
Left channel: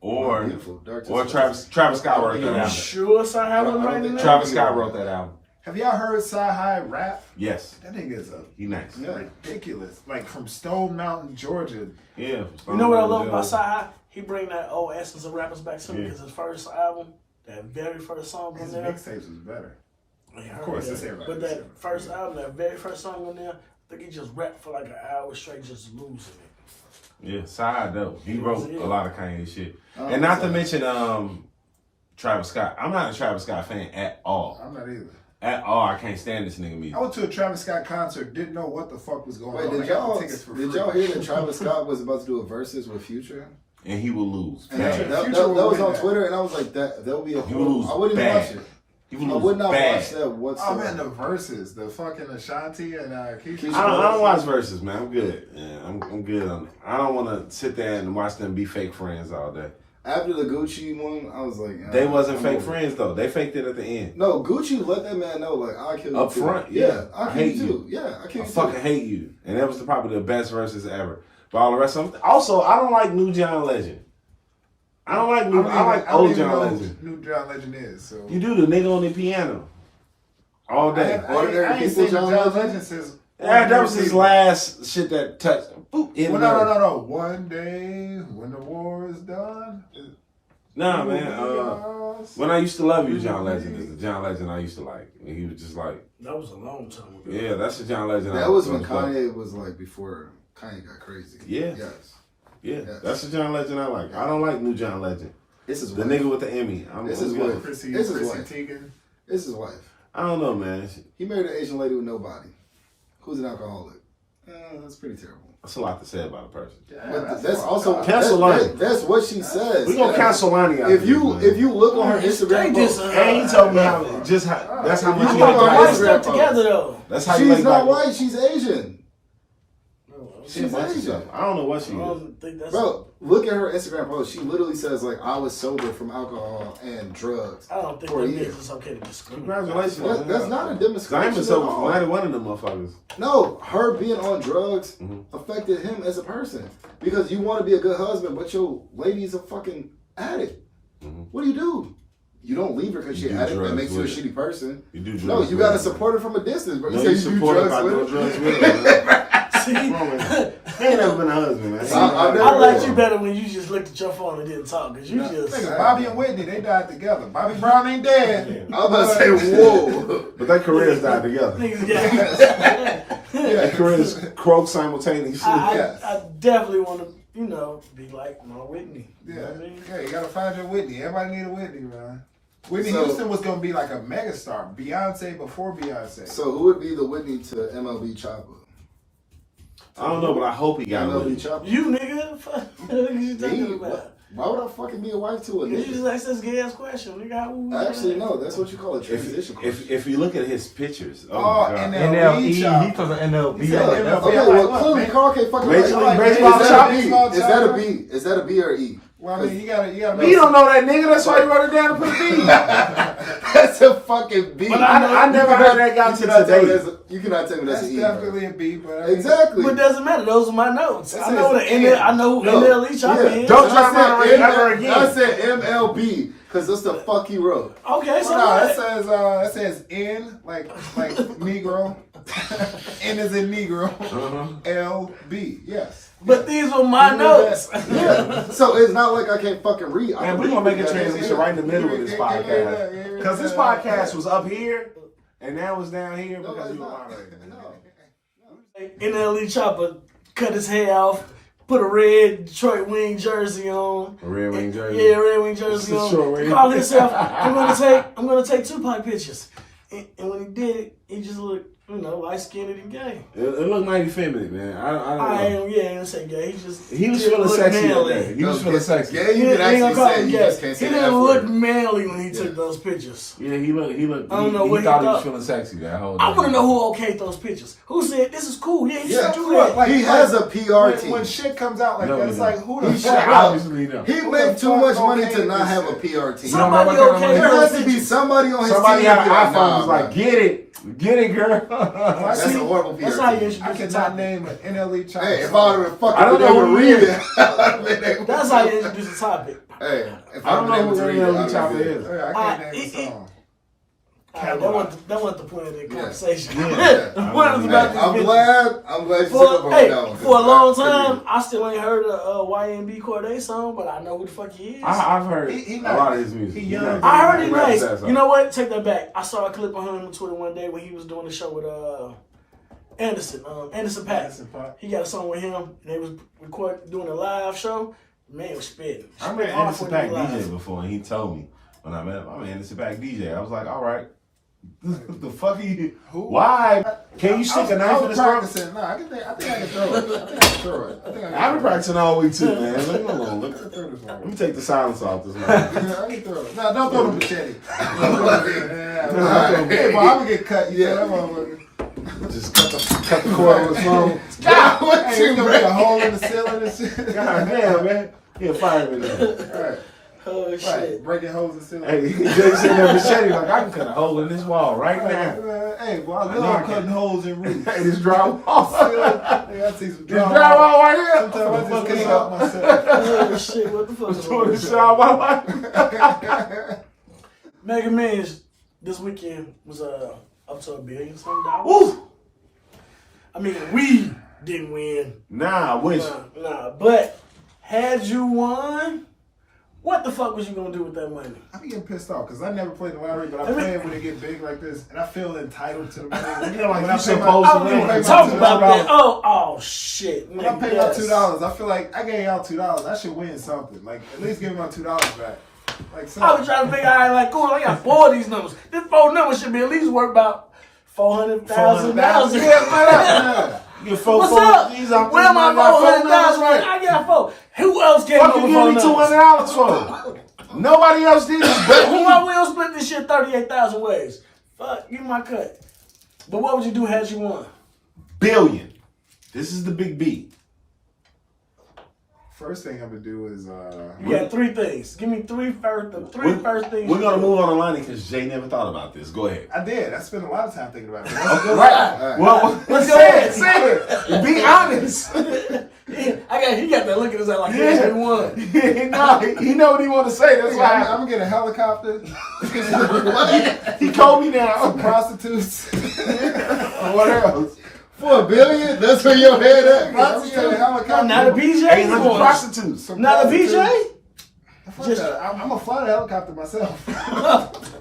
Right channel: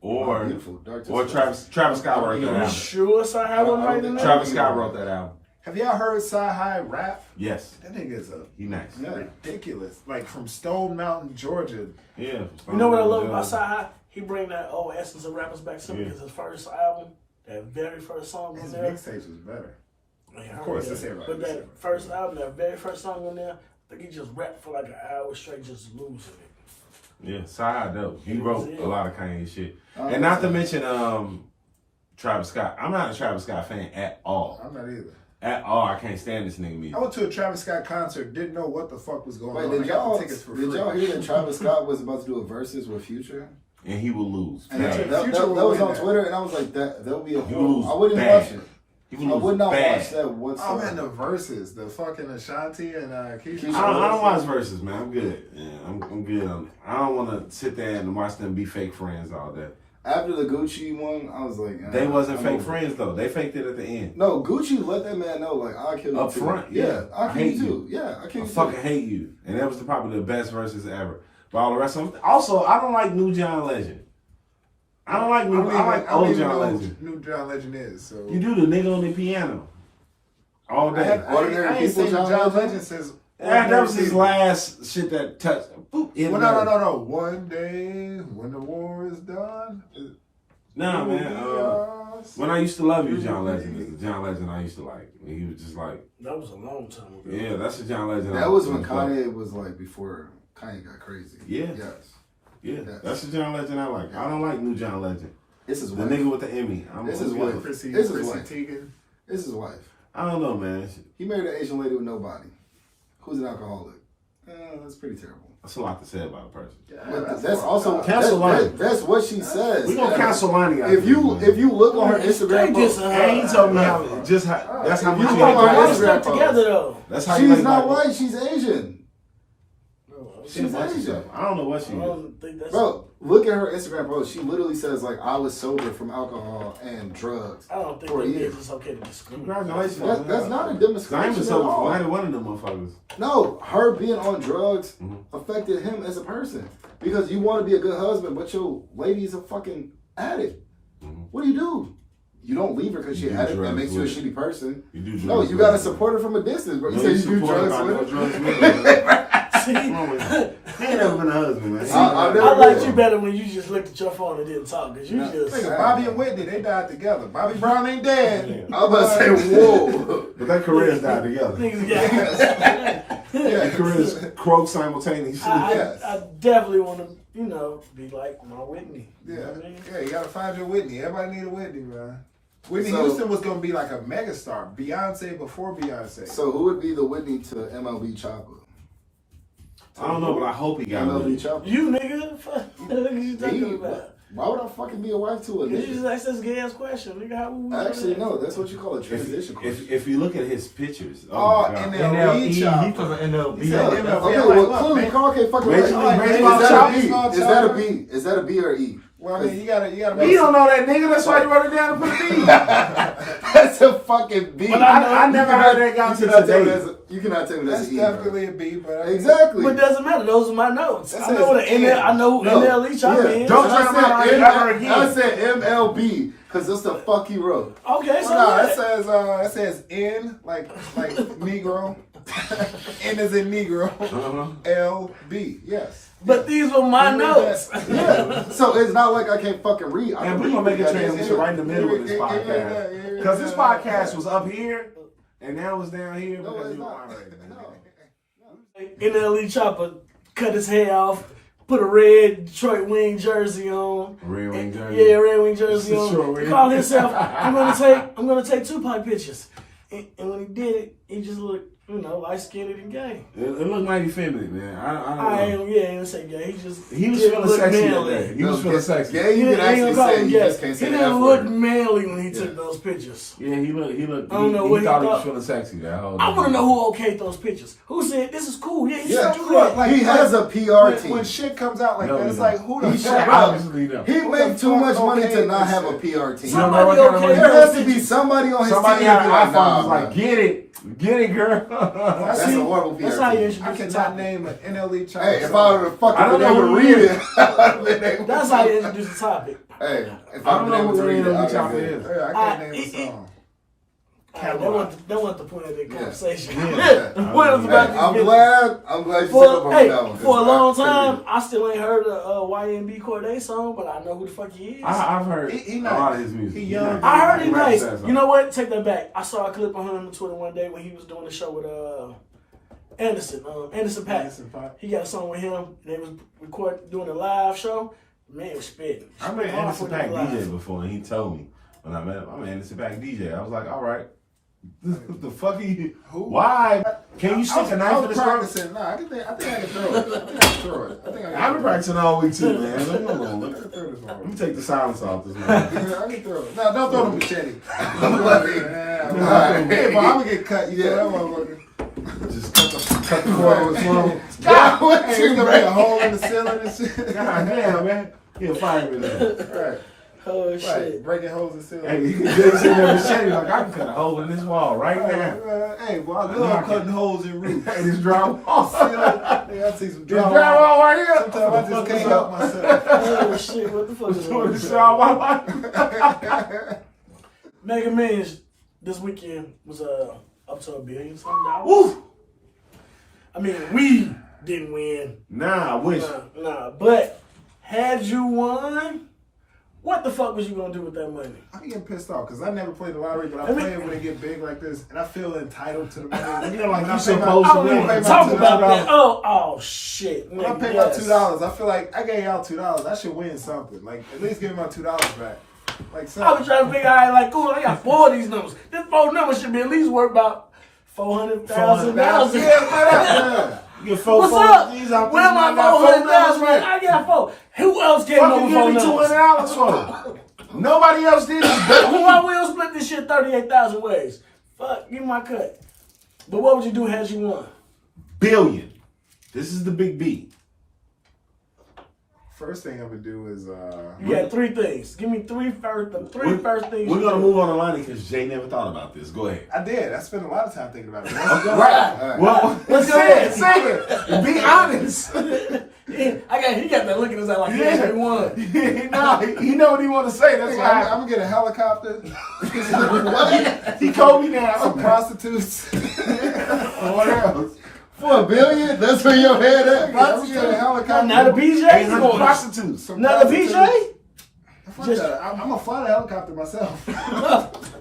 Beautiful, Dark Travis Scott wrote that You album. sure Sci-Hi wasn't writing that? Travis Scott wrote that album. Have y'all heard Sci-Hi rap? Yes, That nigga's a he nice. Yeah. ridiculous. Like from Stone Mountain, Georgia. Yeah. You know what I love about Sci-Hi? He bring that old essence of rappers back to me because his first album, that very first song on His there. mixtapes was better. Of course, that's everybody. But that first album, that very first song on there, I think he just rapped for like an hour straight, just losing it. Yeah, Sci-Hi dope. He wrote Yeah. a lot of Kanye shit. Oh, And not to okay. mention Travis Scott. I'm not a Travis Scott fan at all. I'm not either. At all. I can't stand this nigga music. I went to a Travis Scott concert, didn't know what the fuck was going Wait, on. did I got y'all the tickets for free. hear that Travis Scott was about to do a versus with Future? And he will lose. And bad. that Future was will win on that. Twitter, and I was like, that would be a He horrible. lose I wouldn't even bad. watch it. He will I lose would not bad. watch that Oh whatsoever. man, the verses, the fucking Ashanti and Keisha. I don't watch verses, man. I'm good. Yeah, I'm good on it. I don't want to sit there and watch them be fake friends all day. After the Gucci one, I was like, They wasn't I'm fake over it. friends though. They faked it at the end. No, Gucci let that man know, like, I'll kill you Up too. front, yeah. I'll I kill hate you too. you. Yeah, I'll kill I you fucking too. hate you. And that was probably the best verses ever. But all the rest of them. Also, I don't like New John Legend. I don't like new. I like old John Legend. Who New John Legend is. So You do the nigga on the piano all day. Ordinary I ain't People seen John John Legend? Legend since. Yeah, that was his People. last shit that touched. Boop, hit Well, him. no. One day when the war is done. Nah, it will man. be yours. When I used to love you, John Legend is the John Legend I used to like. And he was just like, That was a long time ago. yeah, that's the John Legend. That was when Kanye was like, before Kanye got crazy. Yeah. Yes. Yeah, Yes. that's the John Legend I like. I don't like new John Legend. This is The wife. nigga with the Emmy. This is I'm what- good. Chrissy This is wife. Teigen. This is his wife. I don't know, man. He married an Asian lady with nobody, who's an alcoholic. That's pretty terrible. That's a lot to say about a person. But that's also Cancel Lonnie. that's what she says. We gonna cancel Lonnie out If of you this, man. if you look on her Instagram They just, post, And he told me how that's how much You he talking hates about Why black is Instagram people. that together though? That's how you she's like not black white. She's Asian. She's a bunch of stuff. I don't know what she I is. don't think that's. Bro, look at her Instagram post. She literally says like, "I was sober from alcohol and drugs." I don't think For a that year. means it's okay to discriminate. Congratulations. That's not a I ain't demonstration been at sober for all. neither one of them motherfuckers. No, her being on drugs Mhm. affected him as a person because you want to be a good husband, but your lady is a fucking addict. Mm-hmm. What do? You don't leave her because You she's do addict. That drugs makes you a with shitty person. You do drugs. No, you with gotta it. support her from a distance, bro. No, You you say you do support her drugs by with no her. drugs with her, man. See, What's wrong with you? He ain't never been a husband, man. I've never I liked been. you better when you just looked at your phone and didn't talk, because you just. Nigga, Bobby and Whitney, they died together. Bobby Brown ain't dead. I was about to say, whoa. But their careers died together. Niggas, yeah. Their careers croaked simultaneously. I definitely want to, be like my Whitney. You know Yeah, what I mean? yeah, you gotta find your Whitney. Everybody need a Whitney, man. Whitney So- Houston was gonna be like a megastar. Beyonce before Beyonce. So who would be the Whitney to MLB Choppa? I don't know, but I hope he got MLB one. Choppa. You nigga, fuck, what you Me? talking about? Why would I fucking be a wife to a You just nigga? asked this gay ass question, nigga. Actually, no. That's what you call a transition question. If you look at his pictures, oh, Oh, my God. NLE He Choppa. from the NLB. He said Yeah, MLB. okay, I'm well, like, clearly man. Carl can't fucking Major write. League Is Baseball that a chopper? B? Is that a B? Is that a B or E? Well, I mean, you gotta. You don't know that nigga, that's why you wrote it down and put a B. That's a fucking B. But I never heard that guy to today. You cannot tell me that's That's an E. bro. definitely a B, but I mean, Exactly. But it doesn't matter. Those are my notes. That I know says the N. I know who No. NLE Choppa Yeah. is. Don't And try to moderate ever again. I said MLB because that's the fuck he wrote. Okay, so no, what? that says N like Negro. N is in Negro. L B. Yes. But these were my You read notes. that? Yeah. So it's not like I can't fucking read. I And can we're read gonna make a that. transition right in the middle of this Yeah, podcast. Because this podcast was up here, and now it's down here No, because it's we were not. moderating. No. NLE Choppa cut his hair off, put a red Detroit Wing jersey on. A Red Wing jersey. Yeah, red wing jersey Detroit on. Wing. He called himself, I'm gonna take Tupac pictures. And when he did it, he just looked, light skinned and gay. It looked mighty feminine, man. I don't know. ain't gonna say gay. He just He was didn't feeling look sexy that manly. day. He was feeling sexy. Yeah, you can actually say it. You just can't say He the didn't F look word. manly when he Yeah. took those pictures. Yeah, he looked. I don't know he what he thought he thought. was feeling sexy that whole day. I want to know who okayed those pictures. Who said this is cool? Yeah, he Yeah, should do that. Like, he has a PR team. When shit comes out like No, that, he it's don't. like who the He fuck? should- Obviously, no. He Who made the too fuck much money okayed to not this have a shit? PR team. You don't know Somebody what kind of okay money There those has to be pictures. somebody on his Somebody team. had an to be like, iPhone nah, was like, bro. get it, girl. That's a horrible PR That's how you team. introduce I the cannot topic. name an NLE Choppa. Hey, if I song. would have fucking I don't been know able to who read he it, is. I would have been able to That's how you introduce the topic. Hey, if I I'd don't been know able who to read it, NLE I'd Choppa been is. good. Yeah, I can't name a song. That wasn't the point of the conversation. Yeah. The point was about Hey, I'm these glad you took up on that one. for a long I couldn't time, read I still ain't heard a YNB Corday song, but I know who the fuck he is. I've heard He a nice. lot of his music. He young. I heard he raps nice. that song. You know what? Take that back. I saw a clip of him on Twitter one day when he was doing a show with Anderson Paak. Anderson Paak. He got a song with him, and they was doing a live show. Man was spitting. I met Spit hard Anderson for Paak these lives. DJ before, and he told me when I met him, I'm an Anderson Paak DJ. I was like, all right. The fuck are you? Who? Why? Can you stick a knife in I his was throat? practicing. Nah, I think I can throw it. I think I can throw it. I've been practicing all week too, man. Leave me alone. I can throw this one. Let me take the silence off this man. I can throw it. Nah, don't throw the machete. Alright. Hey, boy, I'm gonna get cut. You know that motherfucker. Just cut the cord with his phone. God, what Hey, you there's gonna be a man? hole in the ceiling and shit. God damn, man. He a fireman there. Right. Oh Right, shit! breaking holes in the ceiling. Hey, Jay said that machete like I can cut a hole in this wall right now. Hey, boy, I know I love can. cutting holes in roofs. Hey, this drywall. Hey, I see some This drywall. drywall right here. Sometimes I just can't help myself. Oh shit! What the fuck is Doing wrong this with shit all my life. Mega Millions this weekend was up to $1 billion something. Woo! I mean, we didn't win. Nah, I wish. Nah. But had you won, what the fuck was you gonna do with that money? I'm getting pissed off because I never played the lottery, but I I mean- play it when it get big like this, and I feel entitled to the money. You know, like when you I pay my, supposed I to don't win. even pay my talk $2. about that. Oh shit! when I nigga, pay yes. my $2, I feel like I gave y'all $2. I should win something. Like at least give me my $2 back. Like I was something. trying to figure out like, cool, I got 4 of these numbers. This 4 numbers should be at least worth about $400,000. Yeah. You get four What's phone up? keys out Where there, my I got four 400,000? numbers. I got 4. Who else came Fuck up you with give 4 me numbers? $200 for? Nobody else did this, Who baby. I will split this shit 38,000 ways. Fuck, give me my cut. But what would you do had you won? Billion. This is the big B. First thing I'm gonna do is You got 3 things. Give me the three first things. We're you gonna do. move on the line because Jay never thought about this. Go ahead. I did. I spent a lot of time thinking about it. Right. Well, Let's go say ahead. it. Say it. Be honest. He got that look in his eye like he actually won. Nah, he know what he want to say. That's why I'm gonna get a helicopter. he called me down. Some prostitutes. What else? For $1 billion? That's where your head at. I'm gonna get a helicopter. Not a BJ. 800 prostitutes. Some Not a prostitutes. BJ. Fuck that. I'm gonna fly the helicopter myself.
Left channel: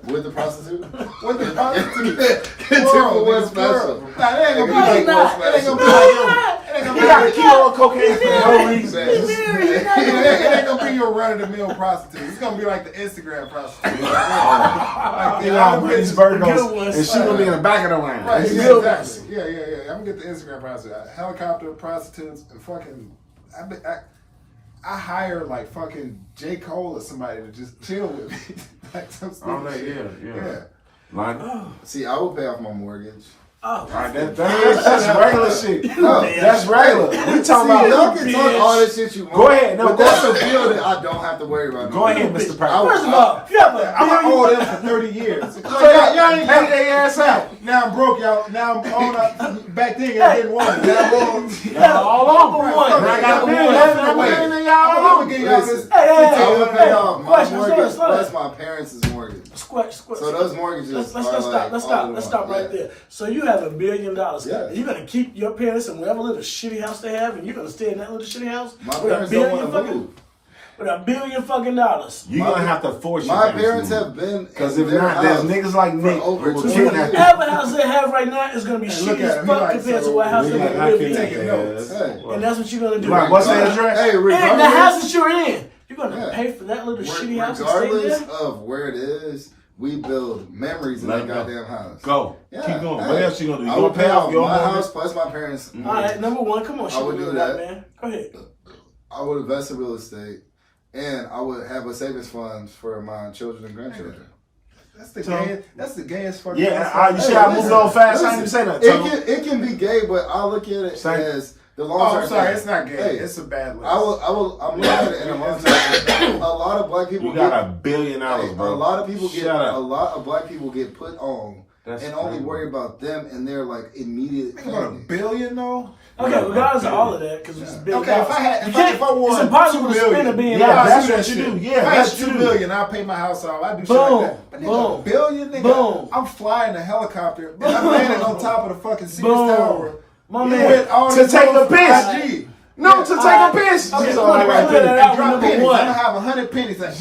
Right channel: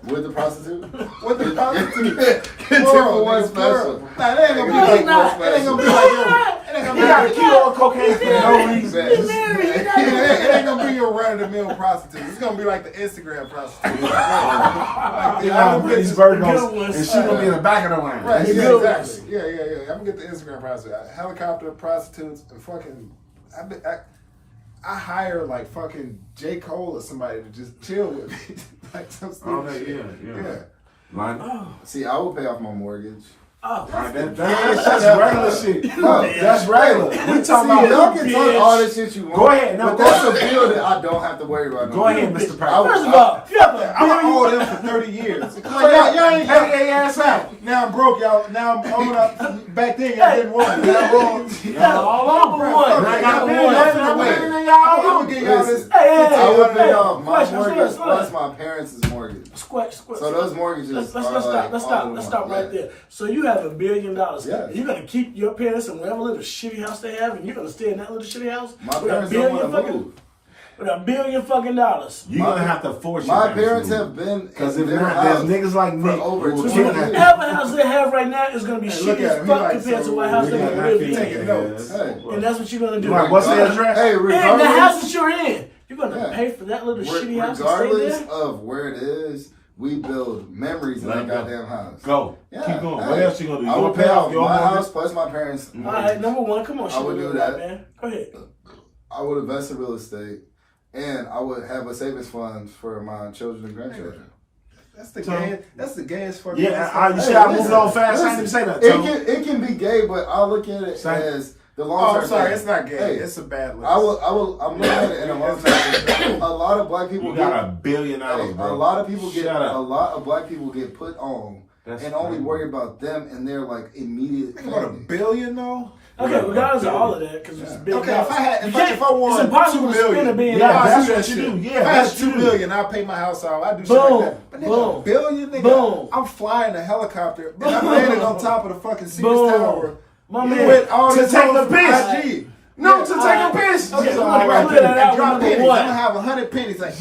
With the prostitute? With the prostitute. Two for one special. Nah, it ain't gonna be No, like it's not. It ain't gonna be like yo. It ain't gonna He be got a like kilo of cocaine for no reason. it ain't gonna be your run-of-the-mill prostitute. It's gonna be like the Instagram prostitute. Like You know how British bird Good goes, ones. and she gonna be in the back of the line. Right, It's yeah, good exactly. Yeah. I'm gonna get the Instagram prostitute. Helicopter prostitutes and fucking. I hire like fucking J. Cole or somebody to just chill with me. Like some stupid shit. Yeah. Line. See, I would pay off my mortgage. Oh, Right, that's regular shit. No, That's regular. We talking See, about. y'all can talk all this shit you want. Go ahead, no, but go that's ahead. a bill that I don't have to worry about. Go ahead, Mr. I would- Pratt. first of all, you have a I'm gonna owe them for 30 years. Y'all ain't Pay their ass out. Now I'm broke, y'all. Now I'm owing up. Back then, y'all didn't want it. Now I'm owing. all over one. I got a million. I'm I'm gonna get y'all this. I would pay off my Question, mortgage slow down. plus my parents' mortgage. Squat. So those mortgages Let's are stop. like Let's all stop. in Let's one. stop right Yeah. there. So you have $1 billion. Yeah. You're gonna keep your parents in whatever little shitty house they have, and you're gonna stay in that little shitty house. My with parents $1 don't billion want to fucking move. with $1 billion fucking dollars. You're gonna have to force My your parents to have move. been Because in if their not, there's house niggas like Nick over who 20 will years. kidnap you. Whatever house they have right now is gonna be look shitty at as him. He fuck like, compared to so what house they're nigga, gonna I live can't in. take it. notes. Hey, And that's what you're gonna do. Like, what's the address? Hey, And the regardless, house that you're in, you're gonna Yeah. pay for that little shitty house and stay regardless there. of where it is, we build memories in Let that him go. goddamn house. Go. Yeah. Keep going. Hey, What else you gonna do? You I gonna would pay off your my mortgage? house plus my parents' All right, number one, come on, I would do that. man. Go ahead. I would invest in real estate, and I would have a savings fund for my children and grandchildren. That's the gayest. That's the gayest fucking. Yeah, you Hey, see I moved listen, on fast. I listen, didn't even say that. It can be gay, but I look at it Same. as the long Oh, term. I'm sorry. thing. It's not gay. Hey, It's a bad list. I'm looking at it in a long term. A lot of black people You got get $1 billion, hey, bro. a lot of people get Shut up. a lot of black people get put on That's and only crazy. worry about them and their like immediate Think about $1 family. billion though. Okay, regardless of all of that, because it's $1 billion. Okay, if I had, You if I can't- won it's impossible $2 to spend $1 billion. Yeah, I'll that's do that what you shit. do. Yeah, if I had that's what you $2 do. billion, I'll pay my house off. I do shit Boom. like that. But nigga, Boom. $1 billion, nigga, Boom. I'm flying a helicopter and I'm landing on top of the fucking Sears Boom. Tower. My with man. all To this take a on piss. IG. No, to take Alright. a piss. Okay, So, we're gonna right clear there. that out. Drop Number pennies. one. I'm gonna have 100 pennies. Like,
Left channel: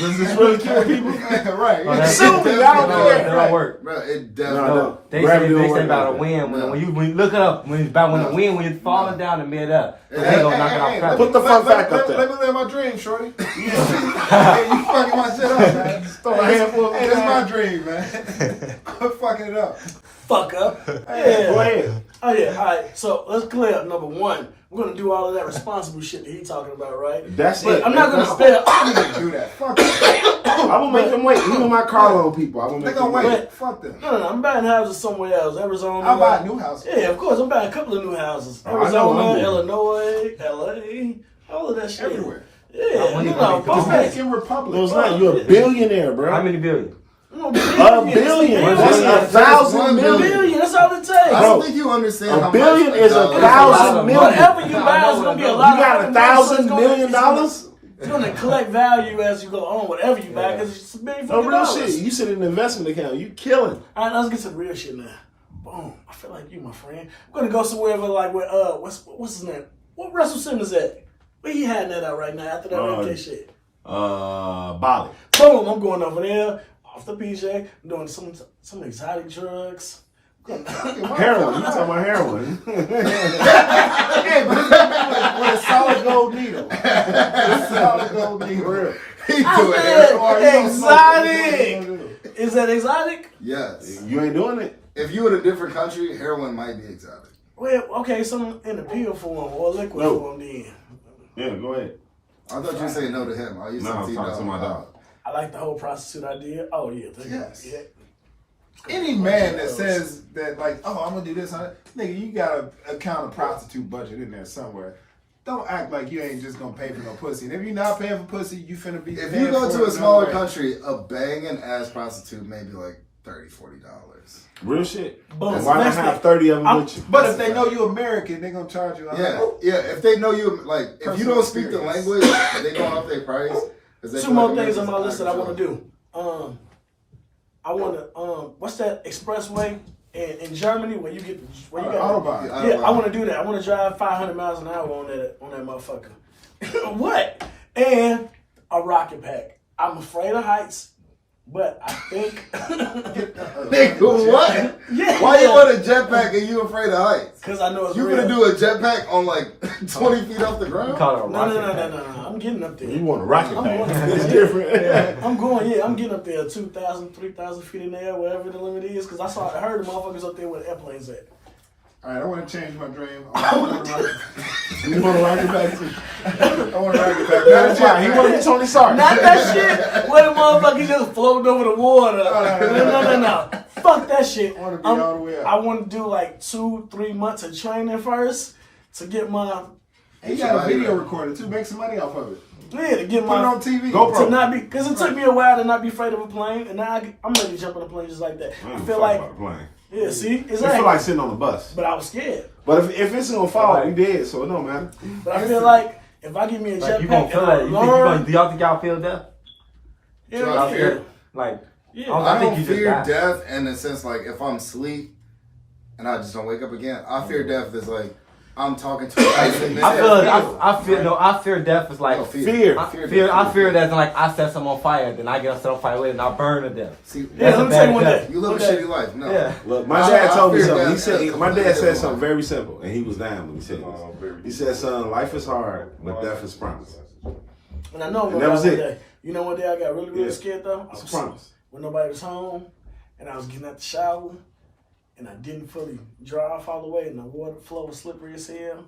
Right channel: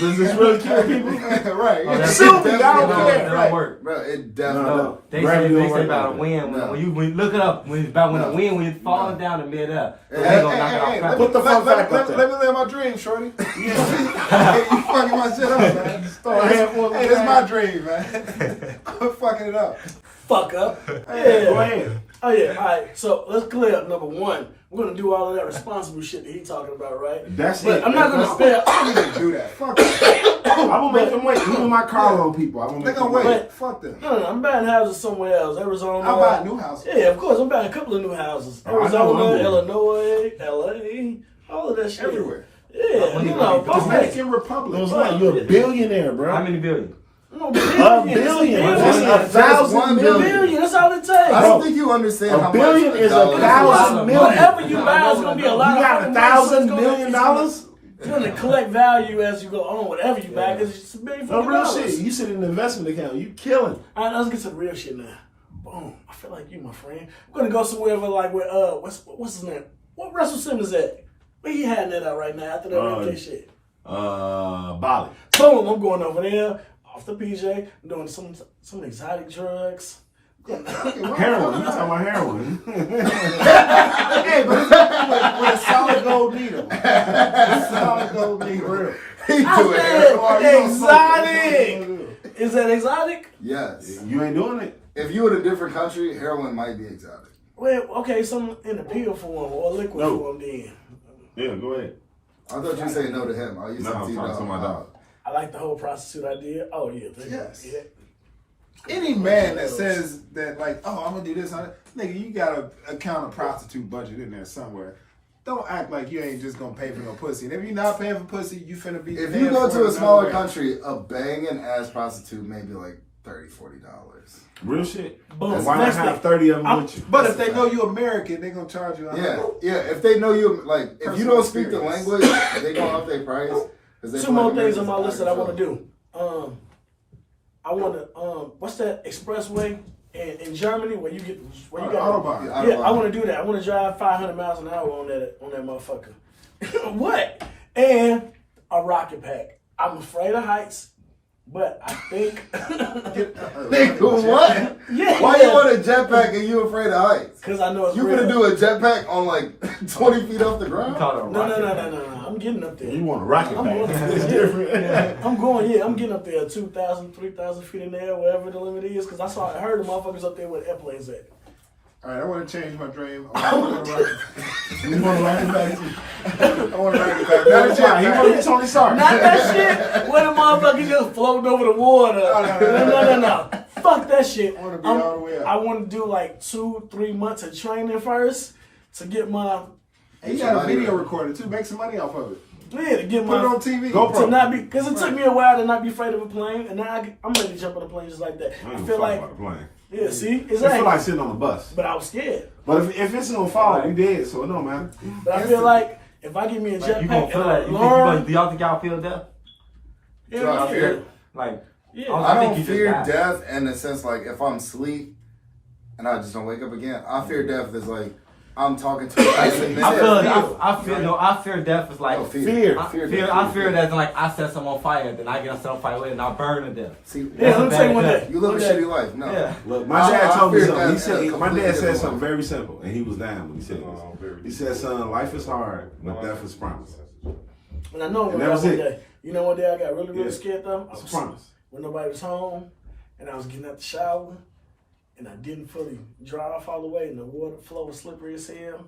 Does this really kill people? right. It Sue me, I don't definitely care. does. Don't work. Bro, it definitely No. They Gravity say don't they work say about like a wind. No. When you look it up, when it's about when No. the wind when it's falling down and mid up. Hey, They Hey, gonna hey, knock hey, out let Put me, the fun fact up there. let me live my dream, shorty. Hey, you fucking my shit up, man. throw a handful of Hey, that's that. my dream, man. Quit fucking it up. Fuck up. Go Yeah. ahead. Oh yeah. All right. So let's clear up number one. We're gonna do all of that responsible shit that he's talking about, right? That's But it. I'm not gonna spare. I don't even do that. Fuck that. I'm gonna make them wait. Even my car loan people. I'm gonna They make gonna them wait. wait. Fuck them. No, I'm buying houses somewhere else. Arizona. I'll buy a new house. Yeah, of course. I'm buying a couple of new houses. Oh, I know what I'm Arizona, doing. Illinois, LA, all of that shit. Everywhere. Yeah, you know, fuck that. Dominican Republic. No, it's not. You're a billionaire, bro. How many billion? No, A billion. That's Billion. 1,000 million. Billion. That's all it takes. I don't think you understand how A billion much is dollar a thousand million. Whatever you buy is gonna be a You lot of got fucking money, so it's $1,000 gonna- million? It's gonna collect value as you go on, whatever you buy, because it's $1 billion No fucking real dollars. shit. You sit in an investment account. You killing. All right, let's get to the real shit now. Boom. I feel like you, my friend. I'm gonna go somewhere like where what's his name? What Russell Simmons at? Where he had that out right now after that MK shit? Bali. Boom, I'm going over there, off the PJ, I'm doing some exotic drugs. Heroin. You talking about heroin? Hey, but it's with a solid gold needle. A solid gold needle. Real. He I do it. said exotic. Is that exotic? Yes. You ain't doing it. If you in a different country, heroin might be exotic. Well, okay, some in the pill form or liquid No. form then. Yeah, go ahead. I thought you were saying no to him. I used No, to I'm see talking to my dog. I like the whole prostitute idea. Oh yeah, Yes. yeah. Any man that says that, like, oh, I'm gonna do this, nigga, you gotta account a prostitute budget in there somewhere. Don't act like you ain't just gonna pay for no pussy. And if you're not paying for pussy, you finna be. If paying you go for to it a smaller another way. country, a banging ass prostitute may be like $30-$40. Real shit. Boom. And why not Next have thing. 30 of them with you? But if they know you American, they gonna charge you. Yeah. If they know you, like, if you Personal don't speak the experience. language, they gonna up their price. 'Cause they Two feel more like things on my Americans list that I are want to do. I want to what's that expressway in Germany where you get where you got Autobahn. Yeah, I want to do that. I want to drive 500 miles an hour on that motherfucker. What? And a rocket pack. I'm afraid of heights, but I think Nigga, what? yeah. Why you want a jetpack and you afraid of heights? Because I know it's You real. gonna do a jetpack on like 20 feet off the ground? No. I'm getting up there. You want a rocket I'm pack? going up It's there. different. I'm getting up there 2,000, 3,000 feet in the air, wherever the limit is, because I heard the motherfuckers up there where the airplanes at. All right, I want to change my dream. I want a rocket. You want a rocket pack too? I want a rocket pack. Not a He jetpack. want to be Tony Stark. Not that shit where the motherfucker just floating over the water. No. Fuck that shit. I want to be all the way up. I want to do like 2-3 months of training first to get my And you got a video recorder too. Make some money off of it. to get Put it my on TV. GoPro. to not be because it took me a while to not be afraid of a plane, and now I'm ready to jump on a plane just like that. I I ain't feel fuck like about the plane. yeah, see, It feel exactly. like sitting on the bus. But I was scared. But if it's gonna fall, we dead, so it don't matter. But I feel like if I give me a Like, you gonna jetpack feel and I like, learn, do y'all think y'all feel death? Do I yeah, fear? Like, yeah. I think don't you just fear die. death in the sense like if I'm asleep and I just don't wake up again. I fear death is like I'm talking to a person. I fear death is like No, Fear. I fear that like I set something on fire, then I get set on fire later and I burn to death. See, Yeah, let me tell you one That's day. you live a One day. shitty life. No. Yeah. Look, my dad told me fear something. He death said in a my completely dad said different something way. very simple, and he was down when he said this. He said, "Son, life is hard, but death is promised." And I know I'm And gonna that die was one it. day. You know, one day I got really Yeah. scared though. I It's a was promise. when nobody was home, and I was getting out the shower, and I didn't fully dry off all the way, and the water flow was slippery as hell,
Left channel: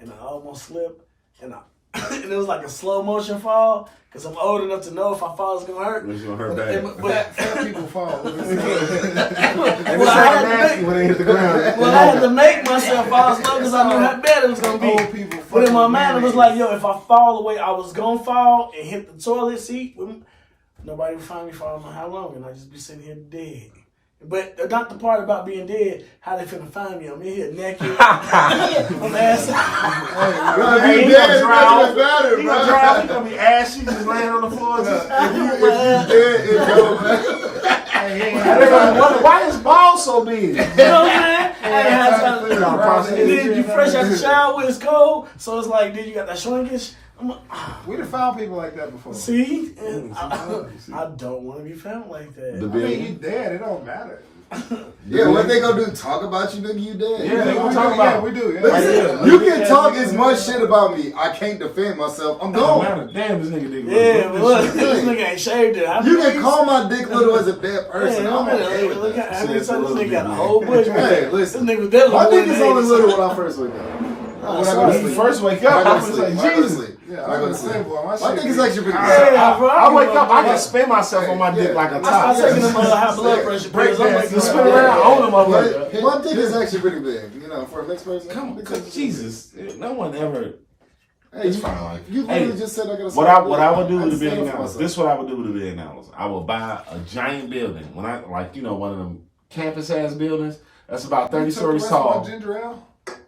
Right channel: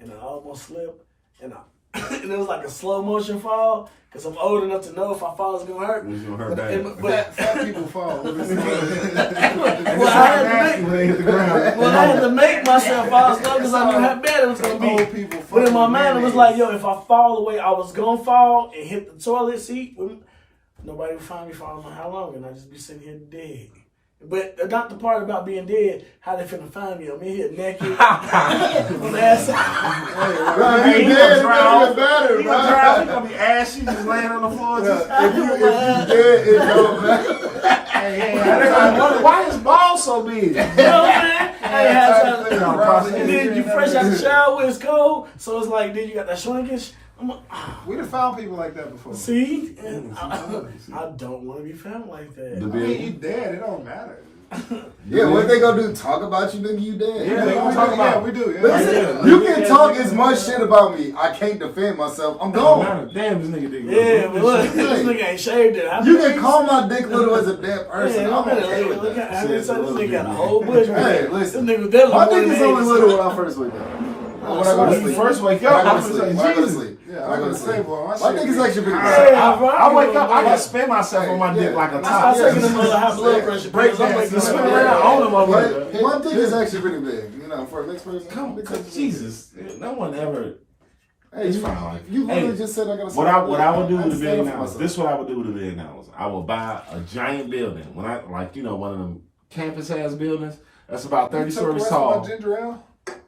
and I almost slipped, and and it was like a slow motion fall, because I'm old enough to know if I fall, it's gonna hurt. It's gonna hurt bad. But Fat people fall. And it's well, I like had to nasty make, when they hit the ground. well, I had to make myself fall slow because I knew how bad it was gonna Old be. people. But in my fucking mind, it was mayonnaise. like, yo, if I fall the way I was gonna fall and hit the toilet seat, nobody would find me for I don't know how long, and I'd just be sitting here dead. But not the part about being dead, how they finna find me. I'm in here naked. I'm ass. Bro, Hey, you he dead, gonna it doesn't matter, He bro. gonna drive. He gonna be ashy, just laying on the floor. Just, If you dead, it don't matter. and they're gonna be wondering, why his balls so big? You know what I'm saying? I ain't had time to clear think out, about bro. it. And then you fresh out the shower, it's cold, so it's like, then you got that shrinkage. I'm like, We done found people like that before. see? And I don't want to be found like that. The I mean, you dead. It don't matter. Yeah, what they gonna do? Talk about you, nigga? You dead? Yeah, they gonna We talk do, about yeah, it. we do. Yeah. Listen, you can talk as much shit about me. I can't defend myself. I'm Don't gone. matter. Damn, this nigga did. Yeah, but look, this nigga ain't shaved it. You can call my dick little as a dead person. Yeah, I'm okay with look that. at how many Says a times this little nigga got a bit, whole man. bush. Hey, listen. This nigga definitely My more dick than is only 80. little when I first wake up. When I go to When you sleep. first wake When I up, go I'm to just sleep. like, When I go to Jesus. sleep. Yeah, When I'm I go gonna to say, sleep. boy, my My shit dick is actually pretty high. good. Yeah, bro. I wake up, I Yeah. can spin myself on my dick Yeah. like a I top. start taking them high blood pressure pills. I'm like, Just spin around on them over there. My dick is actually pretty big. You know, for a mixed person. Come, Jesus, no one ever. Hey, It's you, fine, like- you literally Hey, just said I gotta What I would do with a $1 billion. This is what I would do with $1 billion. I would buy a giant building. When I one of them campus ass buildings that's about 30 You took the stories rest of my tall. ginger ale?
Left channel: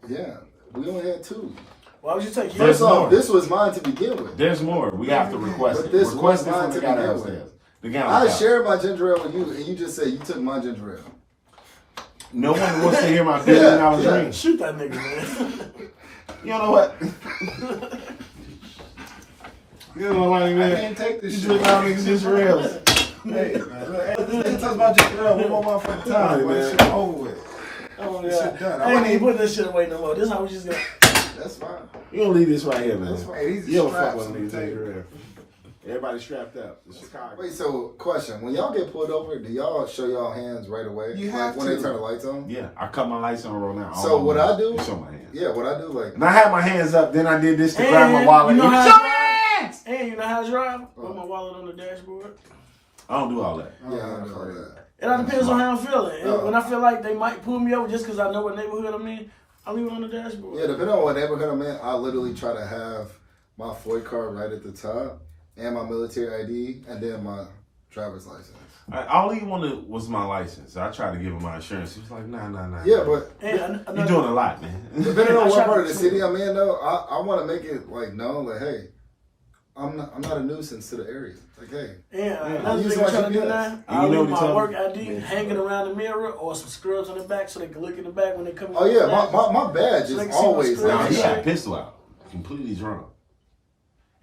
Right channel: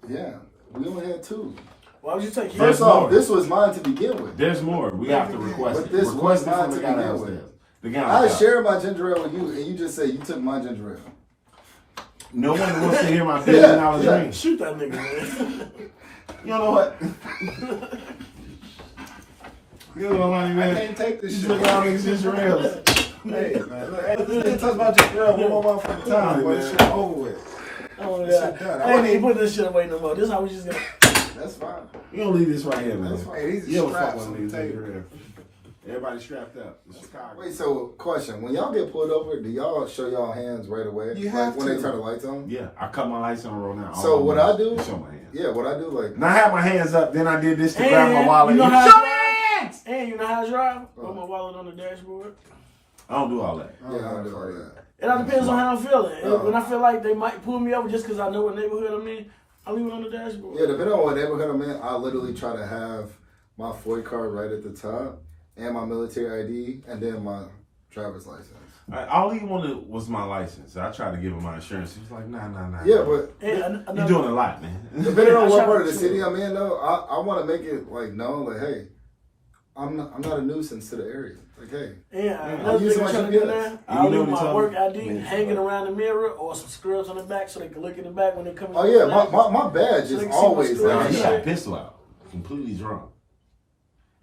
Yeah, we only had 2. why would you take First First yours? off, more. this was mine to begin with. There's more. We have to request But it. this Request was it mine from the to guy begin downstairs. with. The guy on I top. shared my ginger ale with you, and you just said you took my ginger ale. No one wants to hear my $1 billion dream. Shoot that nigga, man. You know what? You know what I mean, I man? can't take this You shit. drink all these ginger ales. Hey, man, this nigga talks about ginger ale one more motherfucking time. Boy, this shit over with. Oh, This yeah. shit done. I ain't even put this shit away no more. This is how we just gonna. That's fine. You gonna leave this right here, man. That's fine. Hey, these You are don't fuck straps with on the niggas table. ginger ale. Everybody strapped up. It's Chicago. Wait, so question: when y'all get pulled over, do y'all show y'all hands right away? You like have when to. they turn the lights on. Yeah, I cut my lights on roll now. So what I do? Show my hands. Yeah, what I do, like And I had my hands up. Then I did this to grab my And wallet. you know how Show I me drive? hands. And you know how to drive? Put my wallet on the dashboard. I don't do all that. yeah, I do all that. It all depends on how I'm feeling. And Oh. when I feel like they might pull me over just because I know what neighborhood I'm in, I leave it on the dashboard. Yeah, depending on what neighborhood I'm in, I literally try to have my FOID card right at the top, and my military ID, and then my driver's license. All he wanted was my license. I tried to give him my insurance. He was like, nah. Yeah, but you're doing a lot, man. depending on what part of the city I'm in, though, I want to make it like known, like, hey, I'm not a nuisance to the area. Like, hey, another thing I'm trying to do now, I'll leave my work ID Man. hanging around the mirror or some scrubs on the back so they can look in the back when they come in. oh yeah, my badge So they is can see my always screen. Nah, like he that. had a pistol out, completely drunk.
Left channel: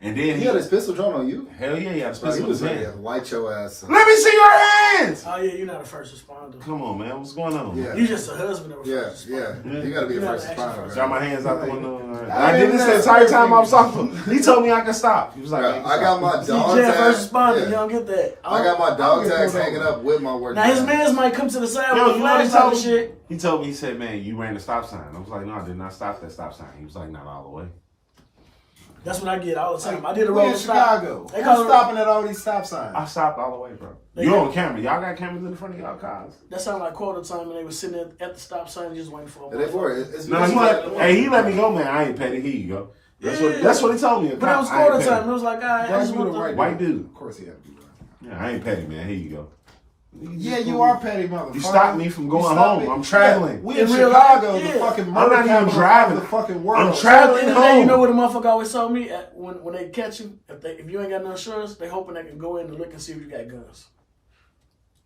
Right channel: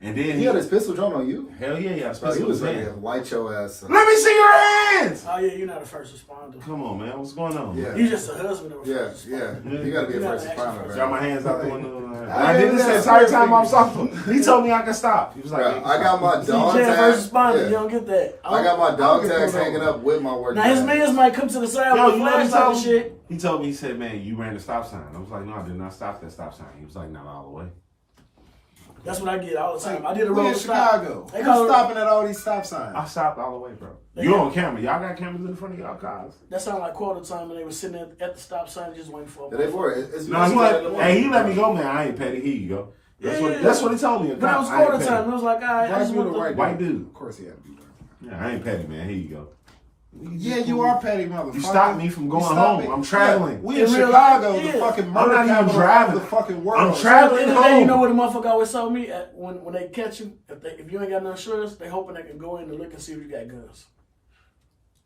And then He had his pistol drawn on you. hell yeah, he had a Bro, he pistol was in his ready hand. to light your ass up. Let me see your hands. Oh yeah, you're not a first responder. Come on, man. What's going on? Yeah. You're just a husband of a Yeah, first yeah. responder. You gotta be a You're first not actually responder, first Got my man. hands out the window. I I did this the entire time I was talking. He told me I could stop. He was like, Bro, "Hey, I got my See, dog Jay, tag. first responder, Yeah. you don't get that. I got my dog get tags pulled hanging over. up with my work. Now his tag. mans might come to the side Yo, with you the know what he flashlight and told shit. me? He told me, he said, man, you ran the stop sign. I was like, no, I did not stop that stop sign. He was like, not all the way. That's what I get all the time. I did a We roll in stop. Chicago. They Who's call it- stopping at all these stop signs? I stopped all the way, bro. They You got- on camera. Y'all got cameras in the front of y'all cars. That sounded like quota time when they were sitting at the stop sign just waiting for a Yeah, they for it. It's No, it's he what- let, hey, he let me go, man. I ain't petty. Here you go. Yeah. That's what he told me. But it was I ain't quota petty. time. It was like, all right, I Black just dude or want white the... White dude. Of course he had to be black. Yeah, I ain't petty, man. Here you go. Yeah, you are petty, motherfucker. You stopped me from going You stopped home. me. I'm traveling. Yeah, we in In real Chicago, life, the yeah. fucking I'm murder not even capital driving. of the fucking world. I'm At the traveling end of the day, you home. know what the motherfucker always told me? When they catch you, if you ain't got no insurance, they hoping they can go in and look and see if you got guns.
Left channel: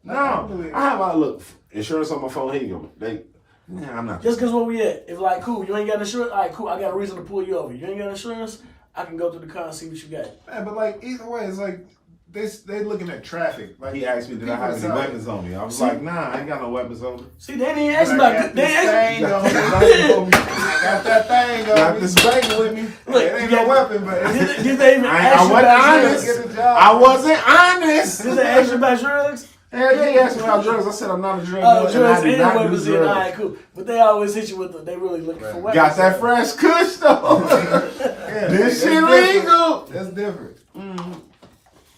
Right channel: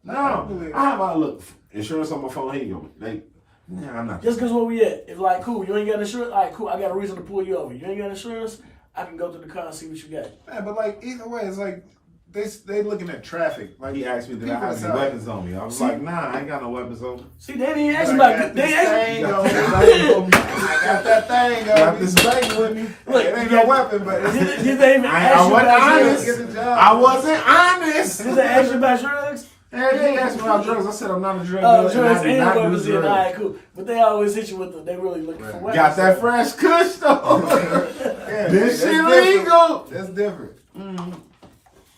No, I have my look insurance on my phone. Here you go. I'm not. Just because where we at. If like, cool, you ain't got insurance, all right, cool, I got a reason to pull you over. You ain't got insurance, I can go to the car and see what you got. Man, but like either way, it's like they looking at traffic. Like He asked me, did I people have any decide- weapons on me? I was like, nah, I ain't got no weapons on me. See, they didn't ask I me got about this they asked thing me. on Got me. this bag on me. I got that thing Got on me. this bag with me. Look, It ain't you no got- weapon, but Did they even I ask you wasn't about honest. drugs? Get the job. I wasn't honest. Did they ask you about drugs? Hell yeah, he asked me about drugs. I said I'm not a drug Oh, dealer. drugs and I and do not do weapons in. All drugs. right, cool. But they always hit you with the, they really looking for weapons. Got that fresh kush though. Yeah, This that's shit different. legal. That's different.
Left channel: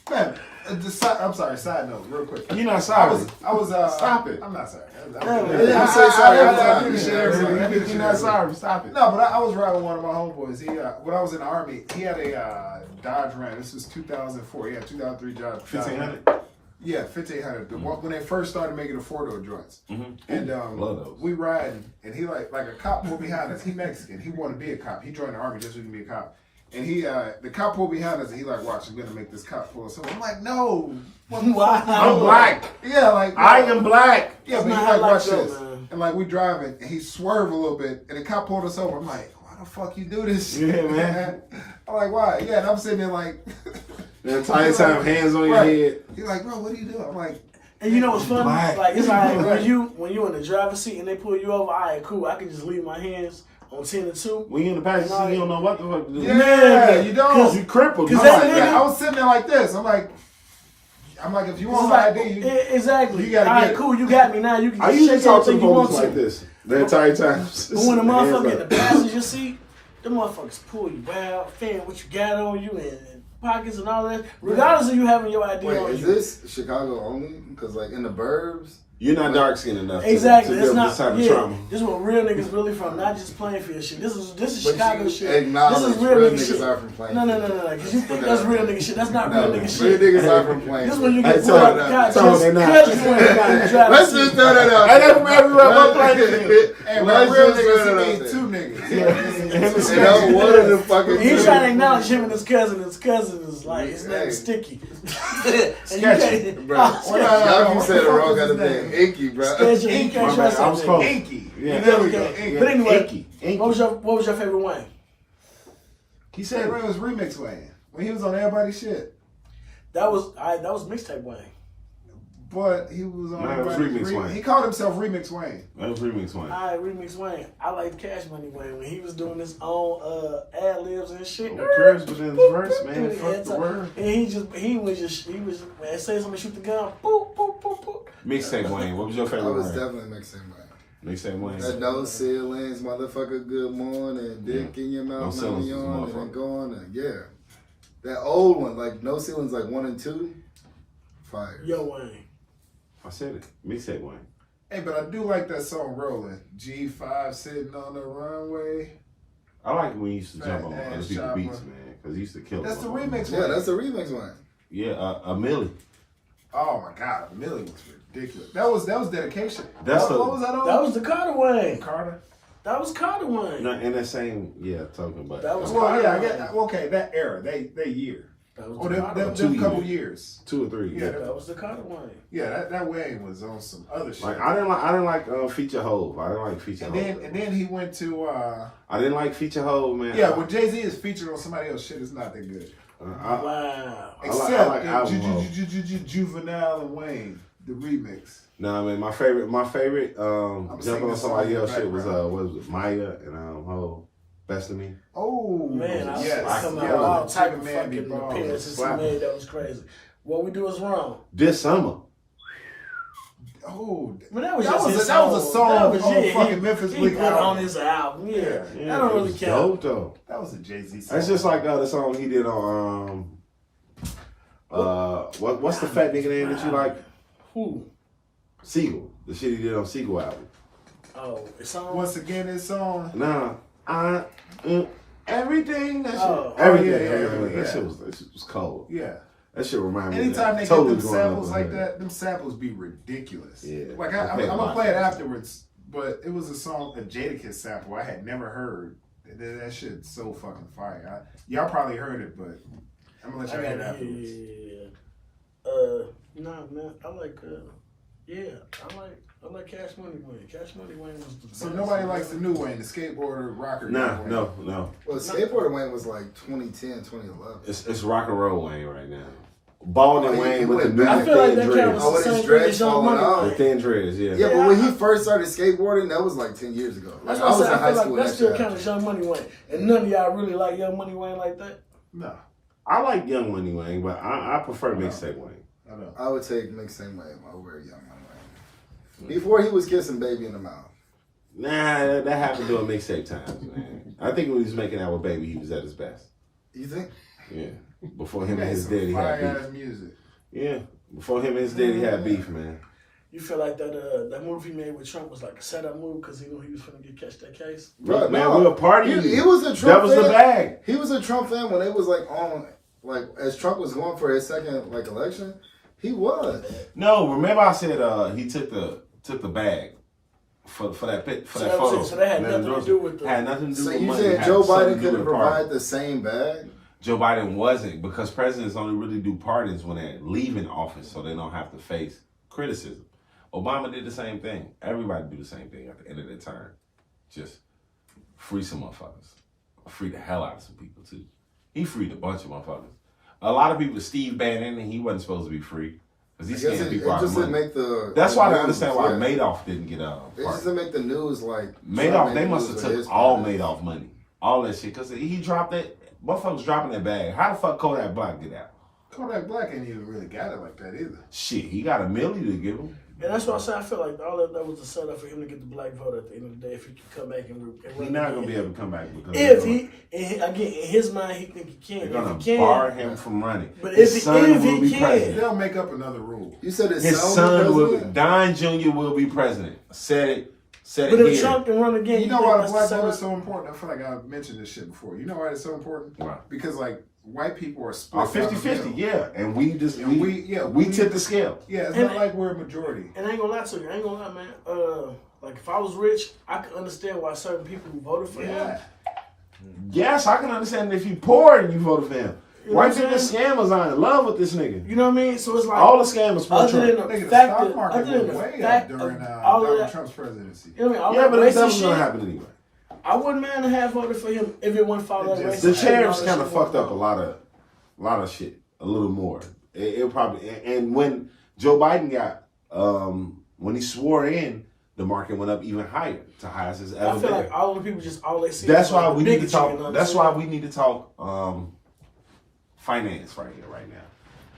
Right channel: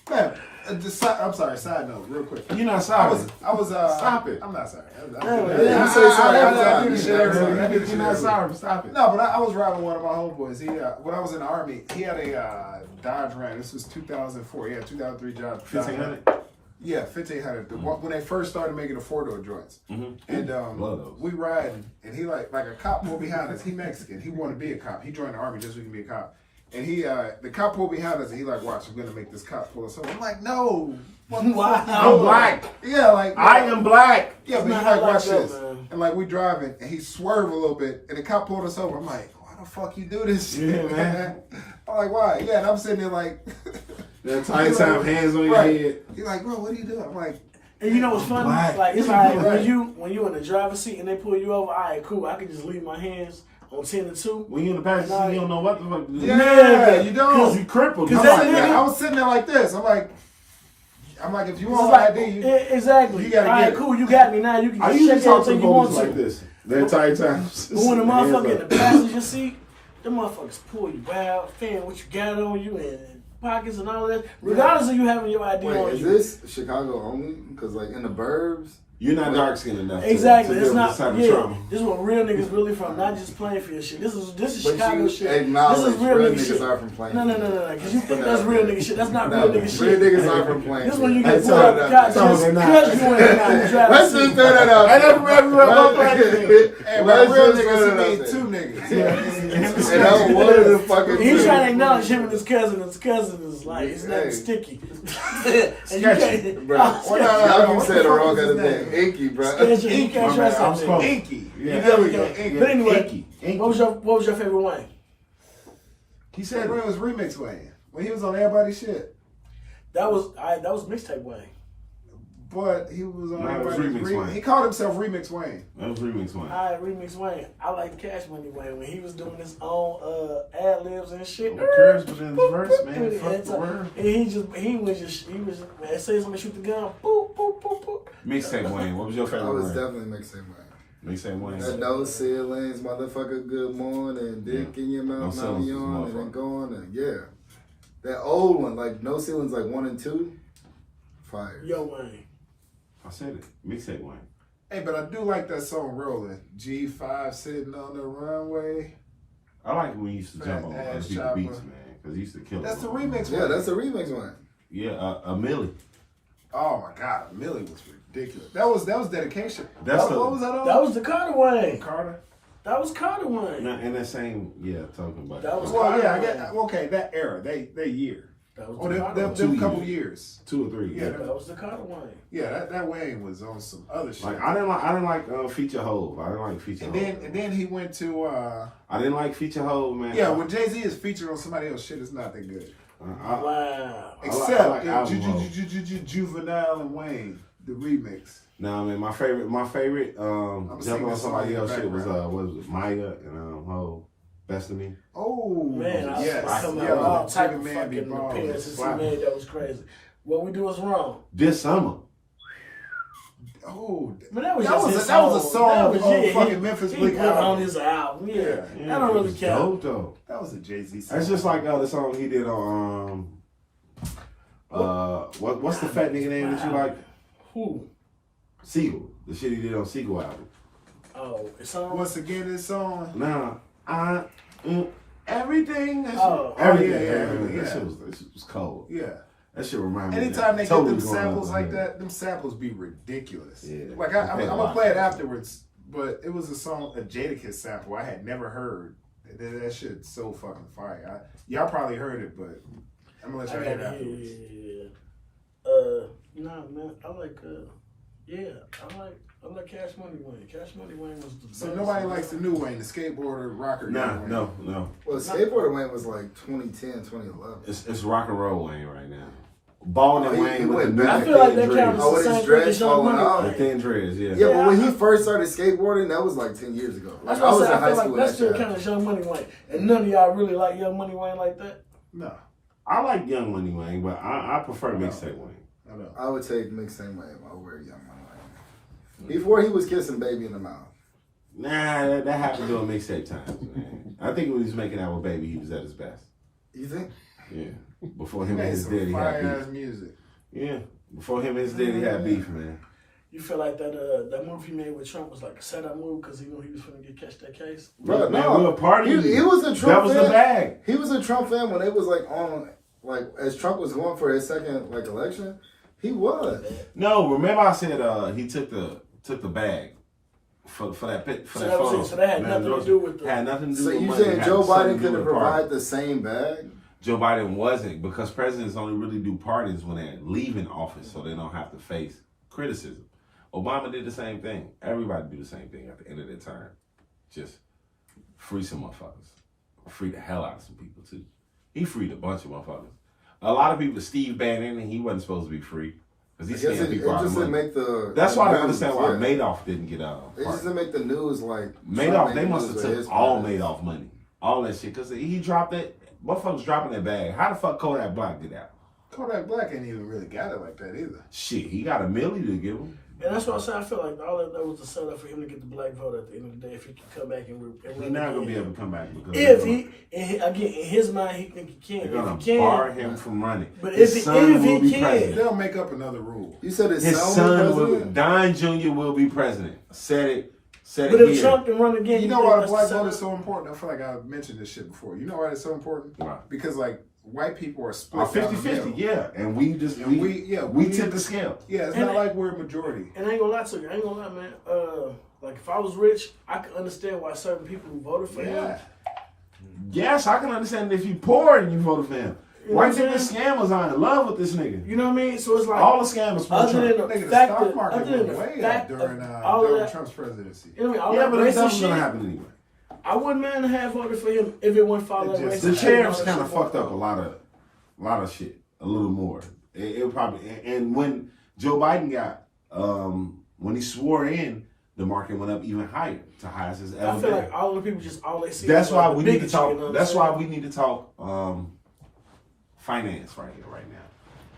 Man, I'm sorry. Side note, real quick. You're not I sorry. was. Stop it. I'm not sorry. Yeah, you say sorry every time. do the shit every time. I do the shit You're not every time. sorry. Stop it. No, but I was riding with one of my homeboys. He, when I was in the Army, he had a Dodge Ram. This was 2004. He had 2003 Dodge. 1500. Yeah, 1500. When they first started making the 4-door joints. Mhm. And Love those. we riding, and he like a cop pulled behind us. He Mexican. He wanted to be a cop. He joined the Army just so he can be a cop. And he, the cop pulled behind us, and he like, watch, I'm gonna make this cop pull us over. I'm like, no. Wow. I'm black. Yeah, like I am black. Yeah, That's but not he how like, life watch go, this. man. And like we driving, and he swerved a little bit, and the cop pulled us over. I'm like, why the fuck you do this? Yeah, man. I'm like, why? Yeah, and I'm sitting there like, The entire time, hands on your Right. head. He's like, bro, what are you doing? I'm like, And you know what's funny? Black. Like it's like Right. when you in the driver's seat and they pull you over, all right, cool. I can just leave my hands on 10 and 2. When you in the passenger seat, you don't know what the fuck to do. yeah, you don't. You crippled. Cause I'm that's like, it. I was sitting there like this. I'm like, if you It's want like, my ID, you, exactly. you gotta all get right, it. cool. You got me now. You can I just usually check talk to the everything you want police to. like this the entire time. But when the motherfucker in Hands the up. passenger seat, the motherfuckers pull you out, fan what you got on you and pockets and all that. Regardless of you having your ID Wait, on is you. this Chicago only? Because like in the burbs, You're not dark skinned enough Exactly. to It's deal with not. this type of Yeah, trauma. this is what real niggas really from. Not just Plainfield shit. This is but Chicago you shit. acknowledge This is real real nigga niggas shit. are from Plainfield. No. Because you think that's real nigga shit. That's not No, real nigga real shit. niggas are from Plainfield. This is when you Hey, get pulled tell out her the that. car Tell her just they not. because you ain't in the driver's Let's seat. just throw that out. Hey, that's everywhere I go, Plainfield. and Let's by real just throw niggas, that he out mean there. two niggas. And I'm one of the fucking He's two. trying to acknowledge him and his cousin. His cousin is like, it's Hey. nothing sticky. And you Sketchy. can't- Bro, Oh, Well, no, sketchy. y'all keep what saying the the fuck wrong was kind of his name. name? Inky, bro. Sketchy. You can't My trust bad, I was that close. nigga. Inky. Yeah. There we go. Inky. But anyway, Inky. what was your favorite Wayne? He That said, was Remix Wayne when he was on everybody's shit. That was mixtape Wayne. But he was on No, it was everybody's Remix Wayne. He called himself Remix Wayne. that was remix one. I remix Wayne. I like Cash Money Wayne when he was doing his own ad libs and shit. Who cares within his verse, man? And Fuck the word. he was man, say somebody shoot the gun. Boop boop boop boop. Mixtape Wayne. What was your I favorite was Wayne? definitely mixing mine. Mixtape Wayne. That no ceilings, motherfucker, good morning, dick in your No mouth, now ceilings you was on, a and then motherfucker. going, and yeah. That old one, like no ceilings, like 1 and 2, fire. Yo Wayne. I said it. Mixtape Wayne. Hey, but I do like that song Rolling. G5 sitting on the runway. I like it when he used to jump on Fat other ass people's chopper. beats, man, because he used to kill That's them. the remix Yeah, one. that's the remix one. Yeah, a Millie. Oh my God, Millie was ridiculous. That was dedication. That's what was that on? That was the Carter Wayne. Carter. That was Carter Wayne. No, in that same talking about That was Well, Carter yeah, I Wayne. got okay. That era, they year. That was Oh, the Carter Wayne. them couple years. 2 or 3. Yeah, That was the Carter Wayne. Yeah, that Wayne was on some other shit. Like I didn't like Feature Hove. I didn't like Feature and Hove. then he went to I didn't like Feature Hove, man. yeah. When Jay-Z is featured on somebody else's shit, it's not that good. Wow. Except like album Hove. Juvenile and Wayne, the remix. No, I mean my favorite singing jumping on this somebody song in else the shit was background. what was it, Maya and Hove, Best of Me. Oh Man, I yes, was coming yeah, out with all type of Man Be fucking Ballin'. appearances he Slap. made. That was crazy. What we do is wrong. This summer. Oh, But that was That just was his a- that was a song That was- on yeah, fucking he- Memphis he Bleak put it album. on his album. Yeah, Yeah, that don't it really was count. dope though. that was a Jay-Z song. That's just like the song he did on what's the fat nigga name that you like? Who? Siegel. The shit he did on Siegel album. Oh, it's on. Once again, it's on. Nah, everything. That shit, Oh. everything. Yeah, everything. yeah. That shit was cold. Yeah. That shit remind me. Anytime they totally get them going samples up like in there. that, them samples be ridiculous. Yeah. Like I'm gonna play it afterwards, but it was a song, a Jadakiss sample I had never heard. That shit's so fucking fire. Y'all probably heard it, but I'm gonna let y'all hear it afterwards. Nah, man, I like Cash Money Wayne. Cash Money Wayne was the best. So nobody likes the new Wayne, the skateboarder rocker. Nah, Wayne. no. Well, Skateboarder Wayne was like 2010, 2011. It's rock and roll Wayne right now. Balding Oh, he Wayne with went the new back. I feel like thin that dreads. counts Oh, the with his same dreads thing as Young falling Money out? The Wayne. thin dreads, yeah. Yeah, but Yeah, when he first started skateboarding, that was like 10 years ago. Like, That's I what was I in said. high I feel school like when that still shit counts as Young Money Wayne. And none of y'all really like Young Money Wayne like that. No, I like Young Money Wayne, but I prefer mixtape Wayne. I know. I would take Mixtape Wayne over Young Money Wayne. Before he was kissing Baby in the mouth. Nah, that happened during mixtape times, man. I think when he was making out with Baby, he was at his best. You think? Yeah. Before He him and made his some daddy fire had ass beef. music. Yeah. Before him and his daddy had beef, man. You feel like that movie he made with Trump was like a setup move because he knew he was going to catch that case? Bro, man, no. we were partying. He was a Trump That was fan. the bag. He was a Trump fan when they was like on, like as Trump was going for his second like election. He was. No, remember I said he took the bag for that So that was photo. it. So that had nothing to do with the- Had nothing to do So with you money. saying Had Joe something Biden to do could have with party. provided the same bag? Joe Biden wasn't, because presidents only really do pardons when they're leaving office, so they don't have to face criticism. Obama did the same thing. Everybody do the same thing at the end of their term. Just free some motherfuckers. Free the hell out of some people too. He freed a bunch of motherfuckers. A lot of people, Steve Bannon, and he wasn't supposed to be free because he I guess scammed it people out just of didn't money. make the. That's the why I news, understand why yeah. Madoff didn't get It just pardoned. didn't make the news like. Madoff, Trump they made must the have news with his took all pardon. Madoff money. All that shit. Because he dropped that. Motherfuckers dropping that bag. How the fuck Kodak Black did that? Kodak Black ain't even really got it like that either. Shit, he got $1 million to give him. And that's why I say I feel like all that was a setup for him to get the black vote at the end of the day if he can come back and He's not gonna be able to come back because If again, in his mind, he think he can. they're gonna If he can, bar him from running. But His if son he will be can- president. They'll make up another rule. You said his His son son will was be, president? Don Jr. will be president. Said it But if again. Trump can run again, You know think why the that's black setup? vote is so important? I feel like I've mentioned this shit before. You know why it's so important? Why? Because like white people are split. Are 50-50, yeah. And we just And we we tipped the scale. Yeah, it's And- not like we're a majority. And I ain't gonna lie to you. I ain't gonna lie, man. Like if I was rich, I could understand why certain people who voted for him. Yeah. Yes, I can understand if you poor and you voted for him. You know White what I'm people scammers are in love with this nigga. You know what I mean? So it's like All the scammers for other Trump. than the Nigga, the fact stock that market other than went the way up fact during of all of Donald that, Trump's presidency. you know what I mean? All Yeah, that but that racist was shit. gonna happen anyway. I wouldn't mind to have voted for him if it wouldn't follow that It just- racist The shit and all tariffs that kind of shit fucked went up a on. lot of shit, a little more. It probably, and when Joe Biden got, when he swore in, the market went up even higher to highest it's ever I feel been. like all the people just all they see. That's is why like the we need to bigotry, talk. you know what That's I'm why saying? we need to talk finance right here, right now.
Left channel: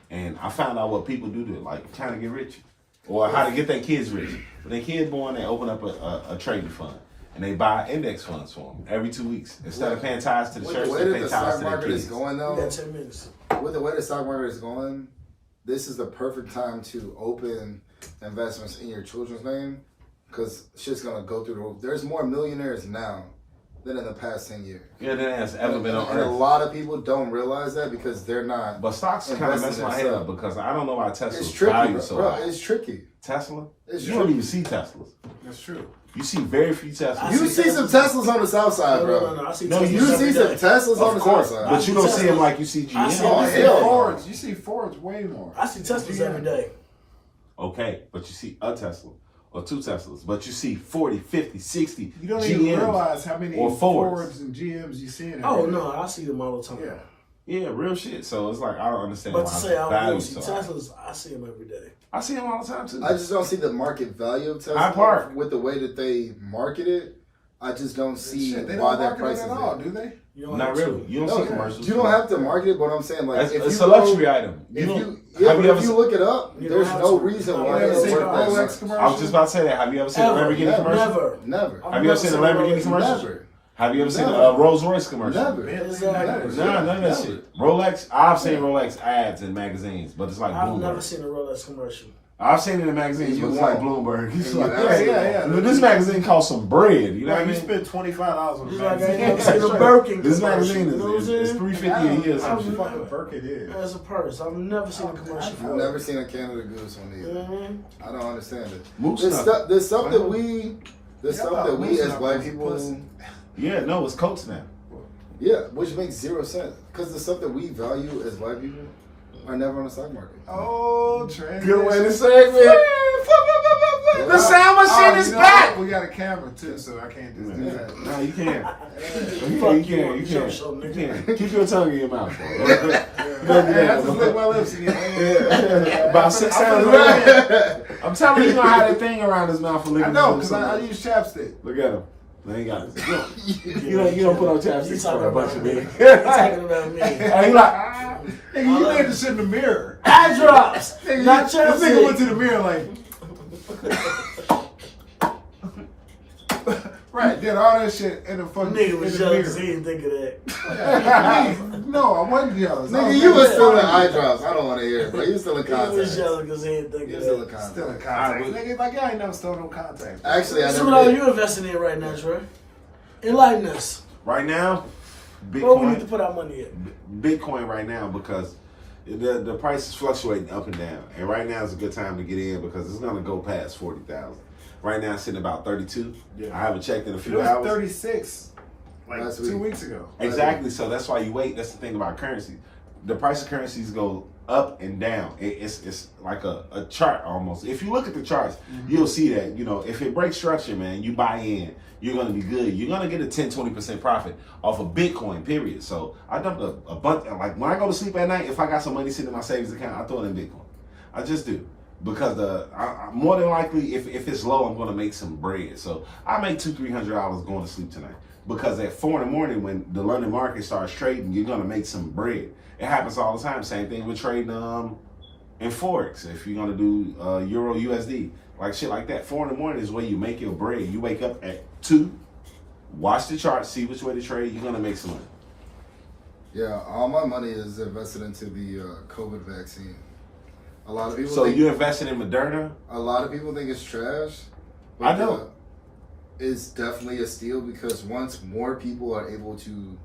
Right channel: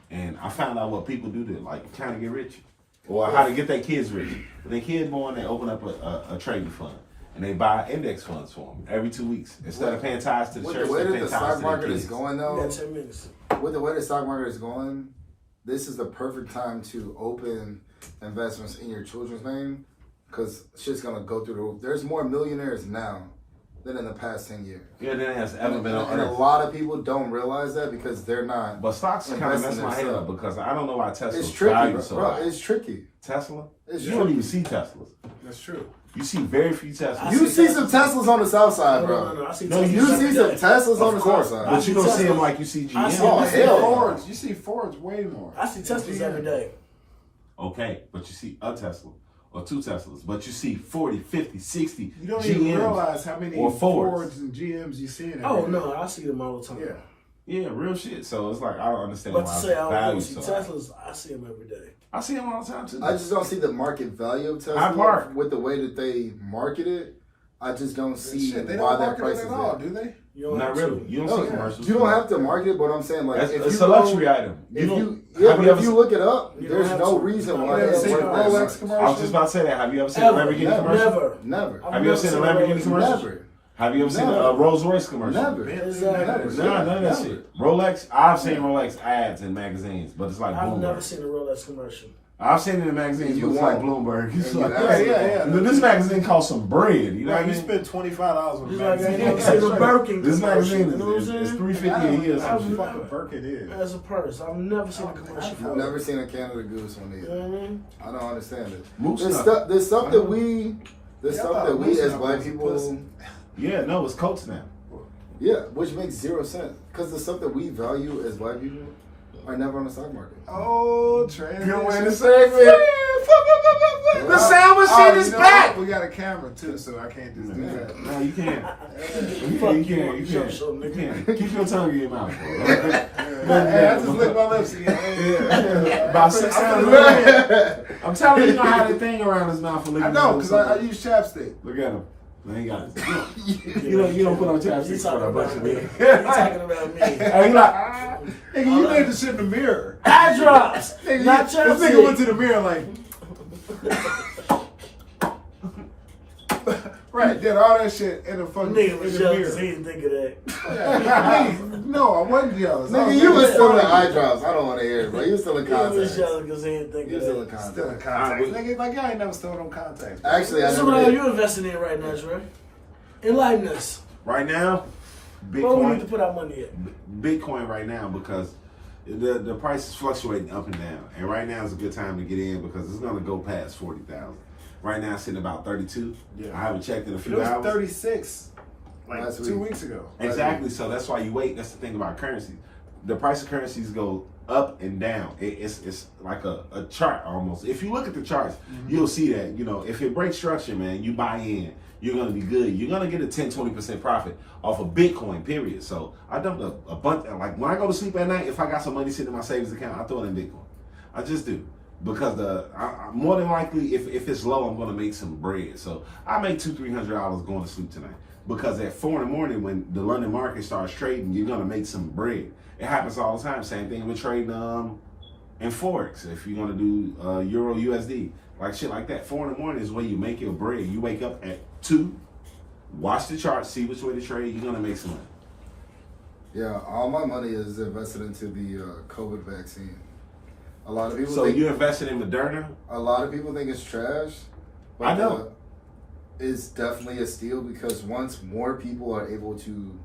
And I found out what people do to like trying to get rich, or how to get their kids rich. When their kids born, they open up a trading fund and they buy index funds for them every 2 weeks instead of paying tithes to the With church. the way They that pay the tithes stock to their market is kids. going You though, got 10 minutes. with the way the stock market is going, this is the perfect time to open investments in your children's name because shit's gonna go through the roof. There's more millionaires now than in the past 10 years. Yeah, that has ever been on And a Earth. lot of people don't realize that because they're not. But stocks kind of mess investing my head in up because I don't know why Tesla's It's tricky, value bro. so high. It's tricky. Tesla? It's You don't even see Teslas. That's true. You see very few Teslas. You see some Teslas on the south side, bro. No, I see No, Teslas You every see some day. Teslas on the south But side. you don't see them Teslas. like you see I see GM. Oh, You see hell no. Fords. You see Fords way more. I see Teslas every day. Okay, but you see a Tesla or two Teslas, but you see 40, 50, 60 You don't GMs. even realize how many or Fords. Fords and GMs you see in Oh no, I see them all the time. Yeah. Yeah, real shit. So it's like I don't understand But why to say I value don't see so high. Teslas, I see them every day. I see them all the time too. I just don't see the market value of I Tesla park. with the way that they market it. I just don't see Shit, they why don't that market price it is at all, there. do they? You don't Not have really. to. You don't No, see commercials. you don't have to market it, but I'm saying like It's, if it's you a luxury go, item. If don't- you yeah, have but you if ever you seen- look it up, You there's don't no have to. reason You why don't it's have to. worth that Rolex much. commercial. I was just about to say that. Have you ever seen a Ever. Lamborghini Never. commercial? Never. Never. I've Have you ever never seen a seen a Lamborghini Rolex. commercial? Never. Have you ever seen Never. a Rolls Royce commercial? Never. Exactly. Never. Nah, none of that Never. shit. Rolex, I've seen Rolex ads in magazines, but it's like I've never Bloomberg. seen a Rolex commercial. I've seen it in magazines, You but it's like won't. Bloomberg. It's You like, absolutely yeah. But this magazine costs some bread. You know what I Like you mean? spend $25 on a Just like I ain't magazine. never seen a Birkin This commercial. magazine You know what I'm is saying? $350 I a don't year. know Some what shit. the fucking Birkin is. As a purse. I've never seen a commercial I've for it. never seen a Canada Goose one You either. know what I mean? I don't understand it. Moose There's nut. stuff, there's stuff that I we, there's Yeah, I stuff thought that we Moose as nut black was people, pussy. Yeah, no, it's Coats now. yeah, which makes zero sense because the stuff that we value as black people are never on the stock market. Oh, transition. Good way to say it. The sound machine is you know back. what? We got a camera too, so I can't just do that. No, you can't. Fuck You you can't. on You the show, can't. show, You nigga. can't. Keep your tongue in your mouth. Hey, I just licked my lips again. About 6 times a day. I'm telling you, you know how that thing around his mouth for licking. I know, his because I lips. use chapstick. Look at him. They ain't got this. You don't put on chapstick for a bunch of men. You talking about me? Hey, you like, Nigga, you made this shit in the mirror. Eye drops. Nigga, Not this nigga chapstick. went to the mirror like. Right, did all that shit in the fucking Nigga in was the jealous. He mirror. didn't think of that. No, I wasn't jealous. I Nigga, was you was making still in fun of eye you. drops. I don't want to hear it, bro. You was still in He was contacts. jealous because he didn't think You of was still in that. contacts. Still in contacts. Nigga, like y'all ain't never stole no contacts. Actually, I So what are never did. you investing in right now, Trey? Enlighten us. right now, Where we need to Bitcoin. put our money at? Bitcoin right now because the price is fluctuating up and down, and right now is a good time to get in because it's gonna go past 40,000. Right now, it's sitting about 32. Yeah. I haven't checked in a It few was hours. 36 like Last 2 week. weeks ago. Exactly. So that's why you wait. That's the thing about currency. The price of currencies go up and down. It's like a chart almost. If you look at the charts, you'll see that, you know, if it breaks structure, man, you buy in, you're going to be good. You're going to get a 10-20% profit off of Bitcoin, period. So I dumped a bunch. Like when I go to sleep at night, if I got some money sitting in my savings account, I throw it in Bitcoin. I just do. Because more than likely, if it's low, I'm going to make some bread. So I make $200-300 going to sleep tonight. Because at 4 in the morning, when the London market starts trading, you're going to make some bread. It happens all the time. Same thing with trading in Forex. If you're going to do Euro USD, like shit like that. 4 in the morning is where you make your bread. You wake up at 2, watch the chart, see which way to trade. You're going to make some money. Yeah, all my money is invested into the COVID vaccine. A lot of people. So think, you invested in Moderna? A lot of people think it's trash. But I know. It's definitely a steal because once more people are able to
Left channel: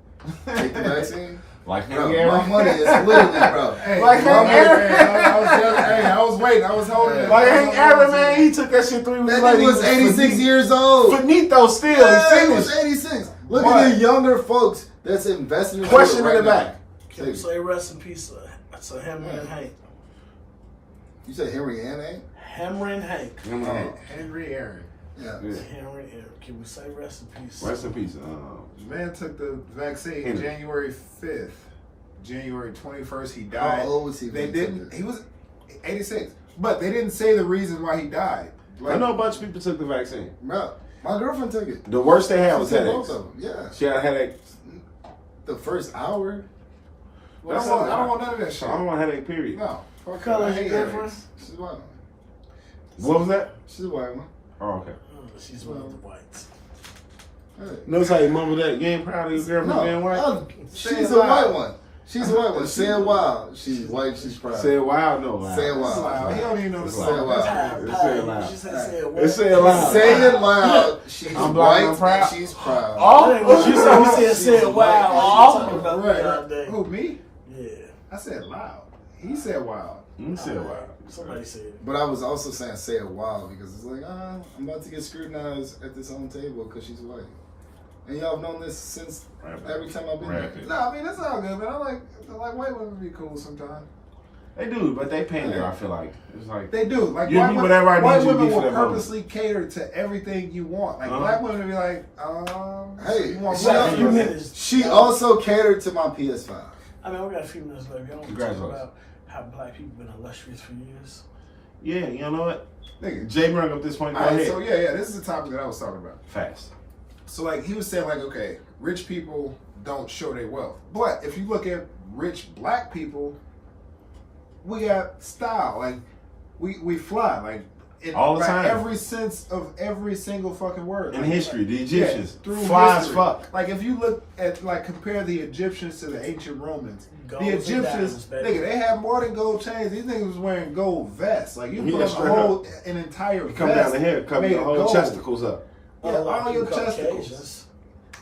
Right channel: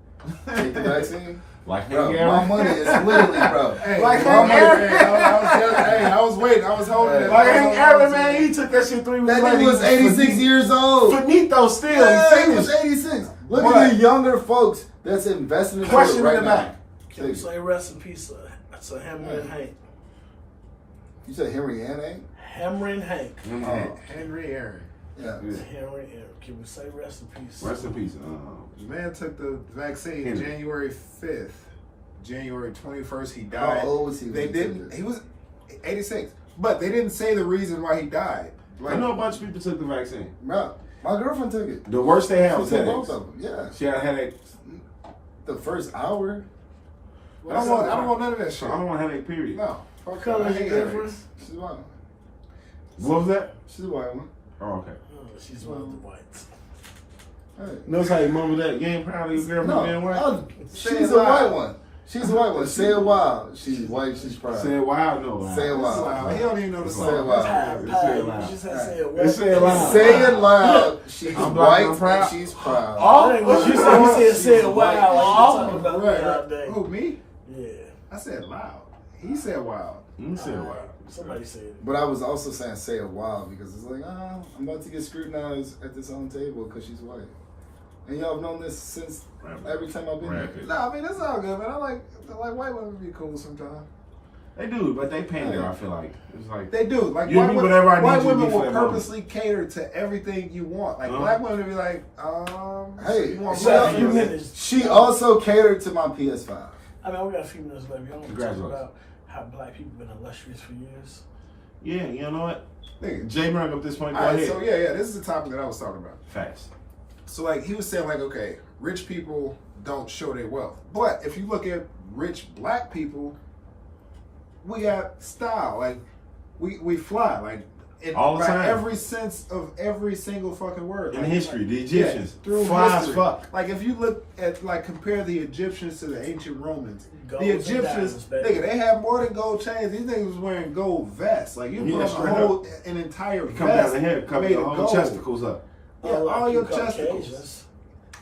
take the vaccine, Like bro, Hank Aaron? my money is literally, bro. Hey, Like my Hank money, Aaron? man, I was waiting. I was holding it. Like Hank Aaron, man, he took that shit 3 weeks That later. nigga was 86 years old. Finito still. Yeah, He he was finished. 86. Look What? at the younger folks that's investing in Question it right in the now. back. Can we say rest in peace to Henry and Hank? You said Henry and Hank? Henry and Hank. Henry Aaron. Yeah. Yeah. Henry and Hank. Can we say rest in peace? Rest in peace. The man took the vaccine Henry. January 5th. January 21st, he How died. old was he? They when didn't. took it? He was 86, but they didn't say the reason why he died. I know a bunch of people took the vaccine. Bro, my girlfriend took it. The worst they had She was took headaches. both of them. Yeah. She had a headache. The first hour. I don't want none of that shit. I don't want a headache, period. No. What color I is hate your girlfriend? headaches. She's a white one. What was that? She's a white one. Oh, okay. Oh, she's one of the whites. Hey. Notice how you mumble that? You ain't proud of your girlfriend being white? She's a white one. She's a white one. Say it wild. She's white. She's proud. Say it wild, no loud. Say it Wow. wild. He don't even know the Say it song. wild. It's say it loud. You just said say it It's say it loud. Say it loud. She's I'm black and white. I'm proud. And she's proud. That ain't what you said. You said say it wild. Like you talking about me Right. all day. Who, me? Yeah. I said loud. He said wild. You say it loud. Somebody said it. But I was also saying say it wild because it's like, I'm about to get scrutinized at this own table because she's white. And y'all have known this since every time I've been there. Rapid. No, I mean that's all good, man. I like white women be cool sometimes. They do, but they pander. I feel like it's like They do. Like You white, be whatever I need white you to women be for will that moment. purposely cater to everything you want. Like Uh-huh. black women be like, Hey, you want she, got a black few women? minutes. she also catered to my PS5. I mean, we got a few minutes left. Y'all want to talk Congratulations. about how black people been illustrious for years? yeah, you know what? Nigga. Jay brought up this point. Go All right, ahead. so yeah, this is the topic that I was talking about. Fast. So like he was saying like, okay, rich people don't show their wealth. But if you look at rich black people, we got style. Like we fly. Like in All the by time. every sense of every single fucking word. In Like, history, the yeah, Egyptians through fly as history. fuck. Like if you look at like compare the Egyptians to the ancient Romans, Golds the and Egyptians, diamonds, baby. nigga, they had more than gold chains. These niggas was wearing gold vests. Like you Yeah, put up straight a whole an entire You come vest down the head, cover made your of whole gold. chesticles up. Yeah, Unlike all you your chesticles. Caucasians.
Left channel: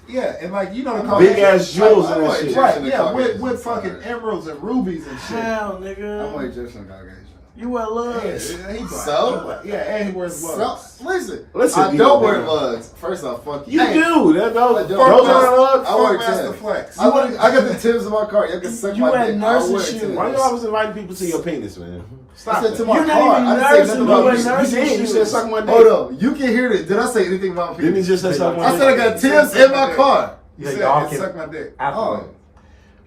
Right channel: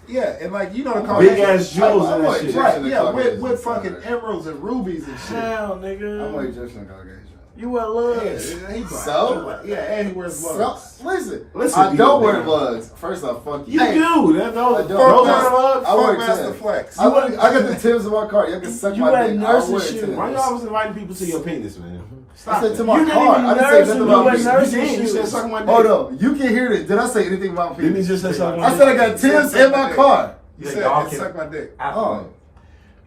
Yeah, and like you know the Big Caucasians- ass jewels in I'm that like shit. Egyptian Right, and yeah, Caucasian. with fucking emeralds and rubies and shit. Down, nigga. I'm like Egyptian and Caucasian. You wear Yeah, lugs. he black. So? He black. Yeah, and he wears So, gloves. listen, Listen, I don't you wear know. lugs. First off, fuck You Hey, do. That those I those don't. are lugs. I wear Master Timbs. Flex. I got the Timbs in my car. You can suck You my wear dick. nurses I wear shoes. Timbs. Why you always inviting people to your penis, man? Stop I said that. to my You're not car. even I didn't say nursing, nothing you about wear me. nursing You shoes. said suck my dick. Hold on. You can hear this. Did I say anything about Didn't he penis? just say suck my I dick? said I got Timbs in my car. He Yeah, said, y'all "It can- suck my dick." Oh.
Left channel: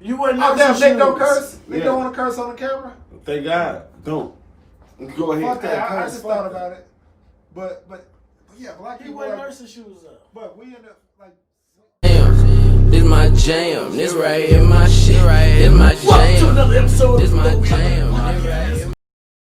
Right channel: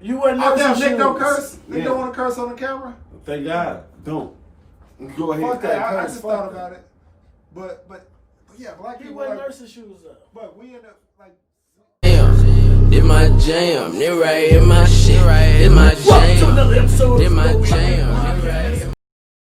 You wear Oh, nursing damn, shoes. Nick don't curse. Nick Yeah. don't want to curse on the camera. Thank God. Don't. Go ahead. Fuck that. Yeah, I curse, just fuck thought that. about it. But yeah, black He people wear like, nursing shoes up. but we end up like. Damn, this my jam, this right here my shit, this my Welcome to jam, another episode this of my the jam, Podcast. this right here